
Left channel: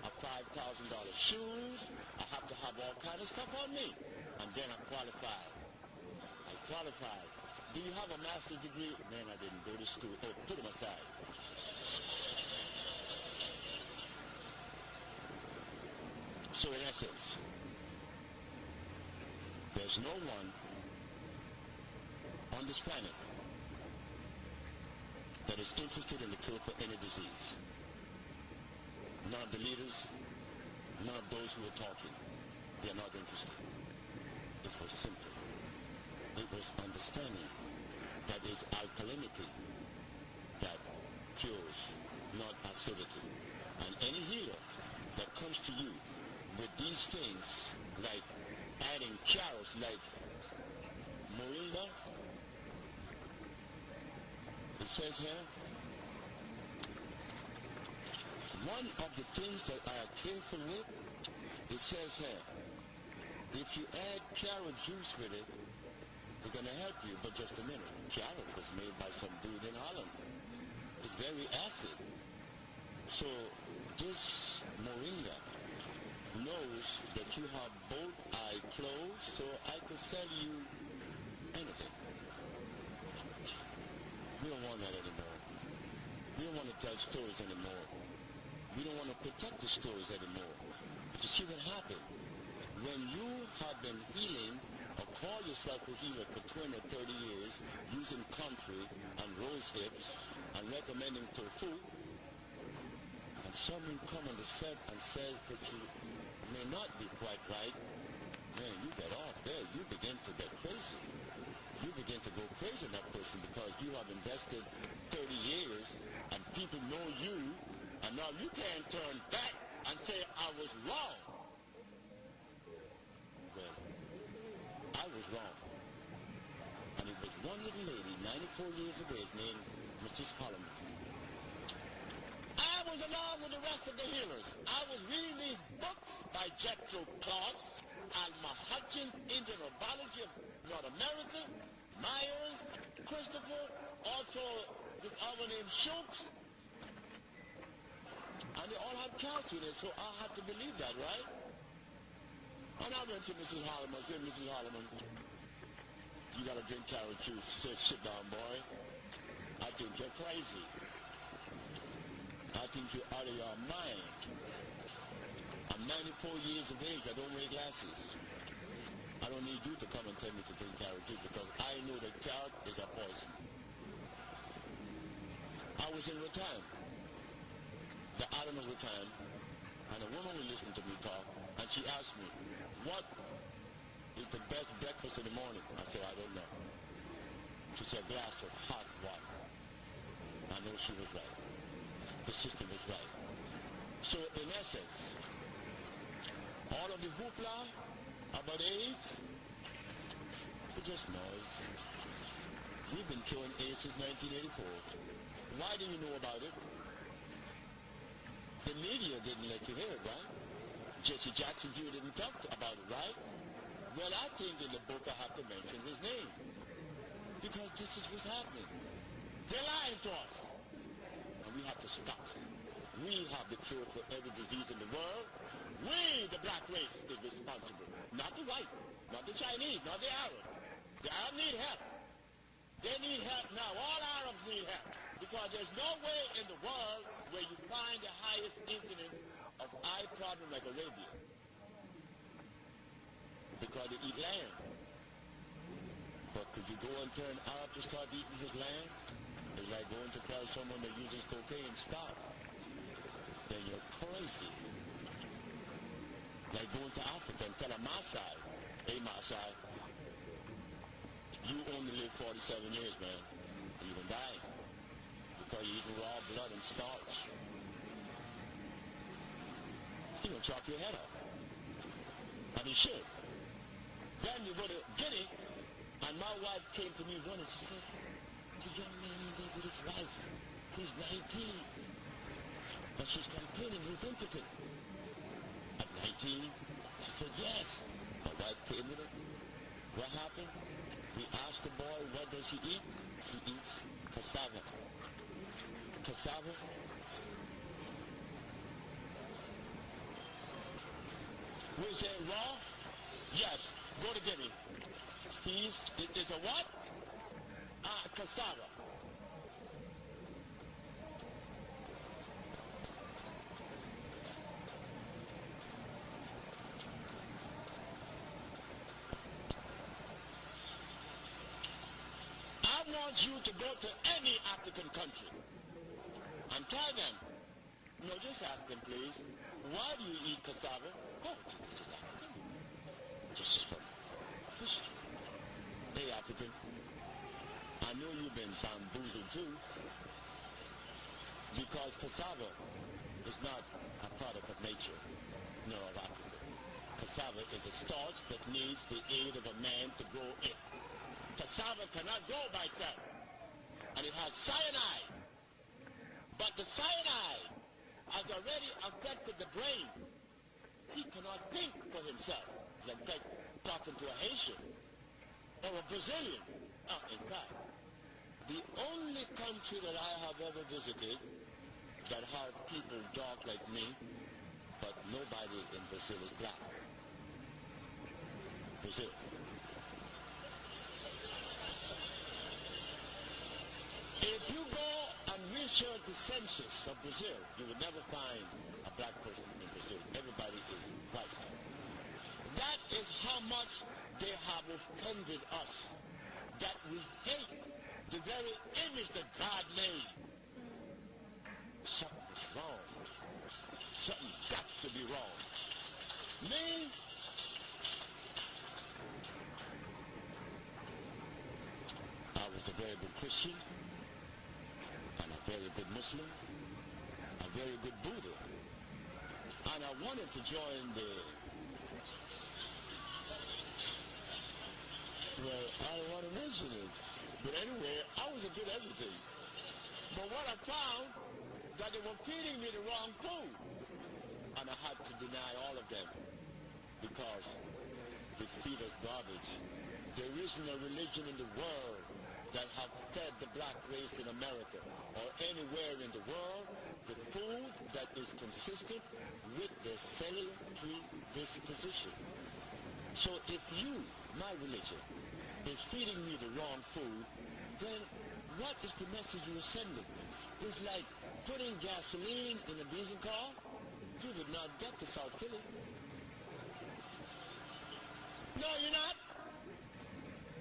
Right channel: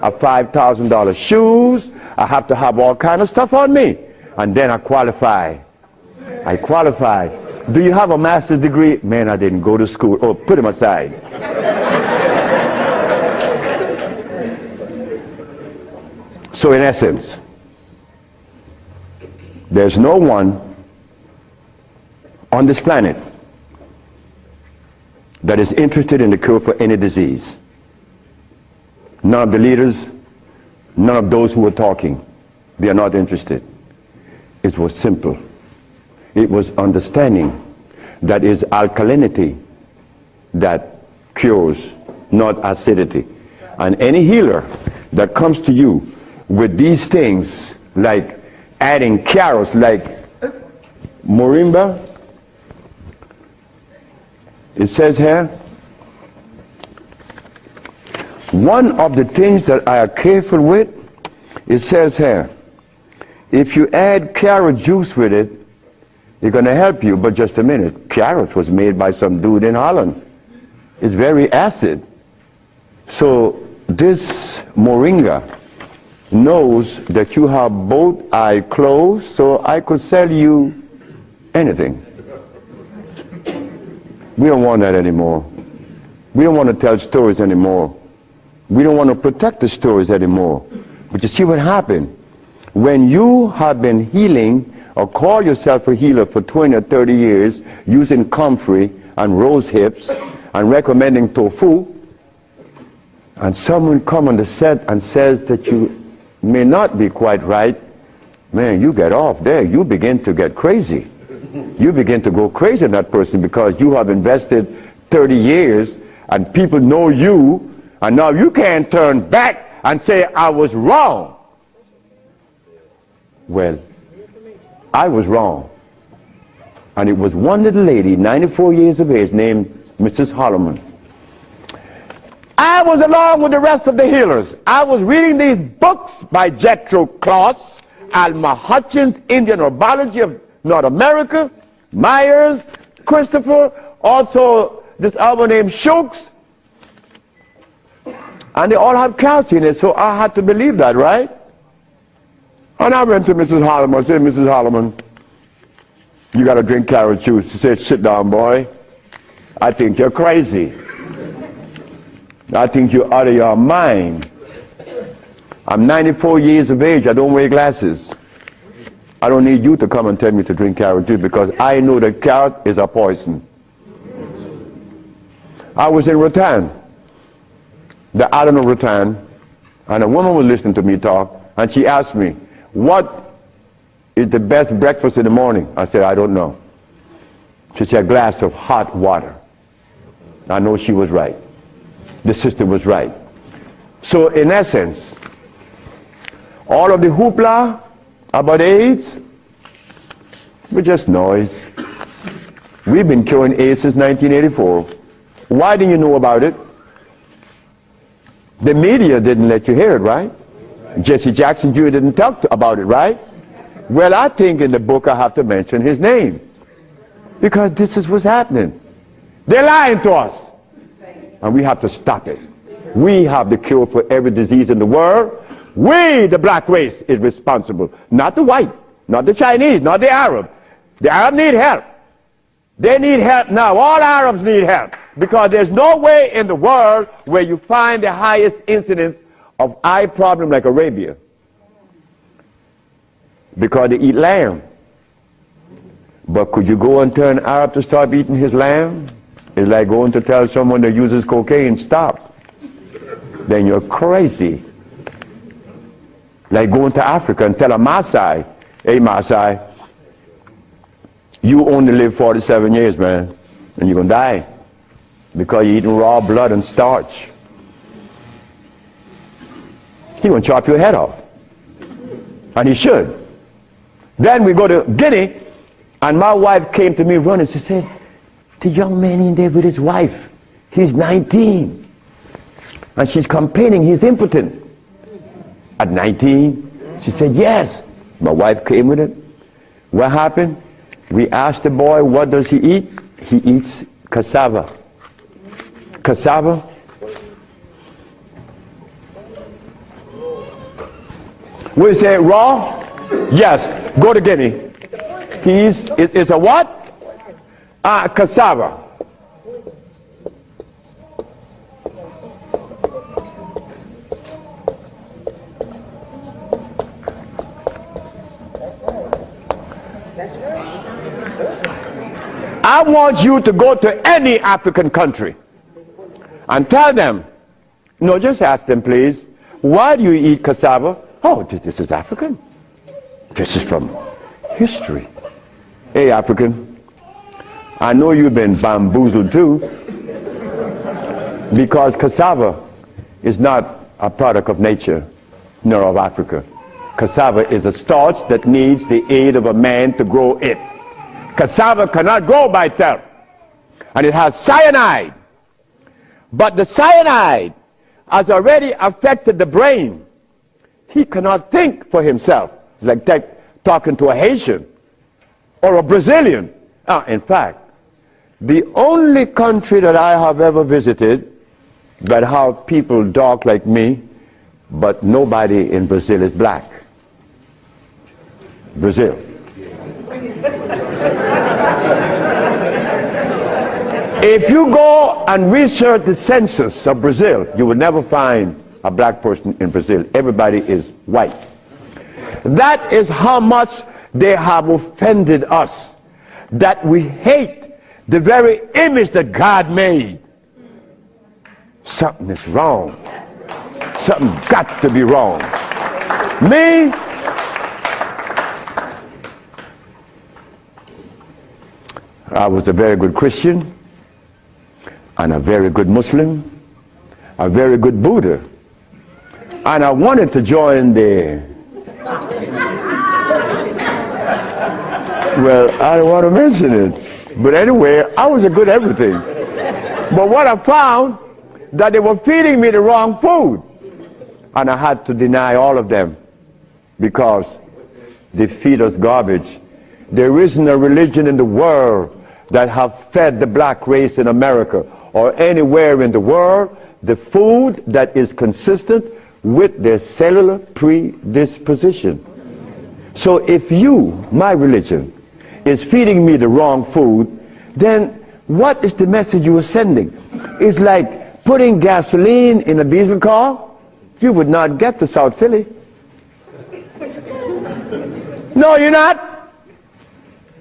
a $5,000 shoes. I have to have all kind of stuff on me. And then I qualify. I qualify. Do you have a master's degree? Man, I didn't go to school. Oh, put him aside. So in essence, there's no one on this planet that is interested in the cure for any disease. None of the leaders, none of those who are talking, they are not interested. It was simple. It was understanding that is alkalinity that cures, not acidity. And any healer that comes to you with these things, like adding carrots, like moringa, it says here, one of the things that I are careful with, it says here, if you add carrot juice with it, it's going to help you. But just a minute, carrot was made by some dude in Holland. It's very acid. So this moringa knows that you have both eyes closed, so I could sell you anything. We don't want that anymore. We don't want to tell stories anymore. We don't want to protect the stories anymore. But you see what happened? When you have been healing or call yourself a healer for 20 or 30 years using comfrey and rose hips and recommending tofu, and someone come on the set and says that you may not be quite right, man, you get off there. You begin to get crazy. You begin to go crazy in that person because you have invested 30 years and people know you, and now you can't turn back and say, I was wrong. Well, I was wrong. And it was one little lady, 94 years of age, named Mrs. Holloman. I was along with the rest of the healers. I was reading these books by Jethro Kloss, Alma Hutchins, Indian Herbology of North America, Myers, Christopher, also this other named Shooks. And they all have calcium in it, so I had to believe that, right? And I went to Mrs. Holloman. I said, Mrs. Holloman, you got to drink carrot juice. She said, sit down, boy. I think you're crazy. I think you're out of your mind. I'm 94 years of age. I don't wear glasses. I don't need you to come and tell me to drink carrot juice because I know that carrot is a poison. I was in Rattan, the island of Rattan, and a woman was listening to me talk, and she asked me, what is the best breakfast in the morning? I said, I don't know. She said, a glass of hot water. I know she was right. The sister was right. So in essence, all of the hoopla about AIDS was just noise. We've been curing AIDS since 1984. Why didn't you know about it? The media didn't let you hear it, right? Jesse Jackson Jr. didn't talk about it, right? Well, I think in the book I have to mention his name because this is what's happening. They're lying to us. And we have to stop it. We have the cure for every disease in the world. We, the black race, is responsible. Not the white, not the Chinese, not the Arab. The Arab need help. They need help now. All Arabs need help. Because there's no way in the world where you find the highest incidence of eye problem like Arabia. Because they eat lamb. But could you go and tell an Arab to stop eating his lamb? It's like going to tell someone that uses cocaine, stop. Then you're crazy. Like going to Africa and tell a Maasai, hey Maasai, You only live 47 years, man, and you're going to die because you're eating raw blood and starch. He's going to chop your head off. And he should. Then we go to Guinea, and my wife came to me running. She said, the young man in there with his wife, he's 19. And she's complaining he's impotent. At 19, she said, yes. My wife came with it. What happened? We asked the boy, what does he eat? He eats cassava. Cassava? We say raw? Yes. Go to Guinea. It's a what? Cassava. I want you to go to any African country and tell them, no, just ask them, please, why do you eat cassava? Oh, this is African. This is from history. Hey, African, I know you've been bamboozled too, because cassava is not a product of nature, nor of Africa. Cassava is a starch that needs the aid of a man to grow it. Cassava cannot grow by itself, and it has cyanide. But the cyanide has already affected the brain. He cannot think for himself. It's like talking to a Haitian or a Brazilian. In fact, the only country that I have ever visited that have people dark like me, but nobody in Brazil is black. Brazil. If you go and research the census of Brazil, you will never find a black person in Brazil. Everybody is white. That is how much they have offended us, that we hate the very image that God made. Something is wrong. Something got to be wrong. Me, I was a very good Christian, and a very good Muslim, a very good Buddha. And I wanted to join the, well, I don't want to mention it, but anyway, I was a good everything. But what I found, that they were feeding me the wrong food, and I had to deny all of them because they feed us garbage. There isn't a religion in the world that have fed the black race in America or anywhere in the world the food that is consistent with their cellular predisposition. So if you, my religion, is feeding me the wrong food, then what is the message you are sending? It's like putting gasoline in a diesel car. You would not get to South Philly. No, you're not.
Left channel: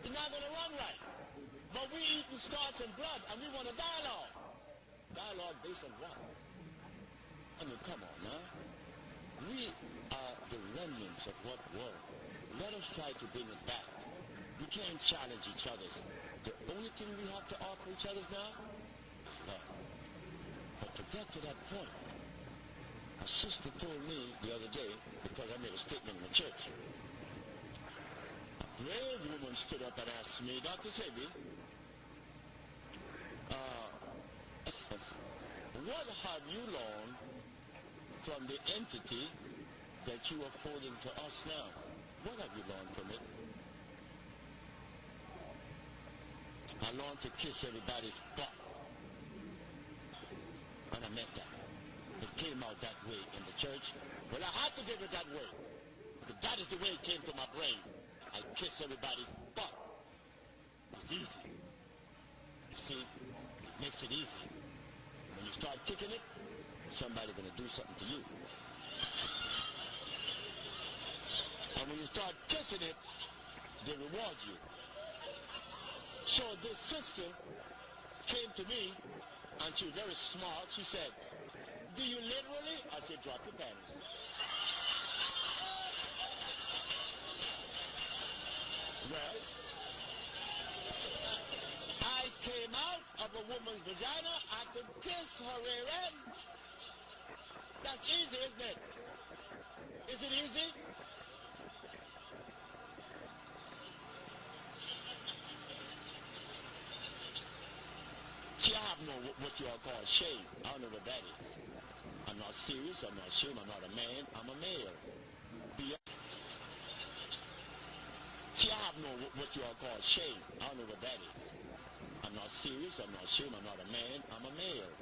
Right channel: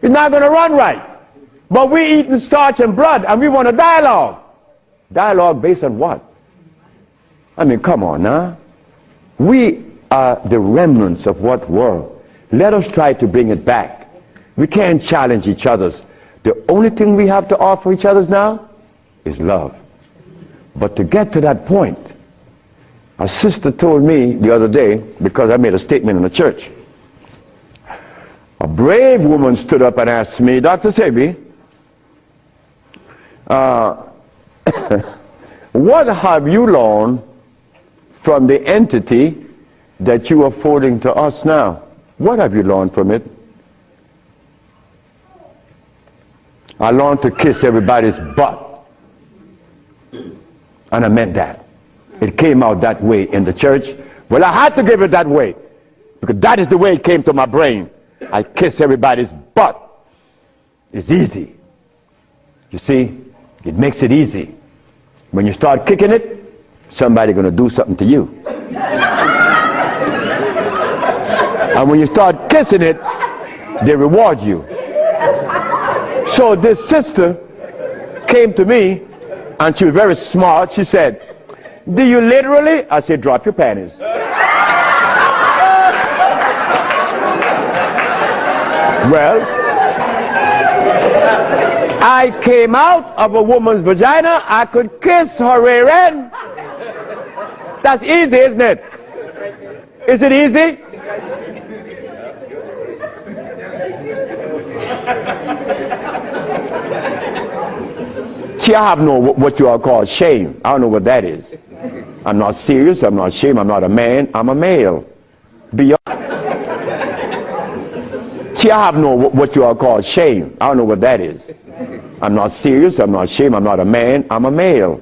It's not going to run right. But we eating starch and blood, and we want a dialogue. Dialogue based on what? I mean, come on now. We are the remnants of what world? Let us try to bring it back. We can't challenge each other's. The only thing we have to offer each other's now is love. But to get to that point, a sister told me the other day, because I made a statement in the church, a brave woman stood up and asked me, Dr. Sebi, what have you learned from the entity that you are forwarding to us now? What have you learned from it? I learned to kiss everybody's butt. And I meant that. It came out that way in the church. Well, I had to give it that way, because that is the way it came to my brain. I kiss everybody's butt. It's easy. You see, it makes it easy. When you start kicking it, somebody's going to do something to you. And when you start kissing it, they reward you. So this sister came to me, and she was very smart. She said, do you literally? I said, drop your panties. Well, I came out of a woman's vagina, I could kiss her rear end. That's easy, isn't it? Is it easy? See, I have no what you all call shame. I don't know what that is. I'm not serious, I'm not ashamed, I'm not a man, I'm a male. Beyond. See, I have no what you all call shame. I don't know what that is. I'm not serious, I'm not ashamed, I'm not a man, I'm a male.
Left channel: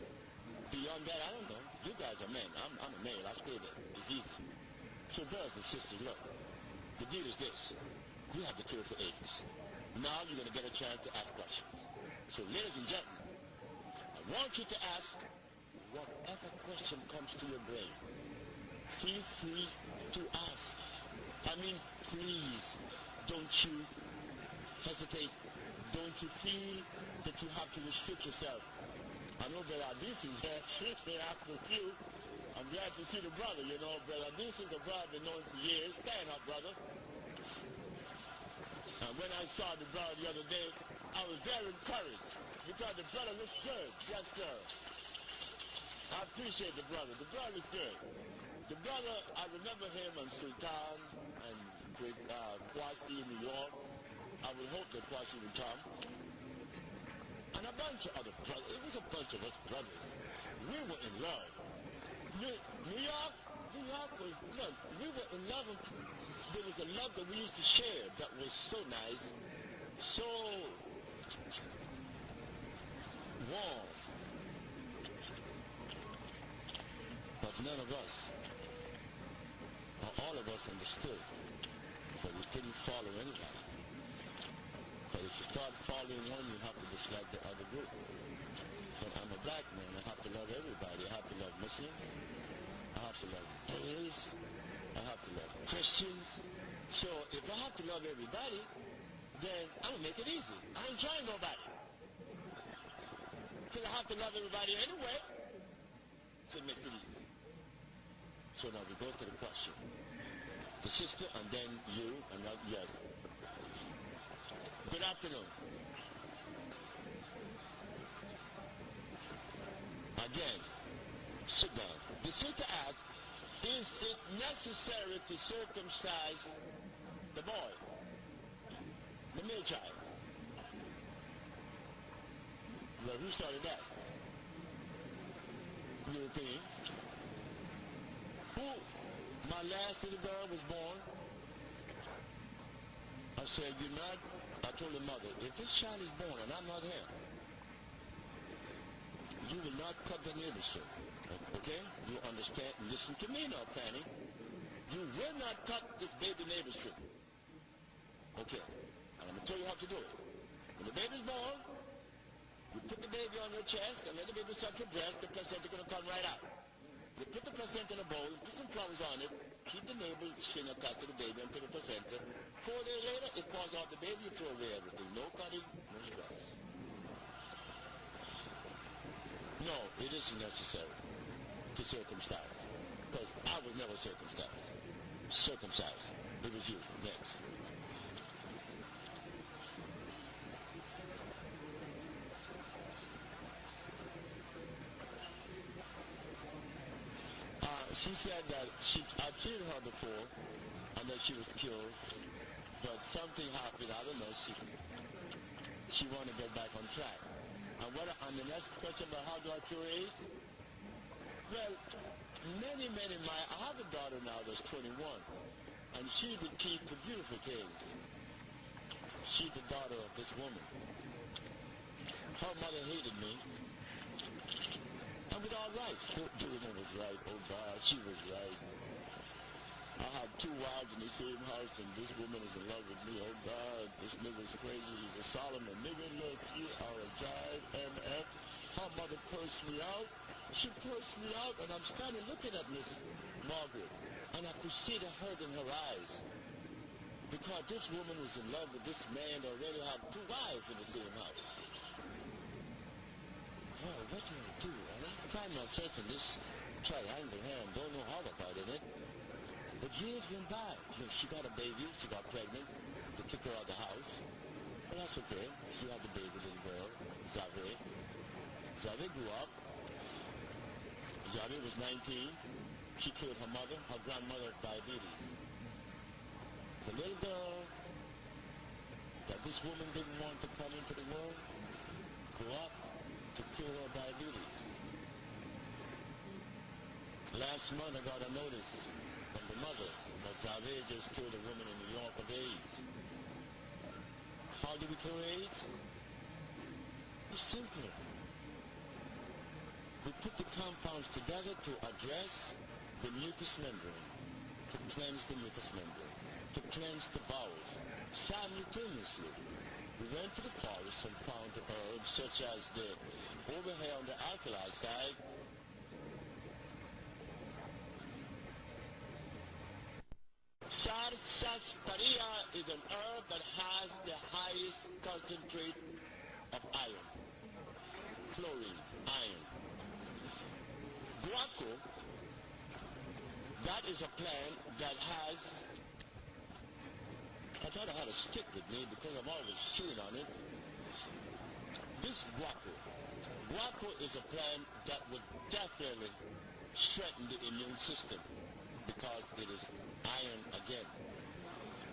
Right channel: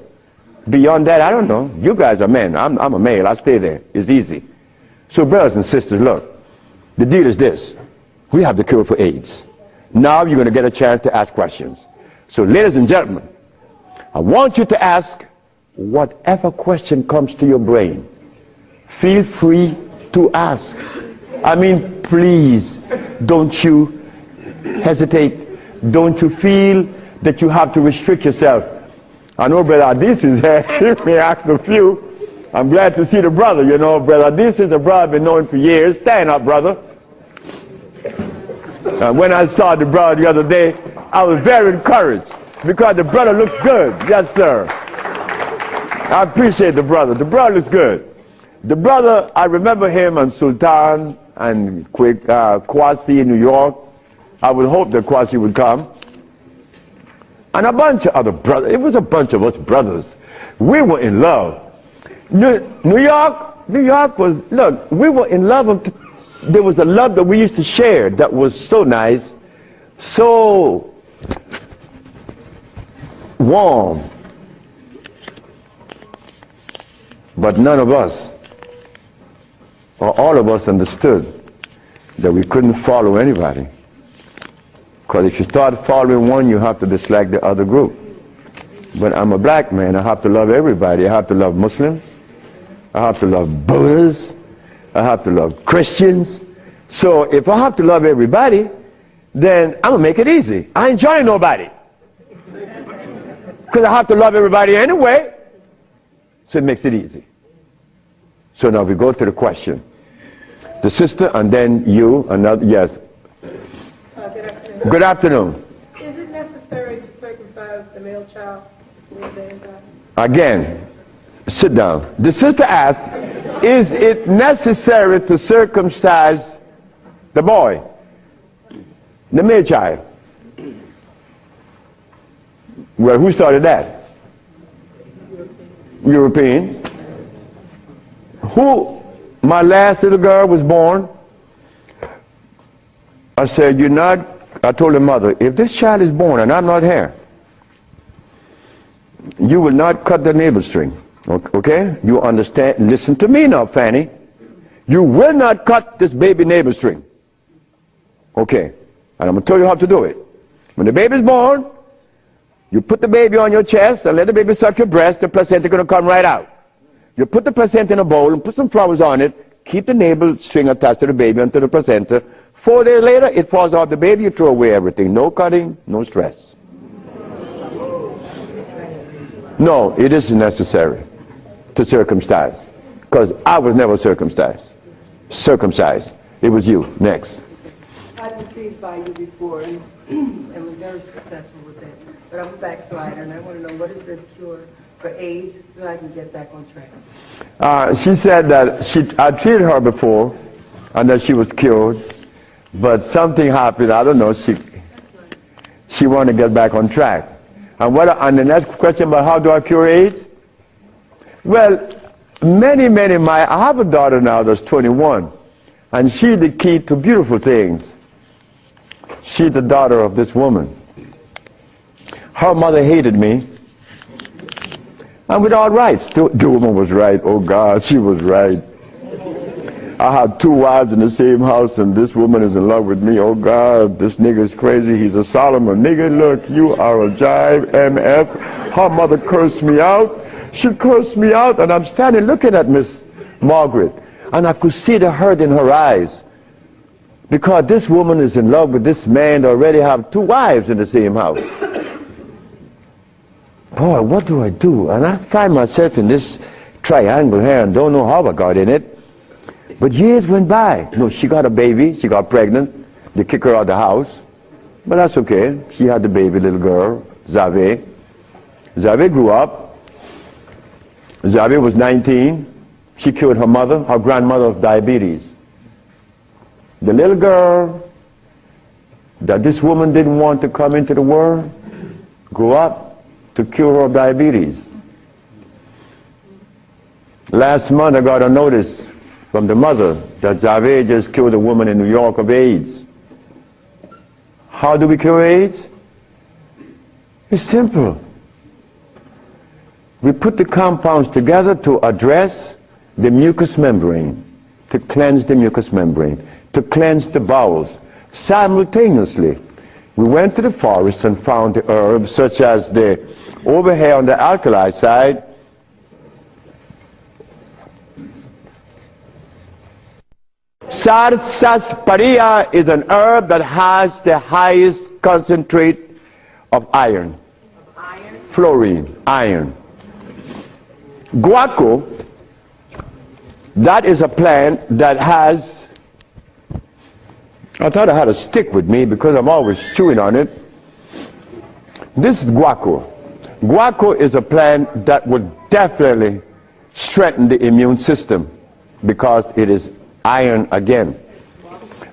Beyond that, I don't know. You guys are men, I'm a male, I stay there. It's easy. So brothers and sisters, look, the deal is this. We have the cure for AIDS. Now you're going to get a chance to ask questions. So ladies and gentlemen, I want you to ask whatever question comes to your brain. Feel free to ask. I mean, please, don't you hesitate. Don't you feel that you have to restrict yourself. I know Brother Adis is here. He may ask a few. I'm glad to see the brother, you know. Brother Adis is a brother I've been knowing for years. Stand up, brother. When I saw the brother the other day, I was very encouraged because the brother looks good. Yes, sir. I appreciate the brother. The brother looks good. The brother, I remember him on Sultan and Kwasi in New York. I would hope that Kwasi would come. And a bunch of other brothers. It was a bunch of us brothers. We were in love. New York was, look, we were in love. There was a love that we used to share that was so nice, so warm. But none of us, or all of us, understood that we couldn't follow anybody. Because if you start following one, you have to dislike the other group. But I'm a black man, I have to love everybody. I have to love Muslims, I have to love Buddhists, I have to love Christians. So if I have to love everybody, then I'm going to make it easy. I ain't joining nobody. Because I have to love everybody anyway. So it makes it easy. So now we go to the question. The sister and then you, another, yes. Good afternoon. Is it necessary to circumcise the male child? Again, sit down. The sister asked, is it necessary to circumcise the boy, the male child? Well, who started that? European. Who? My last little girl was born. I said, you're not, I told her mother, if this child is born and I'm not here, you will not cut the navel string. Okay? You understand? Listen to me now, Fanny. You will not cut this baby navel string. Okay. And I'm going to tell you how to do it. When the baby's born, you put the baby on your chest and let the baby suck your breast. The placenta is going to come right out. You put the placenta in a bowl and put some flowers on it. Keep the navel string attached to the baby until the placenta. 4 days later, it falls off the baby. You throw away everything. No cutting, no stress. No, it isn't necessary to circumcise, because I was never circumcised. It was you. Next. I've been treated by you before and was very successful with it. But I'm a backslider and I want to know what is the cure for AIDS so I can get back on track. She said that I treated her before and that she was cured, but something happened. I don't know. She wanted to get back on track. And the next question about how do I cure AIDS? Well, I have a daughter now that's 21, and she's the key to beautiful things. She's the daughter of this woman. Her mother hated me, and with all rights. The woman was right. Oh God, she was right. I had 2 wives in the same house, and this woman is in love with me. Oh God, this nigga is crazy. He's a Solomon. Nigga, look, you are a jive, MF. Her mother cursed me out. She cursed me out, and I'm standing looking at Miss Margaret, and I could see the hurt in her eyes. Because this woman is in love with this man that already have 2 wives in the same house. Boy, what do I do? And I find myself in this triangle here and don't know how I got in it. But years went by. No, she got a baby, she got pregnant. They kick her out of the house. But that's okay. She had the baby little girl, Zave. Zave grew up. Zave was 19. She cured her mother, her grandmother, of diabetes. The little girl that this woman didn't want to come into the world grew up to cure her of diabetes. Last month I got a notice from the mother that Zave just cured a woman in New York of AIDS. How do we cure AIDS? It's simple. We put the compounds together to address the mucous membrane, to cleanse the mucous membrane, to cleanse the bowels. Simultaneously, we went to the forest and found the herbs such as the, over here on the alkali side, sarsaparilla is an herb that has the highest concentrate of iron. Fluorine, iron. Guaco, that is a plant that has, I thought I had a stick with me because I'm always chewing on it. This is guaco. Guaco is a plant that would definitely strengthen the immune system because it is iron again.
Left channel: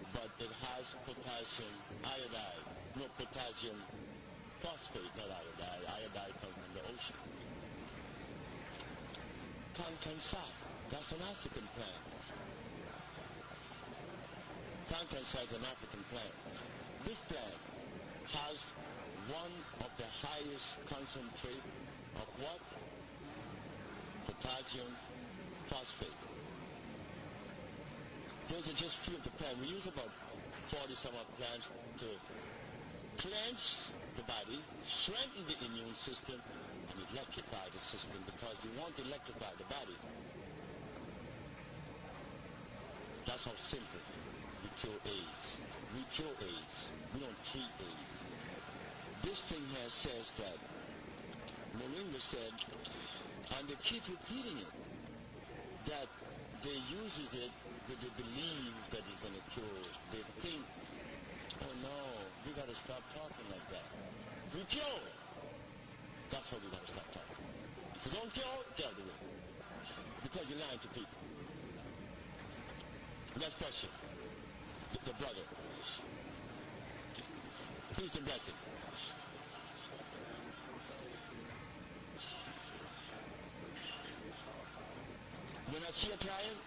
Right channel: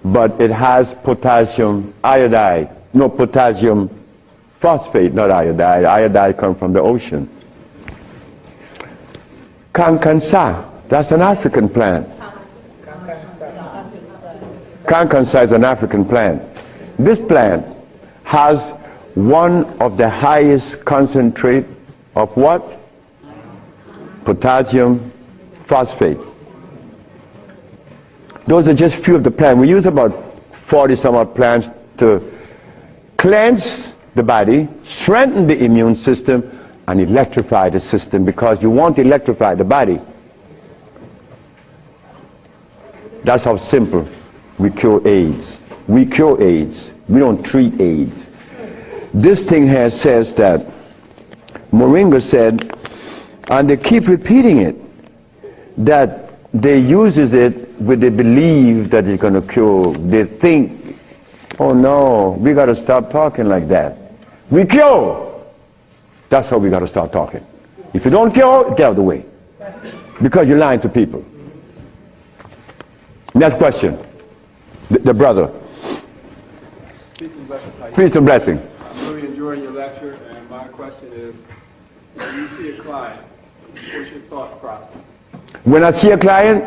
But it has potassium iodide, no, potassium phosphate, not iodide. Iodide comes from the ocean. Kankansa, that's an African plant. Kankansa is an African plant. This plant has one of the highest concentrate of what? Potassium phosphate. Those are just few of the plants. We use about 40 some odd plants to cleanse the body, strengthen the immune system, and electrify the system, because you want to electrify the body. That's how simple we cure AIDS. We cure AIDS. We don't treat AIDS. This thing here says that Moringa said, and they keep repeating it, that they uses it with the belief that it's going to cure. They think, oh no, we got to stop talking like that. We cure. That's how we got to start talking. If you don't cure, get out of the way. Because you're lying to people. Next question. The brother. Peace and blessing. I'm really enjoying your lecture, and my question is, when you see a client, what's your thought process? When I see a client,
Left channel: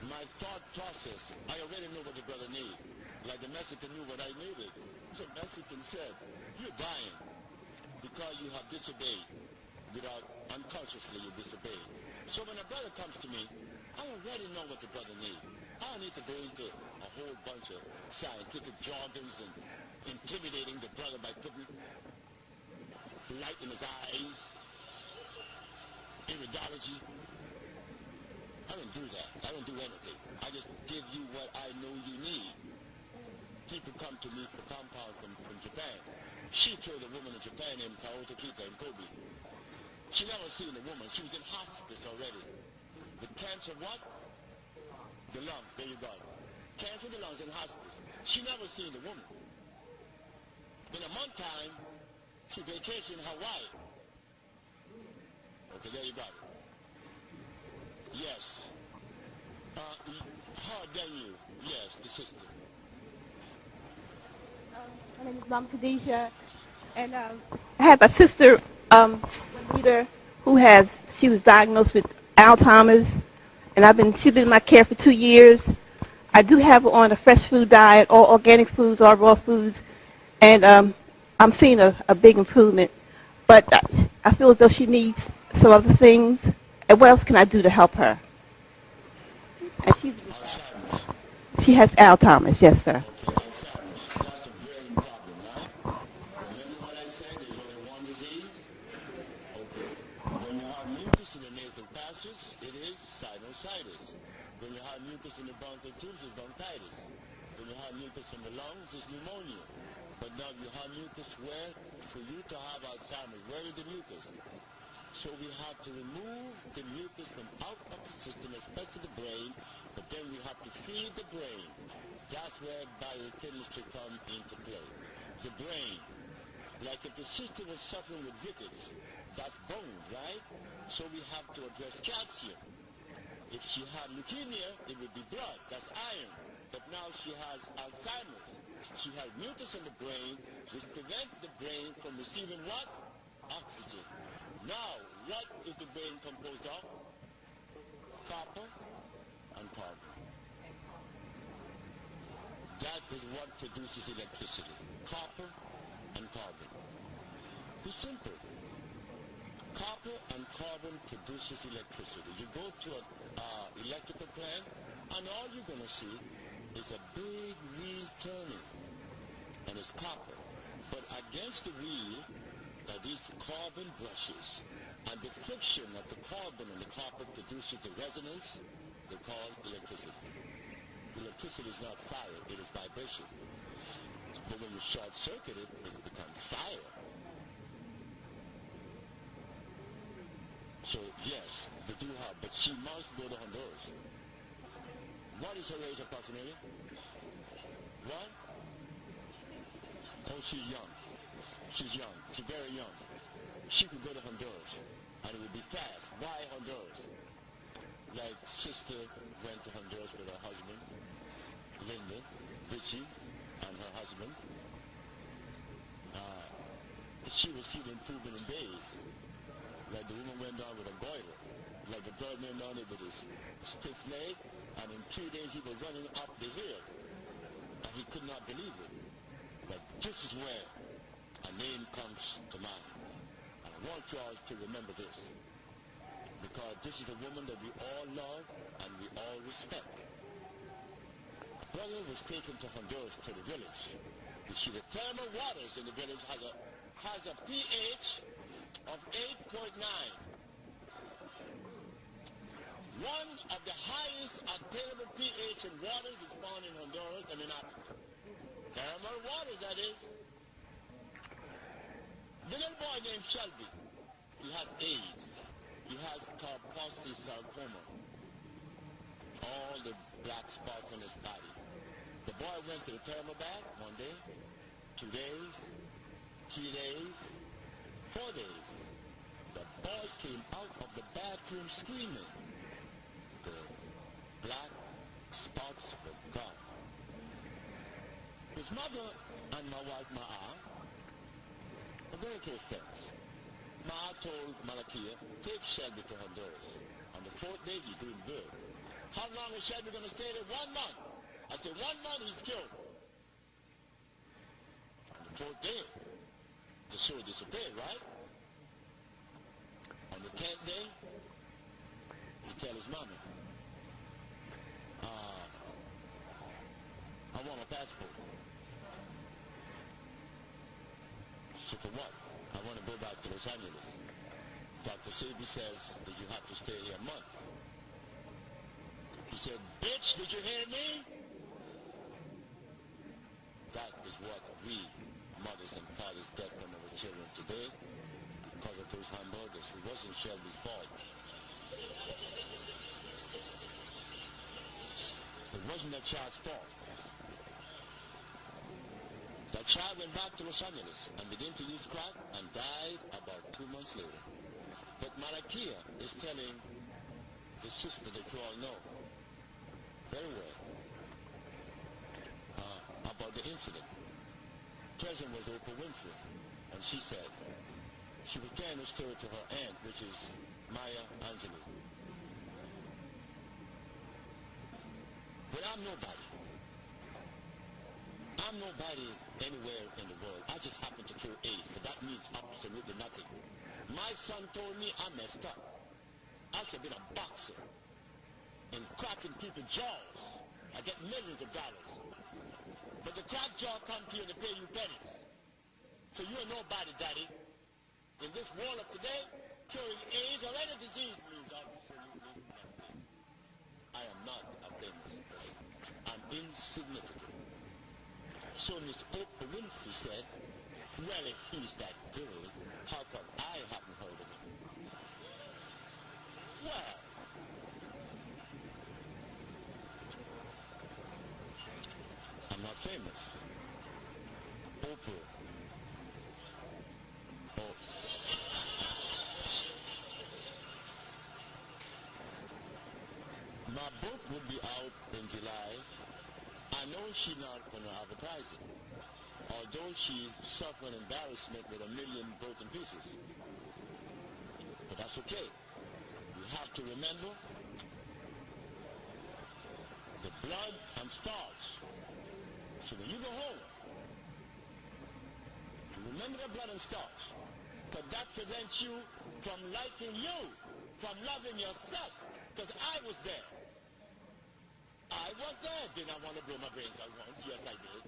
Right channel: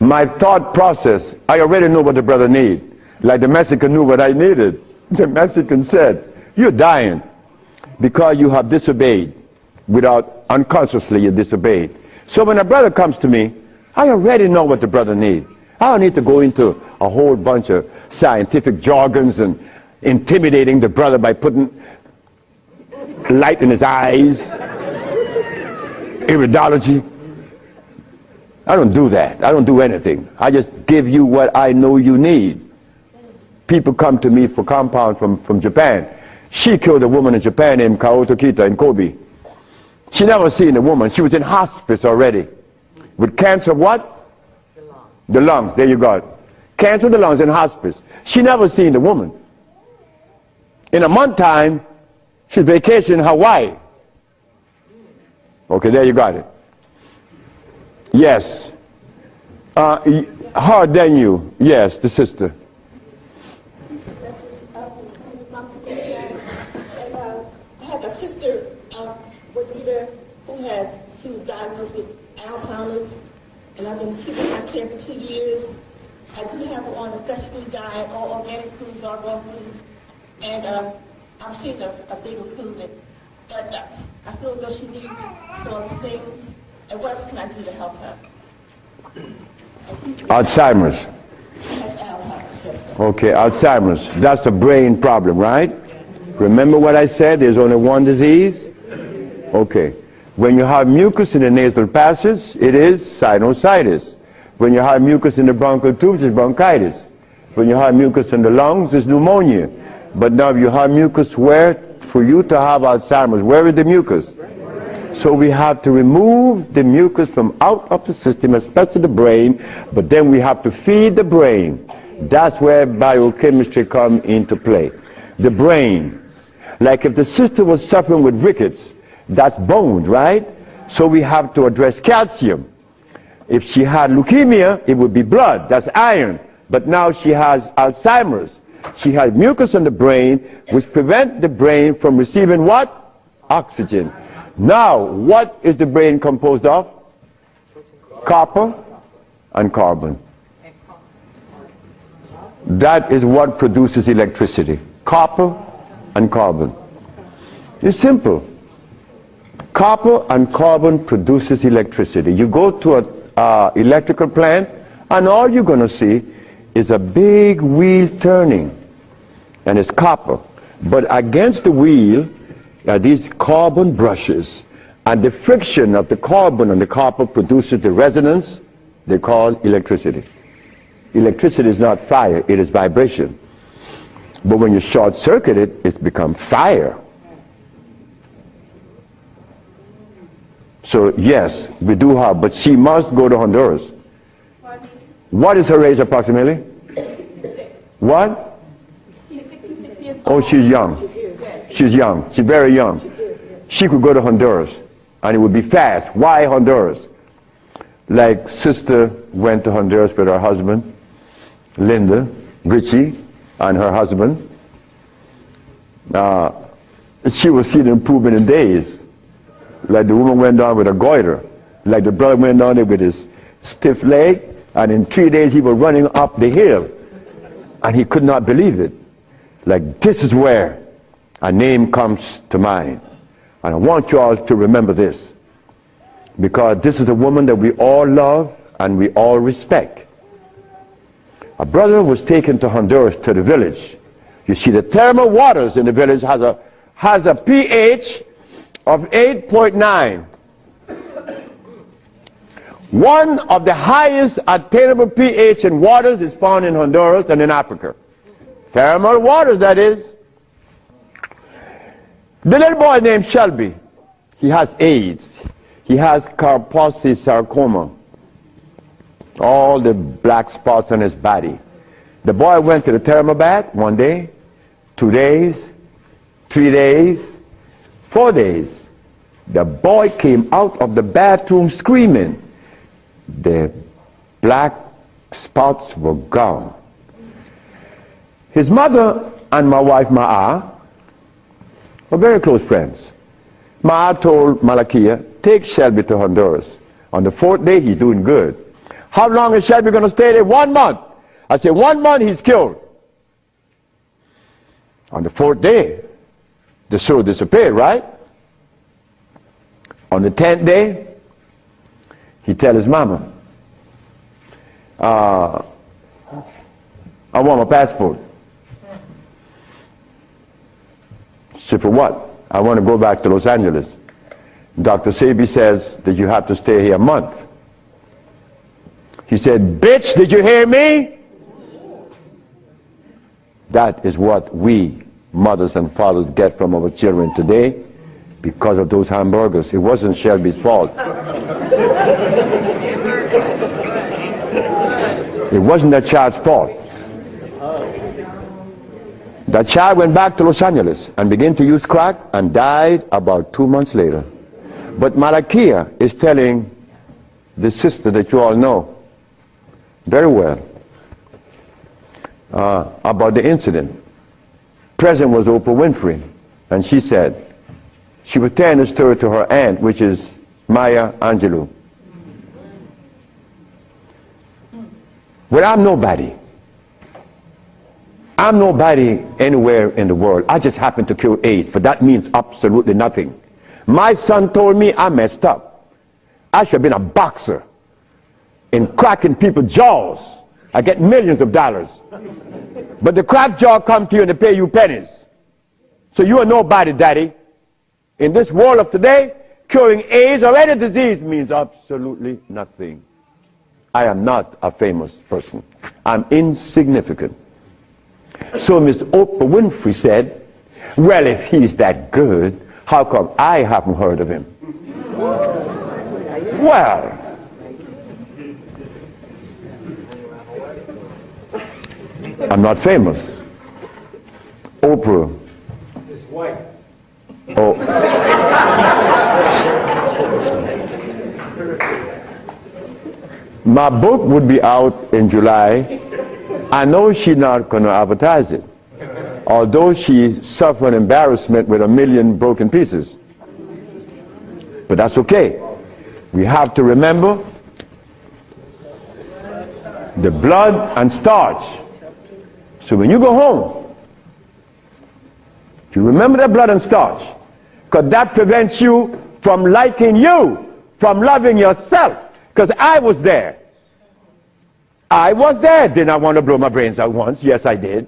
my thought process, I already know what the brother needs. Like the Mexican knew what I needed. The Mexican said, you're dying because you have disobeyed. Without, unconsciously you disobeyed. So when a brother comes to me, I already know what the brother needs. I don't need to go into a whole bunch of scientific jargons and intimidating the brother by putting light in his eyes, iridology. I don't do that. I don't do anything. I just give you what I know you need. People come to me for compound from Japan. She killed a woman in Japan named Kaoto Kita in Kobe. She never seen a woman. She was in hospice already. With cancer what? The lungs. There you go. Cancer of the lungs in hospice. She never seen a woman. In a month time, she's vacationing in Hawaii. Okay, there you got it. Yes. Harder than you. Yes, the sister. I have a sister who she was diagnosed with Alzheimer's, and she's been in my care for 2 years. I do have her on a fresh food diet, all organic foods, all raw foods, and I'm seeing a big improvement. But I feel as though she needs some other things. And what else can I do to help her? Alzheimer's. She has Alzheimer's, yes, sir. Okay, Alzheimer's. That's a brain problem, right? Remember what I said? There's only one disease? Okay. When you have mucus in the nasal passage, it is sinusitis. When you have mucus in the bronchial tubes, it's bronchitis. When you have mucus in the lungs, it's pneumonia. But now you have mucus where? For you to have Alzheimer's, where is the mucus? So we have to remove the mucus from out of the system, especially the brain, but then we have to feed the brain. That's where biochemistry comes into play. the brain. Like if the sister was suffering with rickets, that's bones, right? So we have to address calcium. If she had leukemia, it would be blood, that's iron. But now she has Alzheimer's. She has mucus in the brain, which prevents the brain from receiving what? Oxygen. Now, what is the brain composed of? Copper and carbon. That is what produces electricity. Copper and carbon. It's simple. Copper and carbon produces electricity. You go to an electrical plant, and all you're going to see is a big wheel turning, and it's copper. But against the wheel are these carbon brushes, and the friction of the carbon and the copper produces the resonance they call electricity. Electricity is not fire, it is vibration. But when you short circuit it, it's become fire. So yes, we do have, but she must go to Honduras. What is her age approximately? What? She's 66 years old. Oh, she's young. She's young. She's very young. She could go to Honduras, and it would be fast. Why Honduras? Like sister went to Honduras with her husband, Linda, Richie, and her husband. She will see the improvement in days. Like the woman went down with a goiter. Like the brother went down there with his stiff leg, and in 3 days he was running up the hill. And he could not believe it. Like, this is where a name comes to mind. And I want you all to remember this, because this is a woman that we all love and we all respect. A brother was taken to Honduras, to the village. You see, the thermal waters in the village has a pH of 8.9. One of the highest attainable pH in waters is found in Honduras and in Africa. Thermal waters, that is. The little boy named Shelby, he has AIDS. He has Kaposi sarcoma. All the black spots on his body. The boy went to the thermal bath 1 day, 2 days, 3 days, 4 days. The boy came out of the bathroom screaming. The black spots were gone. His mother and my wife Ma'a were very close friends. Ma'a told Malakia, take Shelby to Honduras. On the 4th day, he's doing good. How long is Shelby going to stay there? 1 month. I said, 1 month, he's cured. On the 4th day, the sore disappeared, right? On the 10th day, he tell his mama, I want my passport. She said, for what? I want to go back to Los Angeles. Dr. Sebi says that you have to stay here a month. He said, bitch, did you hear me? That is what we, mothers and fathers, get from our children today because of those hamburgers. It wasn't Shelby's fault. It wasn't that child's fault. That child went back to Los Angeles and began to use crack and died about 2 months later. But Malakia is telling the sister that you all know very well about the incident. Present was Oprah Winfrey, and she said, she was telling the story to her aunt, which is Maya Angelou. Well, I'm nobody. I'm nobody anywhere in the world. I just happen to cure AIDS, but that means absolutely nothing. My son told me I messed up. I should have been a boxer in cracking people's jaws. I get millions of dollars. But the crack jaw come to you and they pay you pennies. So you are nobody, daddy. In this world of today, curing AIDS or any disease means absolutely nothing. I am not a famous person. I'm insignificant. So Miss Oprah Winfrey said, well, if he's that good, how come I haven't heard of him? Well, I'm not famous. Oprah Oprah. It's white. Oh. My book would be out in July. I know she's not going to advertise it, although she suffered embarrassment with 1 million broken pieces. But that's okay. We have to remember the blood and starch. So when you go home, you remember that blood and starch, because that prevents you from liking you, from loving yourself. Because I was there. I was there. Did I want to blow my brains out once? Yes, I did.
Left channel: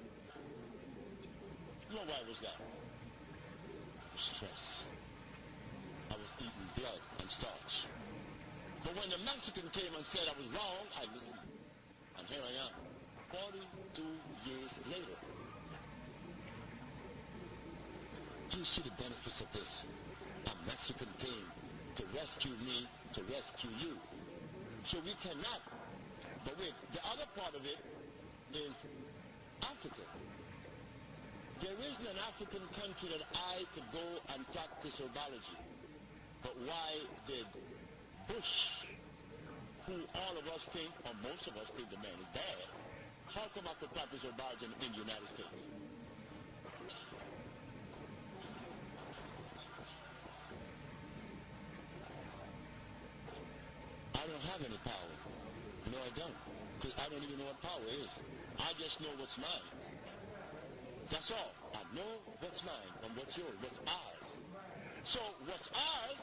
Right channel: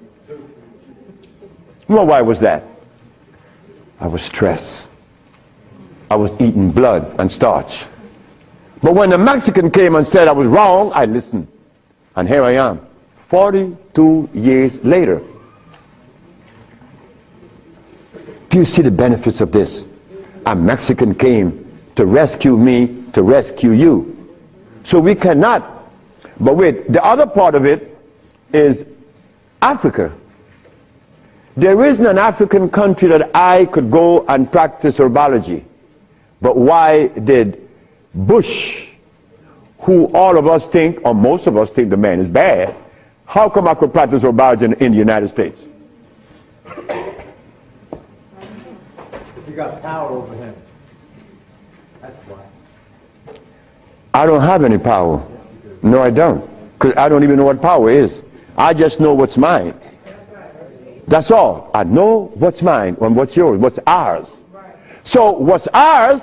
Well, why was that? I was stressed. I was eating blood and starch. But when the Mexican came and said I was wrong, I listened. And here I am, 42 years later. Do you see the benefits of this? A Mexican came to rescue me, to rescue you. So we cannot. But wait, the other part of it is Africa. There isn't an African country that I could go and practice herbology. But why did Bush, who all of us think, or most of us think the man is bad, how come I could practice herbology in the United States? You got power over him. That's why. I don't have any power. No, I don't. Because I don't even know what power is. I just know what's mine. That's all. I know what's mine and what's yours, what's ours. So what's ours,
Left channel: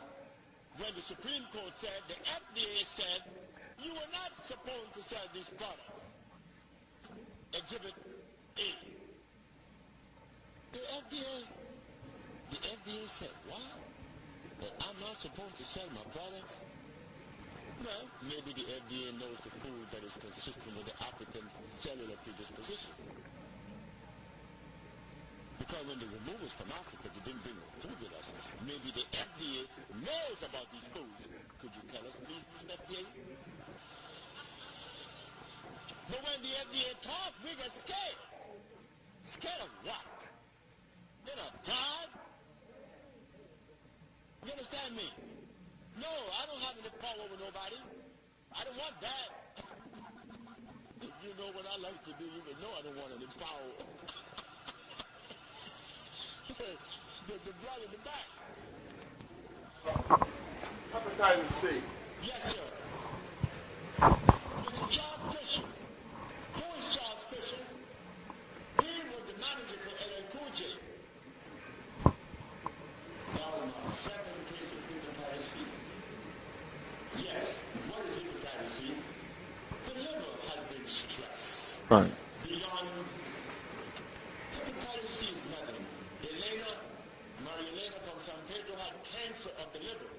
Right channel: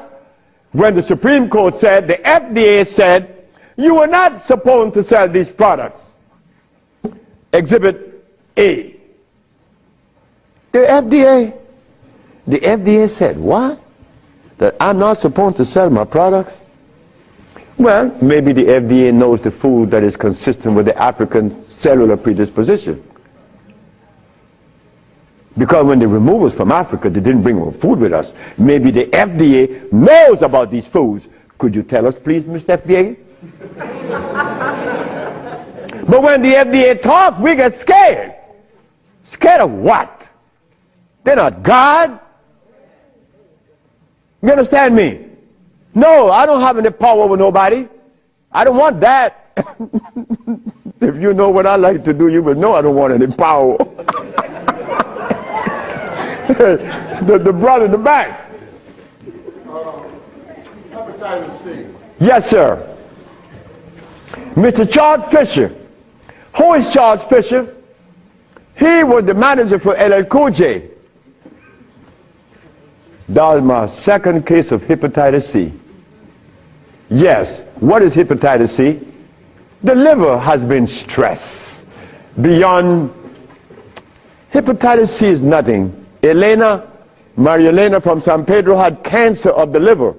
when the Supreme Court said, the FDA said, you are not supposed to sell these products. Exhibit A. The FDA said, what? That I'm not supposed to sell my products? Well, maybe the FDA knows the food that is consistent with the African cellular predisposition. Because when they removed us from Africa, they didn't bring our food with us. Maybe the FDA knows about these foods. Could you tell us, please, Mr. FDA? But when the FDA talks, we get scared. Scared of what? They're not God. You understand me? No, I don't have any power over nobody. I don't want that. If you know what I like to do, you will know I don't want any power. the brother in the back. Hepatitis C. Yes, sir. Mr. Charles Fisher. Who is Charles Fisher? He was the manager for LL Cool J. That was my second case of hepatitis C. Yes. What is hepatitis C? The liver has been stressed. Right. Beyond. Hepatitis C is nothing. Maria Elena from San Pedro had cancer of the liver.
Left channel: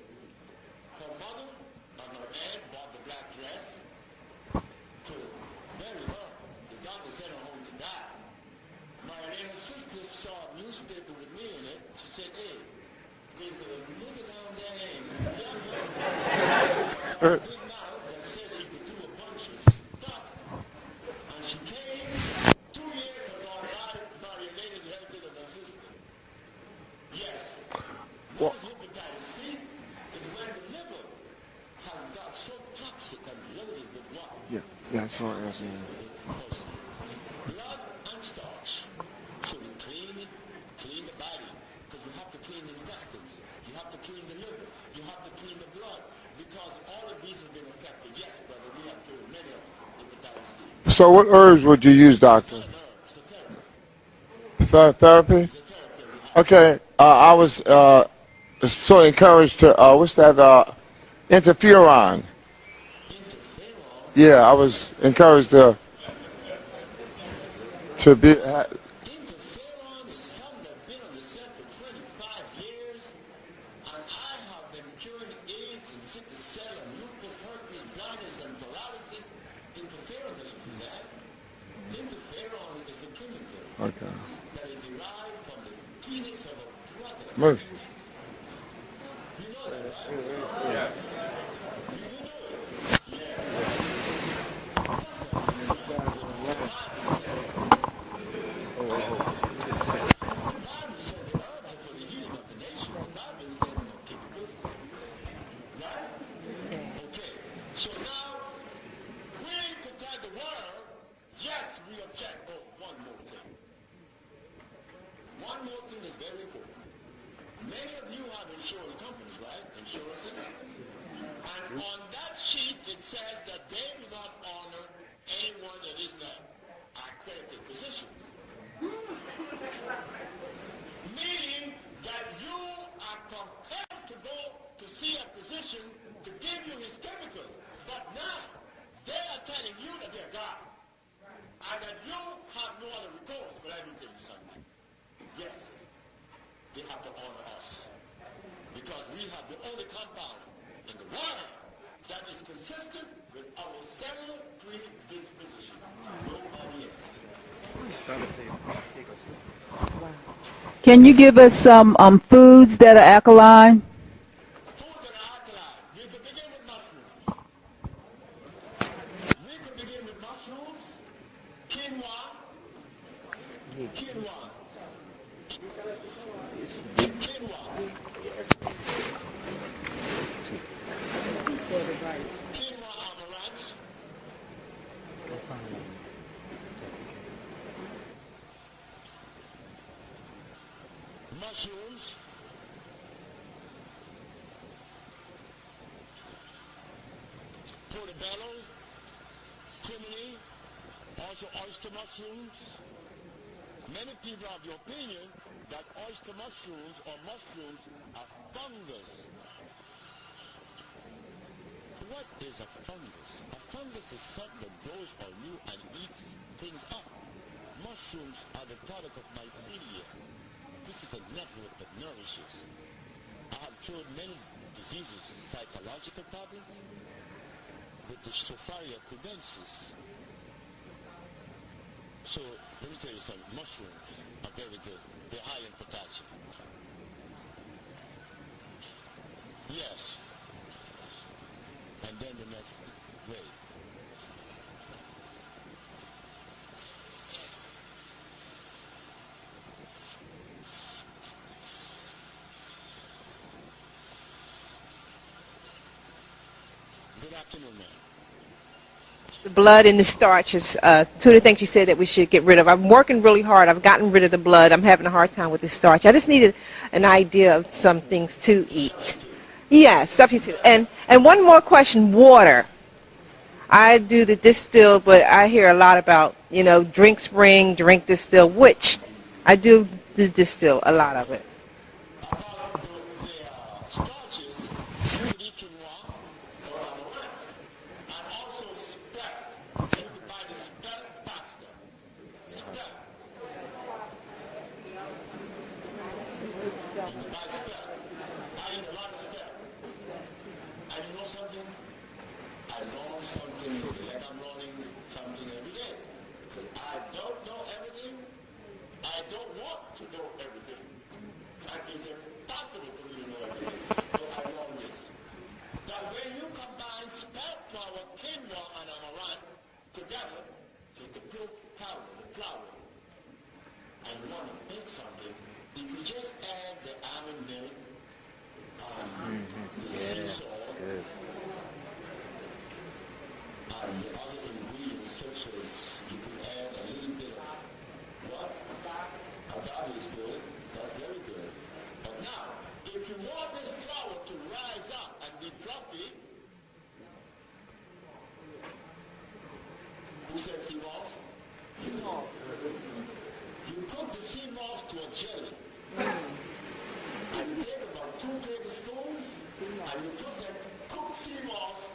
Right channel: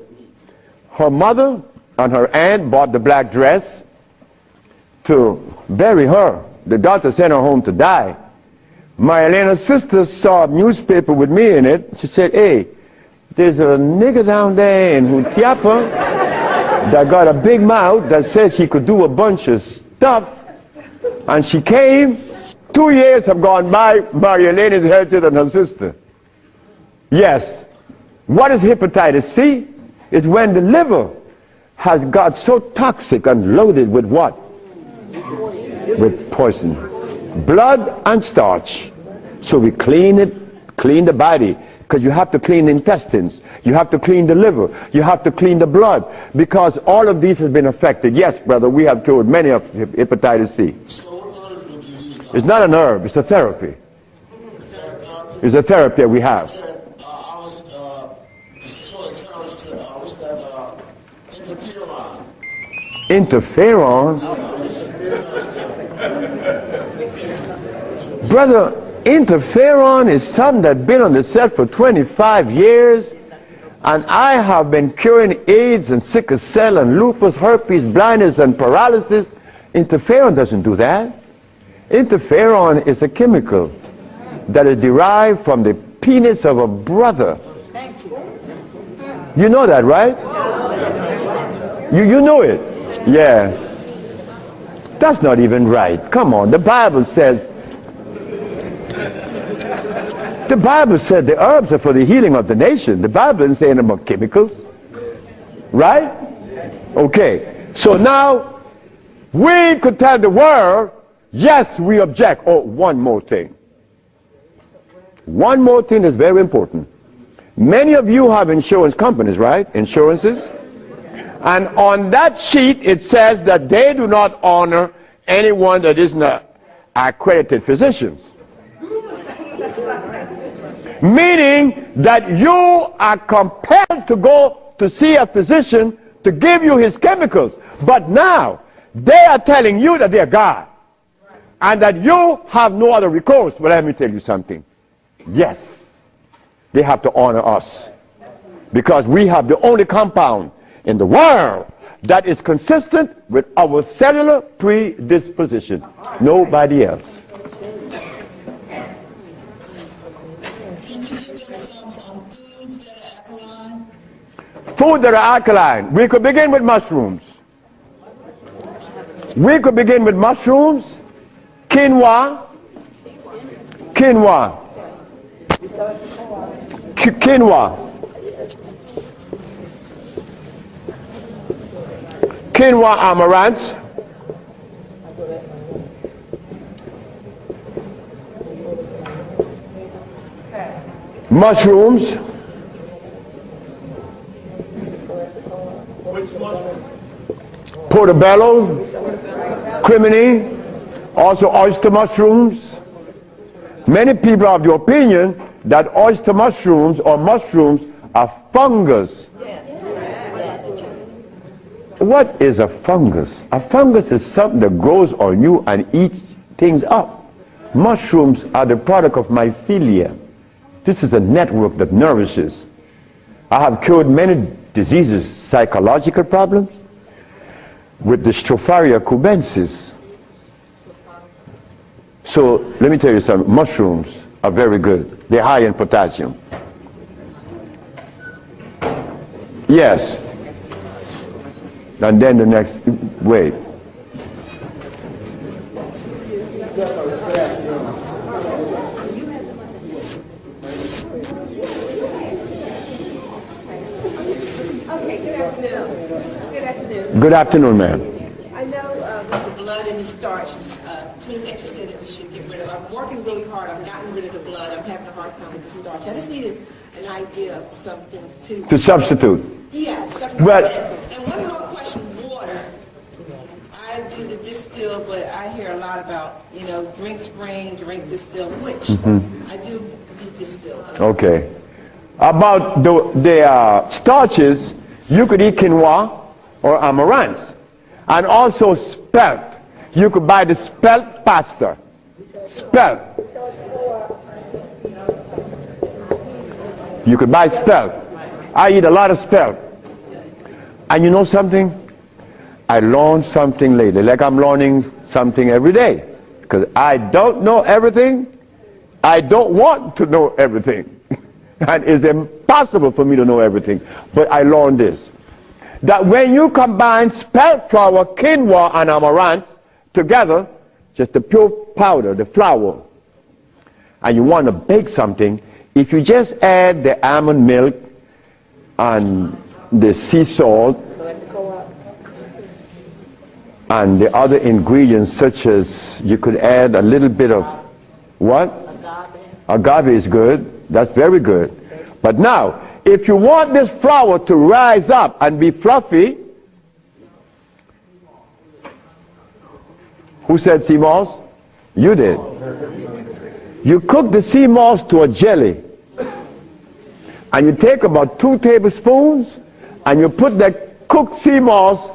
Her mother and her aunt bought the black dress to bury her. The doctor sent her home to die. Maria Elena's sister saw a newspaper with me in it. She said, hey, there's a nigger down there in Jutiapa that got a big mouth that says he could do a bunch of stuff. And she came. 2 years have gone by. Maria Elena is healthier than her sister. Yes. What is hepatitis C? It's when the liver has got so toxic and loaded with what? With poison. Blood and starch. So we clean it, clean the body. Because you have to clean the intestines. You have to clean the liver. You have to clean the blood. Because all of these have been affected. Yes, brother, we have cured many of hepatitis C. So what herbs would you use, doctor? It's not an herb. It's a therapy. Therapy? It's a therapy that we have. Okay. I was so encouraged to, what's that, interferon. Interferon? Yeah, I was encouraged to be... Brother, interferon is something that's been on the set for 25 years, and I have been curing AIDS and sickle cell and lupus, herpes, blindness, and paralysis. Interferon doesn't do that. Interferon is a chemical that is derived from the penis of a brother. You know that, right? You know it. Yeah. That's not even right. Come on, the Bible says The Bible said the herbs are for the healing of the nation. The Bible isn't saying about chemicals. Right? Okay. So now, we could tell the world, yes, we object. Oh, one more thing. One more thing is very important. Many of you have insurance companies, right? Insurances. And on that sheet, it says that they do not honor anyone that is not accredited physicians. Meaning that you are compelled to go to see a physician to give you his chemicals. But now, they are telling you that they are God. And that you have no other recourse. But let me tell you something. Yes, they have to honor us. Because we have the only compound in the world that is consistent with our cellular predisposition. Nobody else. Can you give us some foods that are alkaline? Food that are alkaline. We could begin with mushrooms. We could begin with mushrooms, quinoa, quinoa, amaranth, mushrooms, portobello, crimini, also oyster mushrooms. Many people are of the opinion that oyster mushrooms or mushrooms are fungus. What is a fungus? A fungus is something that grows on you and eats things up. Mushrooms are the product of mycelia. This is a network that nourishes. I have cured many diseases, psychological problems, with the Stropharia cubensis. So let me tell you something. Mushrooms are very good. They're high in potassium. Yes. And then the next, wait. Good afternoon, ma'am. I know the blood and the starches, two of the things you said that we should get rid of. I'm working really hard. I've gotten rid of the blood. I'm having a hard time with the starch. I just needed an idea of some things too. To substitute. Yeah, substitute. Well, and one more question, water. I do the distill, but I hear a lot about, you know, drink spring, drink distill, which I do the distill a lot. Okay. About the starches, you could eat quinoa or amaranth. And also spelt. You could buy the spelt pasta. Spelt. You could buy spelt. I eat a lot of spelt. And you know something? I learned something lately, like I'm learning something every day. Because I don't know everything. I don't want to know everything. And it's impossible for me to know everything. But I learned this. That when you combine spelt flour, quinoa, and amaranth together, just the pure powder, the flour, and you want to bake something, if you just add the almond milk and the sea salt and the other ingredients, such as you could add a little bit of what? Agave is good. That's very good. But now, if you want this flour to rise up and be fluffy, who said sea moss? You did. You cook the sea moss to a jelly. And you take about 2 tablespoons and you put that cooked sea moss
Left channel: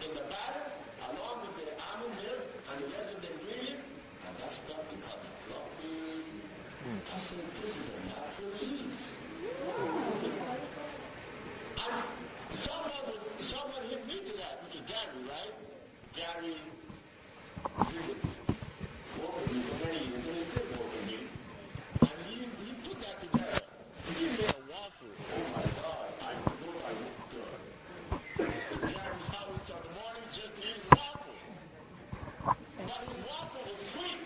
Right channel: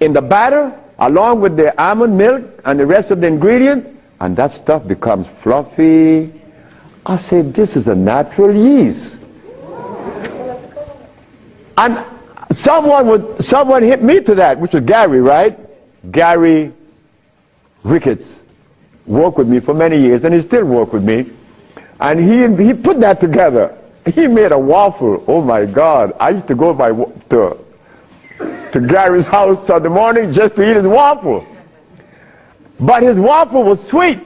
in the batter along with the almond milk and the rest of the ingredient, and that stuff becomes fluffy. I said, this is a natural yeast. And someone hit me to that, which was Gary, right? Gary Ricketts worked with me for many years, and he still works with me. And he put that together. He made a waffle. Oh my God! I used to go to Gary's house in the morning just to eat his waffle. But his waffle was sweet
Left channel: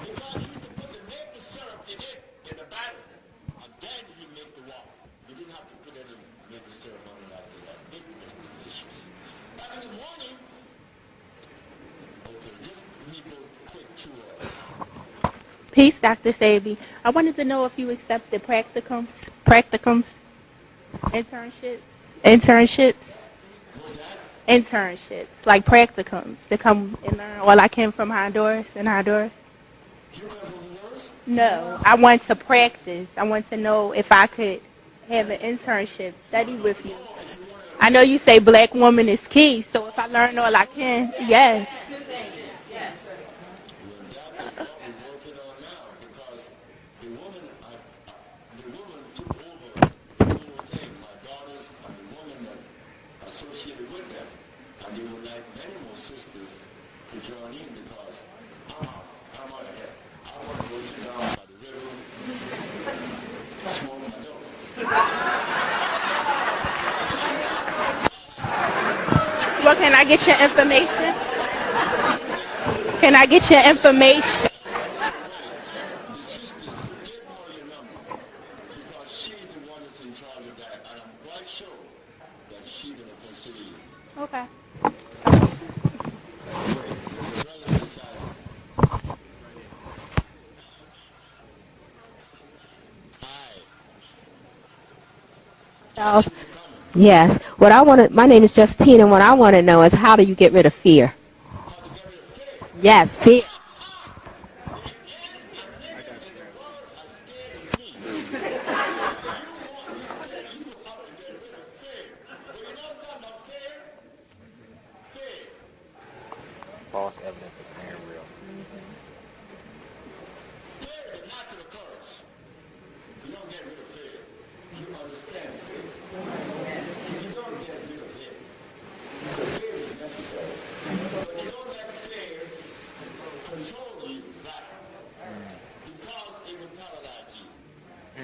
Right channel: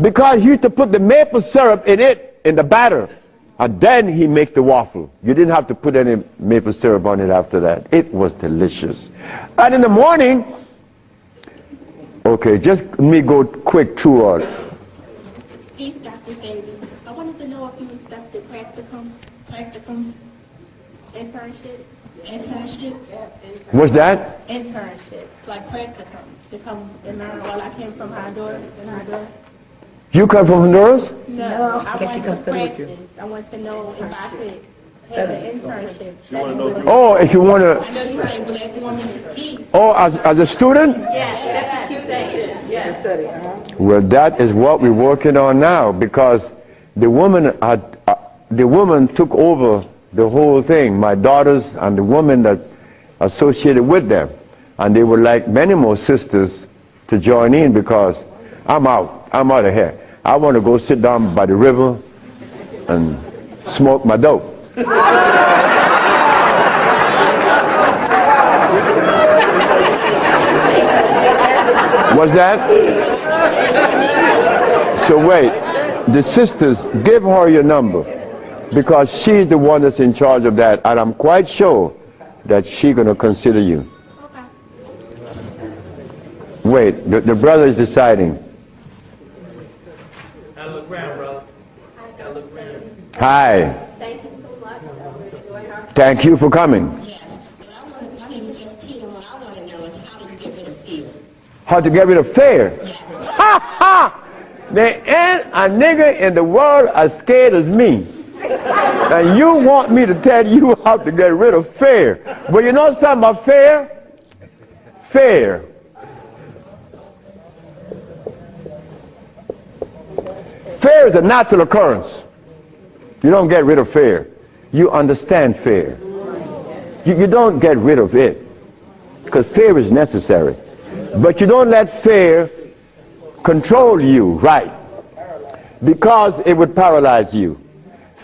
because he used to put the maple syrup in it in the batter, and then he make the waffle. You didn't have to put any maple syrup on it after that. It was delicious. And in the morning, okay, just let me go quick through all. Peace, Dr. Sebi. I wanted to know if you accepted practicums, internships. What's that? Internships, like practicums, to come and learn. Well, I came from Honduras, You come from Honduras? No, I want to practice. I want to know if I could have an internship. Oh, if you want to... I know you say black woman is key. So Oh, as a student? Yes. Well, that is what we're working on now, because the woman took over the whole thing, my daughters and the woman that associated with them. And they would like many more sisters to join in, because I'm out of here. I want to go sit down by the river and smoke my dope. Well, can I get your information? What's that? Can I get your information? So wait, the sisters, give her your number, because she's the one that's in charge of that, and I'm quite sure that she's going to consider you. Okay. Wait, the brother is deciding. Hi. Thank you for coming. Yes. My name is Justine, and what I want to know is, how do you get rid of fear? How to get rid of fear? Yes, fear. Ha ha! There ain't a nigga in the world as scared as me. And you want me to tell you how to get rid of fear. But you know something about fear? Fear. Fear is a natural occurrence. You don't get rid of fear. You understand fear. You don't get rid of it, because fear is necessary. But you don't let fear control you, right? Because it would paralyze you.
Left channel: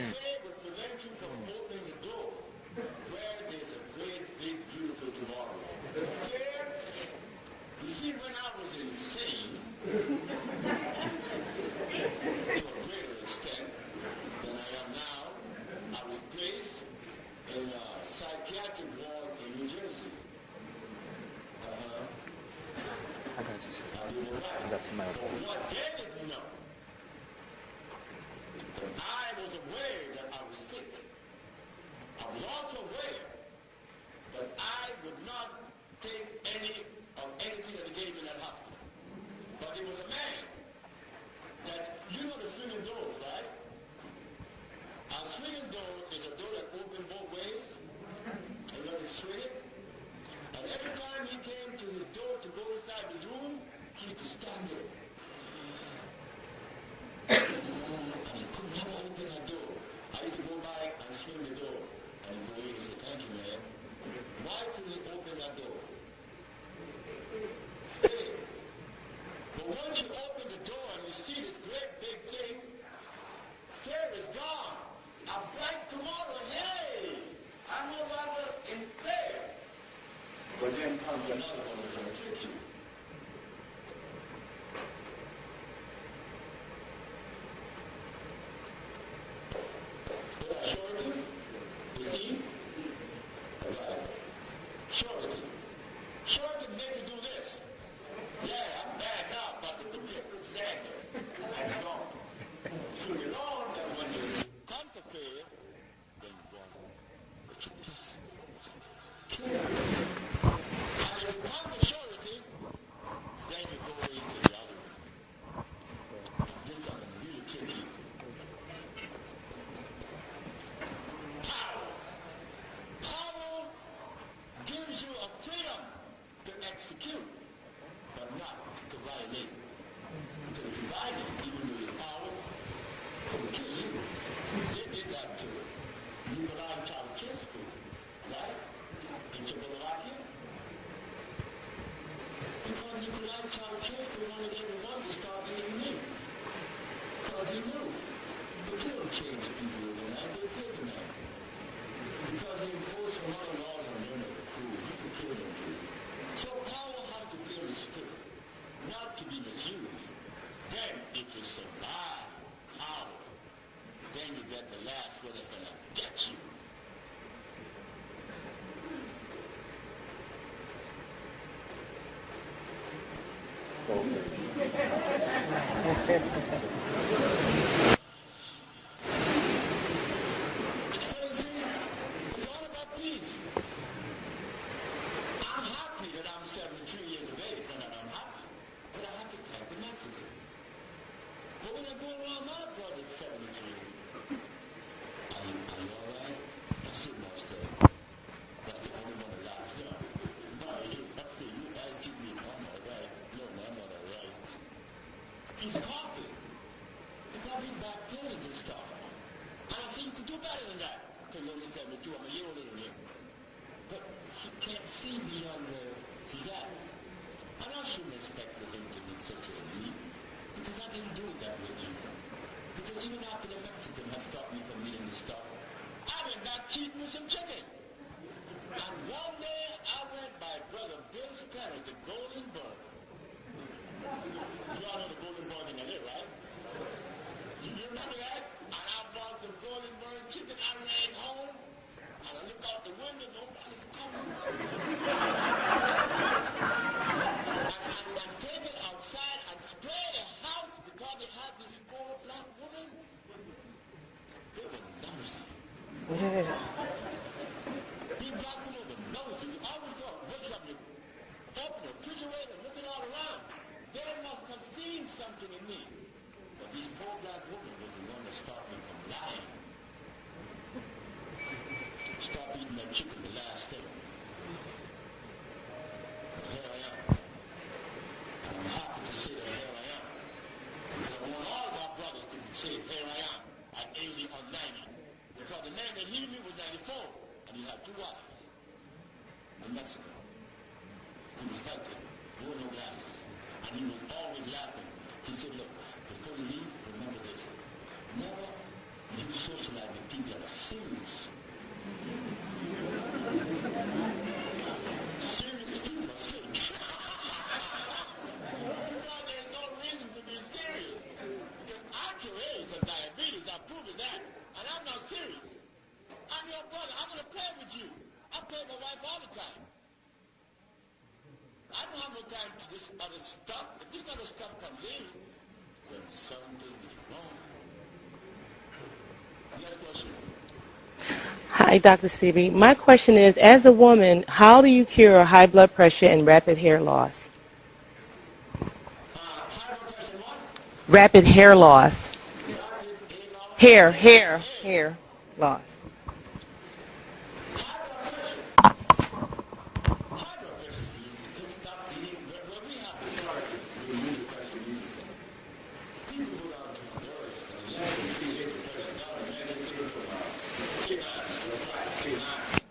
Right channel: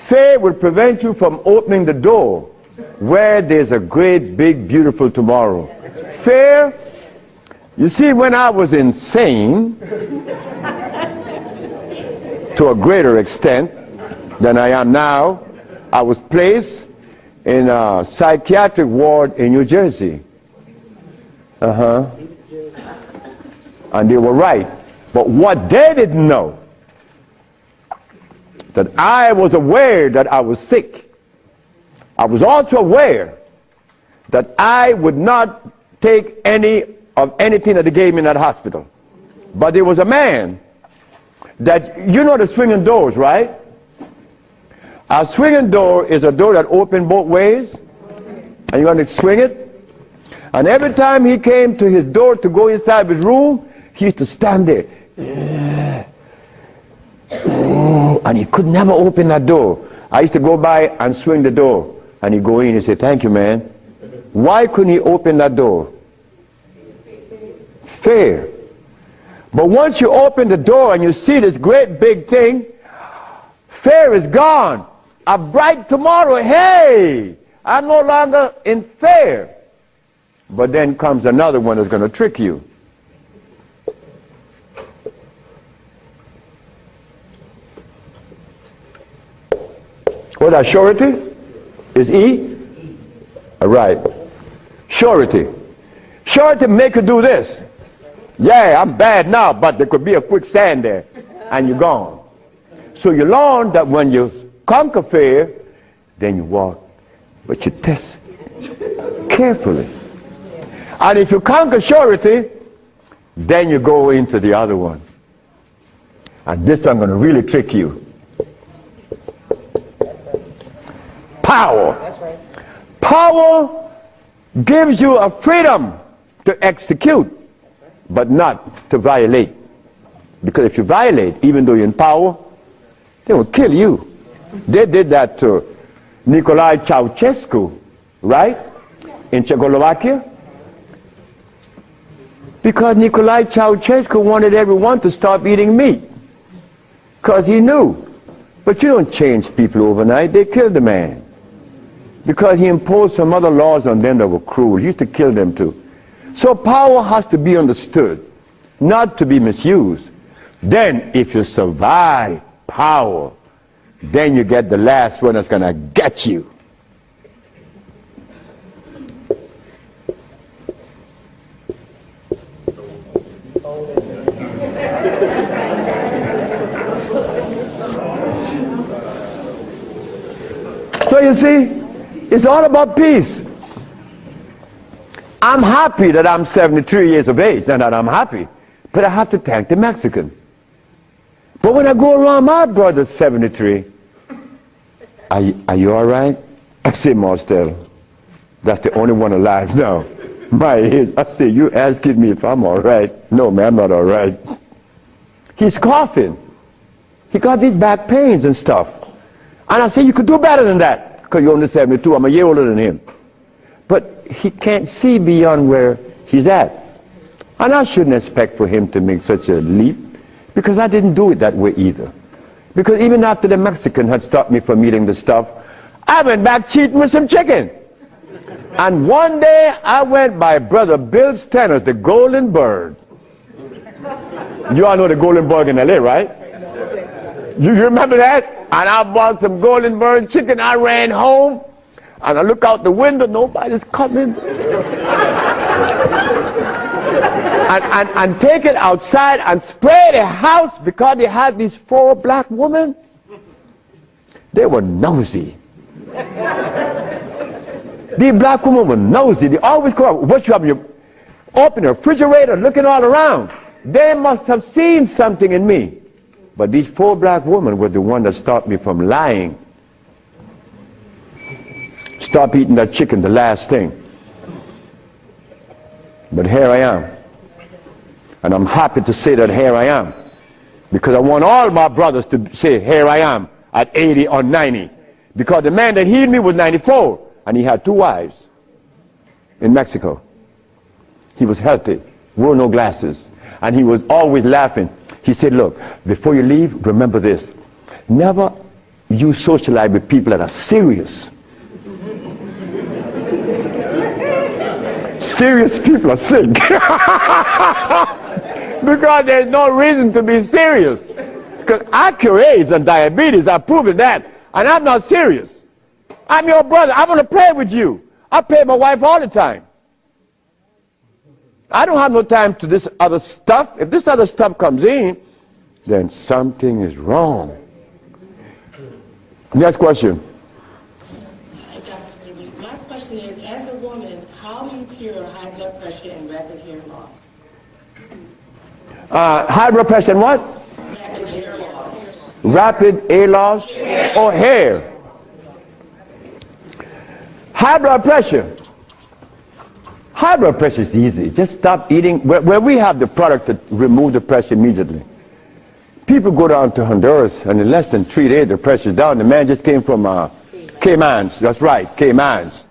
Fear would prevent you from opening the door where there's a great, big, beautiful tomorrow. Fear, you see, when I was insane, to a greater extent than I am now, I was placed in a psychiatric ward in New Jersey. And they were right. But what they didn't know, that I was aware that I was sick. I was also aware that I would not take any of anything that they gave me in that hospital. But there was a man that, you know the swinging doors, right? A swinging door is a door that opens both ways, and you're going to swing it. And every time he came to his door to go inside his room, he used to stand there. And he could never open that door. I used to go by and swing the door, and he'd go in and say, "Thank you, man." Why couldn't he open that door? Fear. But once you open the door and you see this great big thing, fear is gone. A bright tomorrow, hey, I'm no longer in fear. But then comes another one that's going to trick you. What that surety? Is E? All right. Surety. Surety make you do this. Yeah, I'm bad now, but there could be a quicksand there, and you're gone. So you learn that when you conquer fear, then you walk, but you test carefully. And if you conquer surety, then you go into the other one. And this one I'm going to really trick you. Power. Power gives you a freedom to execute, but not to violate. Because if you violate, even though you're in power, they will kill you. They did that to Nicolae Ceausescu, right? In Czechoslovakia. Because Nicolae Ceausescu wanted everyone to stop eating meat. Because he knew. But you don't change people overnight. They killed the man. Because he imposed some other laws on them that were cruel. He used to kill them too. So power has to be understood, not to be misused. Then if you survive power, then you get the last one that's going to get you. So you see, it's all about peace. I'm happy that I'm 73 years of age and that I'm happy, but I have to thank the Mexican. But when I go around my brother's 73, are you all right? I say, Marcel, that's the only one alive now. My age. I say, you asking me if I'm all right? No, man, I'm not all right. He's coughing. He got these back pains and stuff. And I say, you could do better than that, because you're only 72. I'm a year older than him. But he can't see beyond where he's at. And I shouldn't expect for him to make such a leap, because I didn't do it that way either. Because even after the Mexican had stopped me from eating the stuff, I went back cheating with some chicken. And one day I went by Brother Bill's Tennis, the Golden Bird. You all know the Golden Bird in LA, right? You remember that? And I bought some Golden Bird chicken. I ran home, and I look out the window. Nobody's coming. and take it outside and spray the house, because they had these 4 black women. They were nosy. These black women were nosy. They always go out. What you have? You open the refrigerator, looking all around. They must have seen something in me. But these 4 black women were the one that stopped me from lying. Stop eating that chicken, the last thing. But here I am. And I'm happy to say that here I am. Because I want all my brothers to say, here I am, at 80 or 90. Because the man that healed me was 94, and he had 2 wives in Mexico. He was healthy, wore no glasses, and he was always laughing. He said, look, before you leave, remember this. Never you socialize with people that are serious. Serious people are sick. Because there's no reason to be serious. Because I cure AIDS and diabetes, I've proven that. And I'm not serious. I'm your brother. I want to play with you. I play with my wife all the time. I don't have no time to this other stuff. If this other stuff comes in, then something is wrong. Next question. Hi, Dr. Sebi. My question is, as a woman, how do you cure high blood pressure and rapid hair loss? High blood pressure and what? Rapid hair loss. Rapid hair loss? Hair. Or hair? Hair loss. High blood pressure. High blood pressure is easy. Just stop eating. Where we have the product to remove the pressure immediately. People go down to Honduras, and in less than 3 days, the pressure's down. The man just came from Caymans. That's right, Caymans.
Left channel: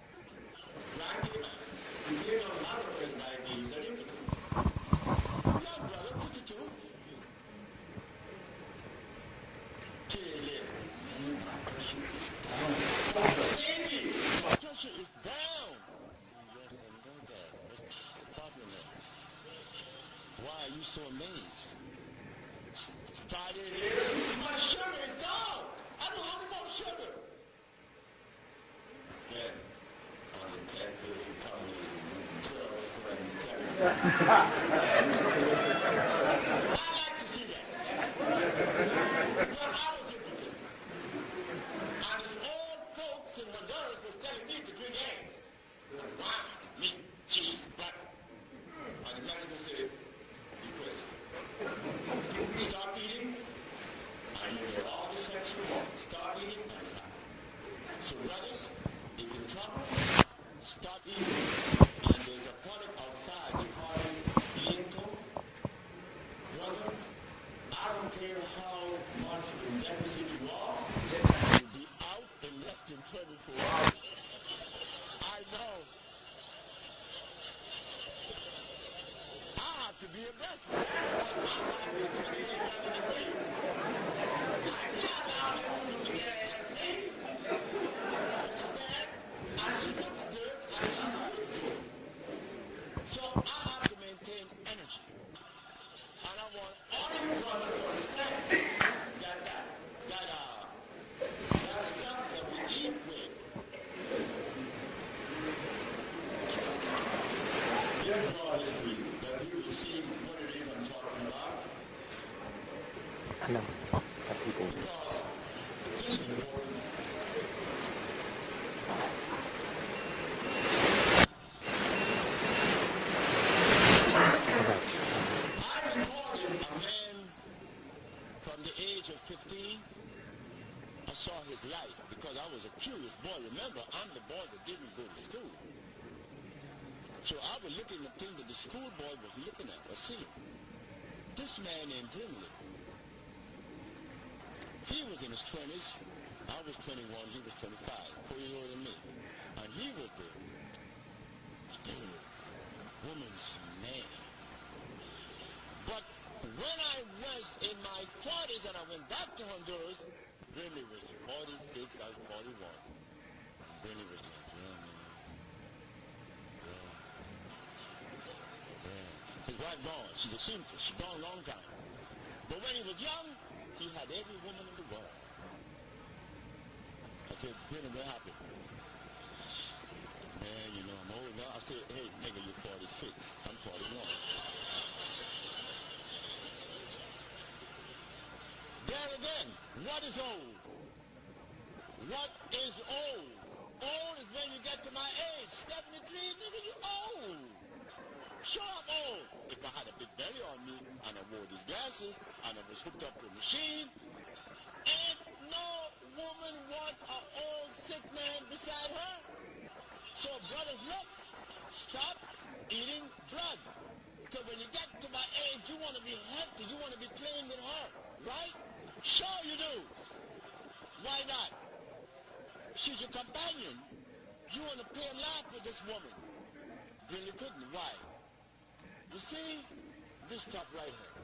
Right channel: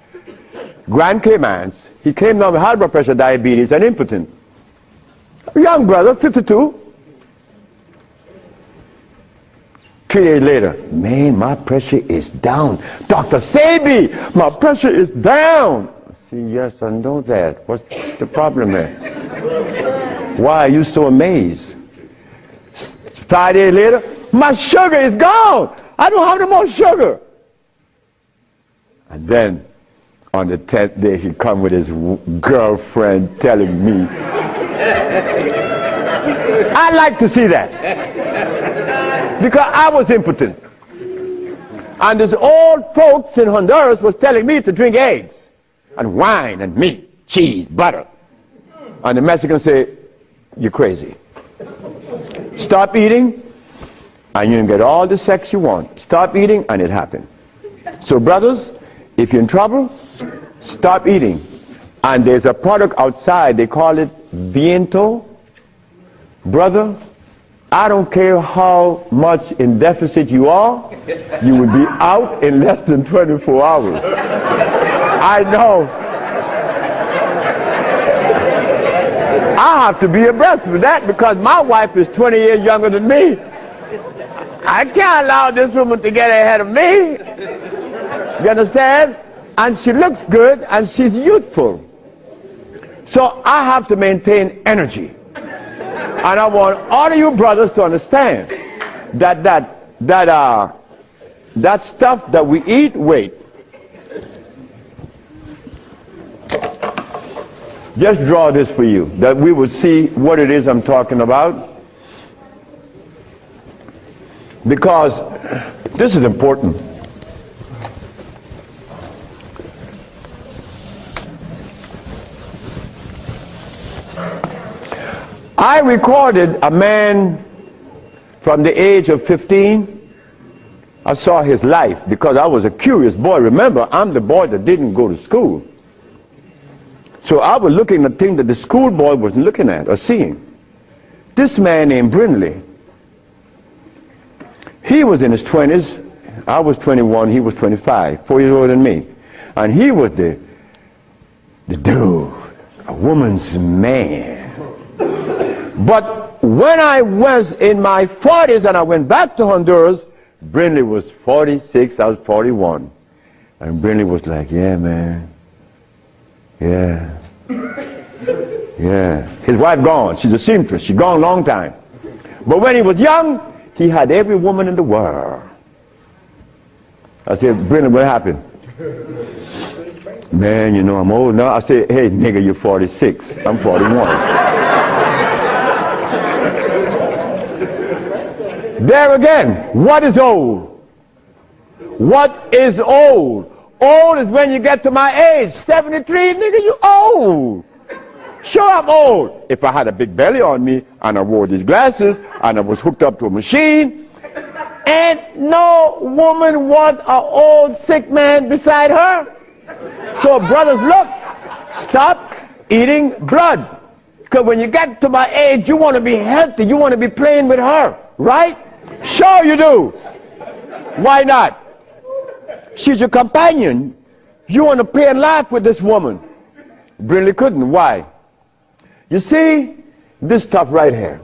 Grand Caymans. He came down with high blood pressure, diabetes, and impotent. A young brother, 52. 3 days later, man, my pressure is down. Dr. Sebi, my pressure is down. I say, yes, I know that. What's the problem there? Why are you so amazed? 5 days later, my sugar is gone. I don't have no more sugar. And then, on the 10th day, he come with his girlfriend telling me. I like to see that. Because I was impotent. And this old folks in Honduras was telling me to drink eggs and wine and meat, cheese, butter. And the Mexicans say, you're crazy. Stop eating, and you can get all the sex you want. Stop eating, and it happened. So brothers, if you're in trouble, stop eating. And there's a product outside, they call it Viento. Brother, I don't care how much in deficit you are, you will be out in less than 24 hours. I know. I have to be abreast with that because my wife is 20 years younger than me. I can't allow this woman to get ahead of me. You understand? And she looks good and she's youthful. So I have to maintain energy. And I want all of you brothers to understand that that stuff that we eat, wait. Just draw this for you, that we will see what it is I'm talking about. Because this is important. I recorded a man from the age of 15. I saw his life because I was a curious boy. Remember, I'm the boy that didn't go to school. So I was looking at things that the schoolboy wasn't looking at or seeing. This man named Brindley, he was in his 20s. I was 21, he was 25, 4 years older than me. And he was the dude, a woman's man. But when I was in my 40s and I went back to Honduras, Brindley was 46, I was 41. And Brindley was like, yeah, man. Yeah. Yeah. His wife gone. She's a seamstress. She's gone a long time. But when he was young, he had every woman in the world. I said, Brindley, what happened? Man, you know, I'm old now. I said, hey, nigga, you're 46. I'm 41. There again, what is old? What is old? Old is when you get to my age. 73, nigga, you old. Sure, I'm old. If I had a big belly on me, and I wore these glasses, and I was hooked up to a machine, and no woman want an old sick man beside her. So brothers, look, stop eating blood. Because when you get to my age, you want to be healthy. You want to be playing with her, right? Sure you do. Why not? She's your companion. You want to play and laugh with this woman. Brindley couldn't. Why? You see, this stuff right here.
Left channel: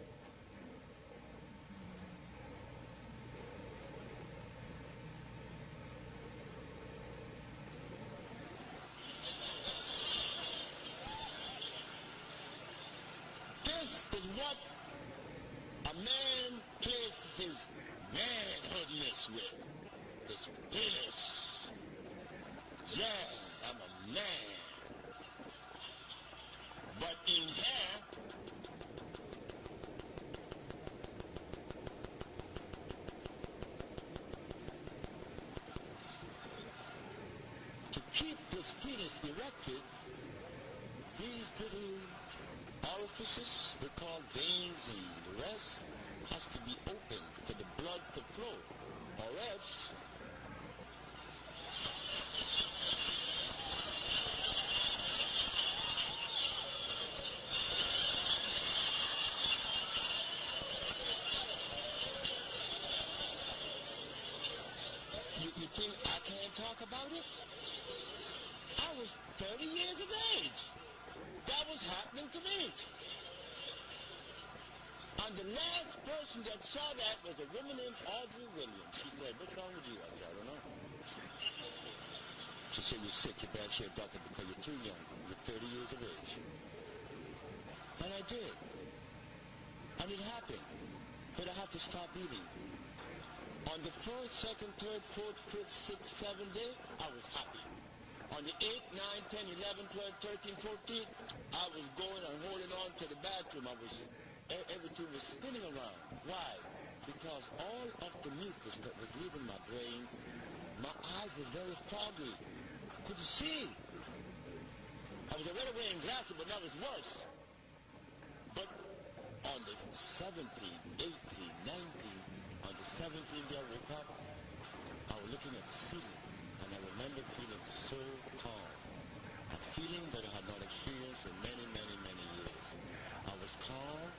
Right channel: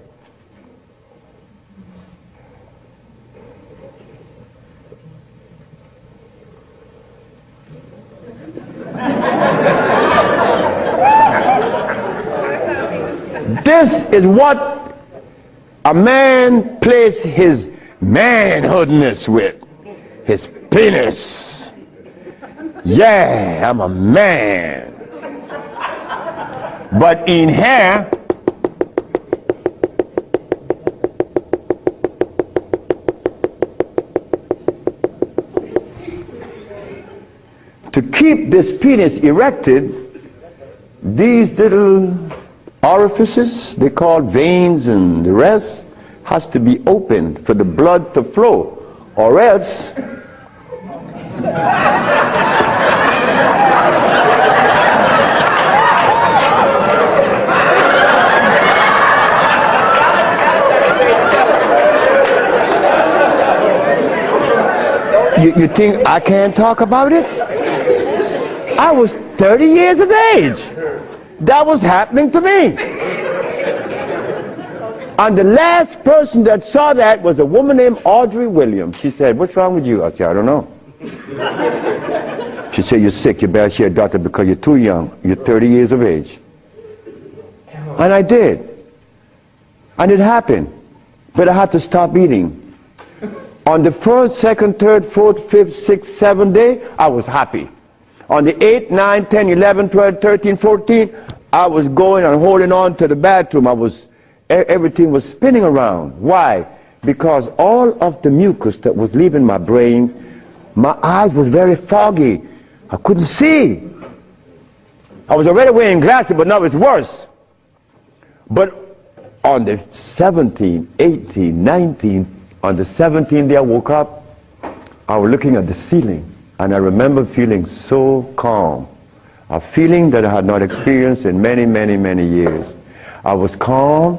This is what a man plays his manhoodness with. His penis. Yeah, I'm a man. But in here, to keep this penis erected, these little orifices, they call veins and the rest, has to be opened for the blood to flow, or else you think I can't talk about it? I was 30 years of age. That was happening to me. And the last person that saw that was a woman named Audrey Williams. She said, what's wrong with you? I said, I don't know. She said, you're sick. You better see a doctor because you're too young. You're 30 years of age. And I did. And it happened. But I had to stop eating. On the 1st, 2nd, 3rd, 4th, 5th, 6th, 7th day, I was happy. On the 8th, 9th, 10th, 11th, 12th, 13th, 14th, I was going and holding on to the bathroom. Everything was spinning around. Why? Because all of the mucus that was leaving my brain, my eyes was very foggy. I couldn't see. I was already wearing glasses, but now it's worse. But on the 17th, 18th, 19th, on the 17th day I woke up, I was looking at the ceiling, and I remember feeling so calm. A feeling that I had not experienced in many, many, many years. I was calm.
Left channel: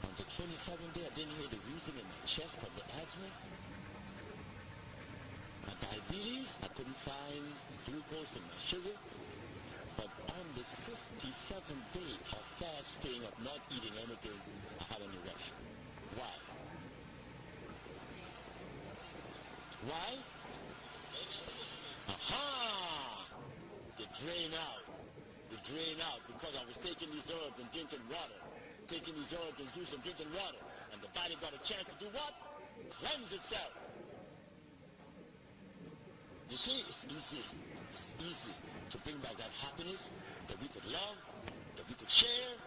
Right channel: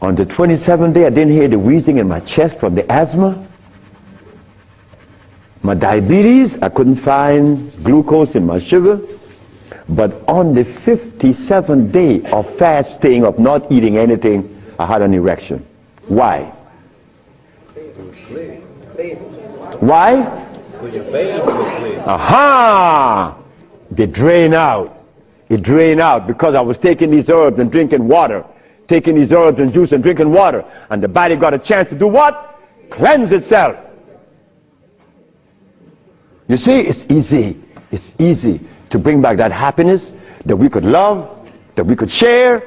On the 27th day, I didn't hear the wheezing in my chest from the asthma. My diabetes, I couldn't find glucose in my sugar. But on the 57th day of fasting, of not eating anything, I had an erection. Why? Why? Aha! They drain out. It drained out because I was taking these herbs and drinking water. Taking these herbs and juice and drinking water. And the body got a chance to do what? cleanse itself. You see, it's easy to bring back that happiness that we could love, that we could share,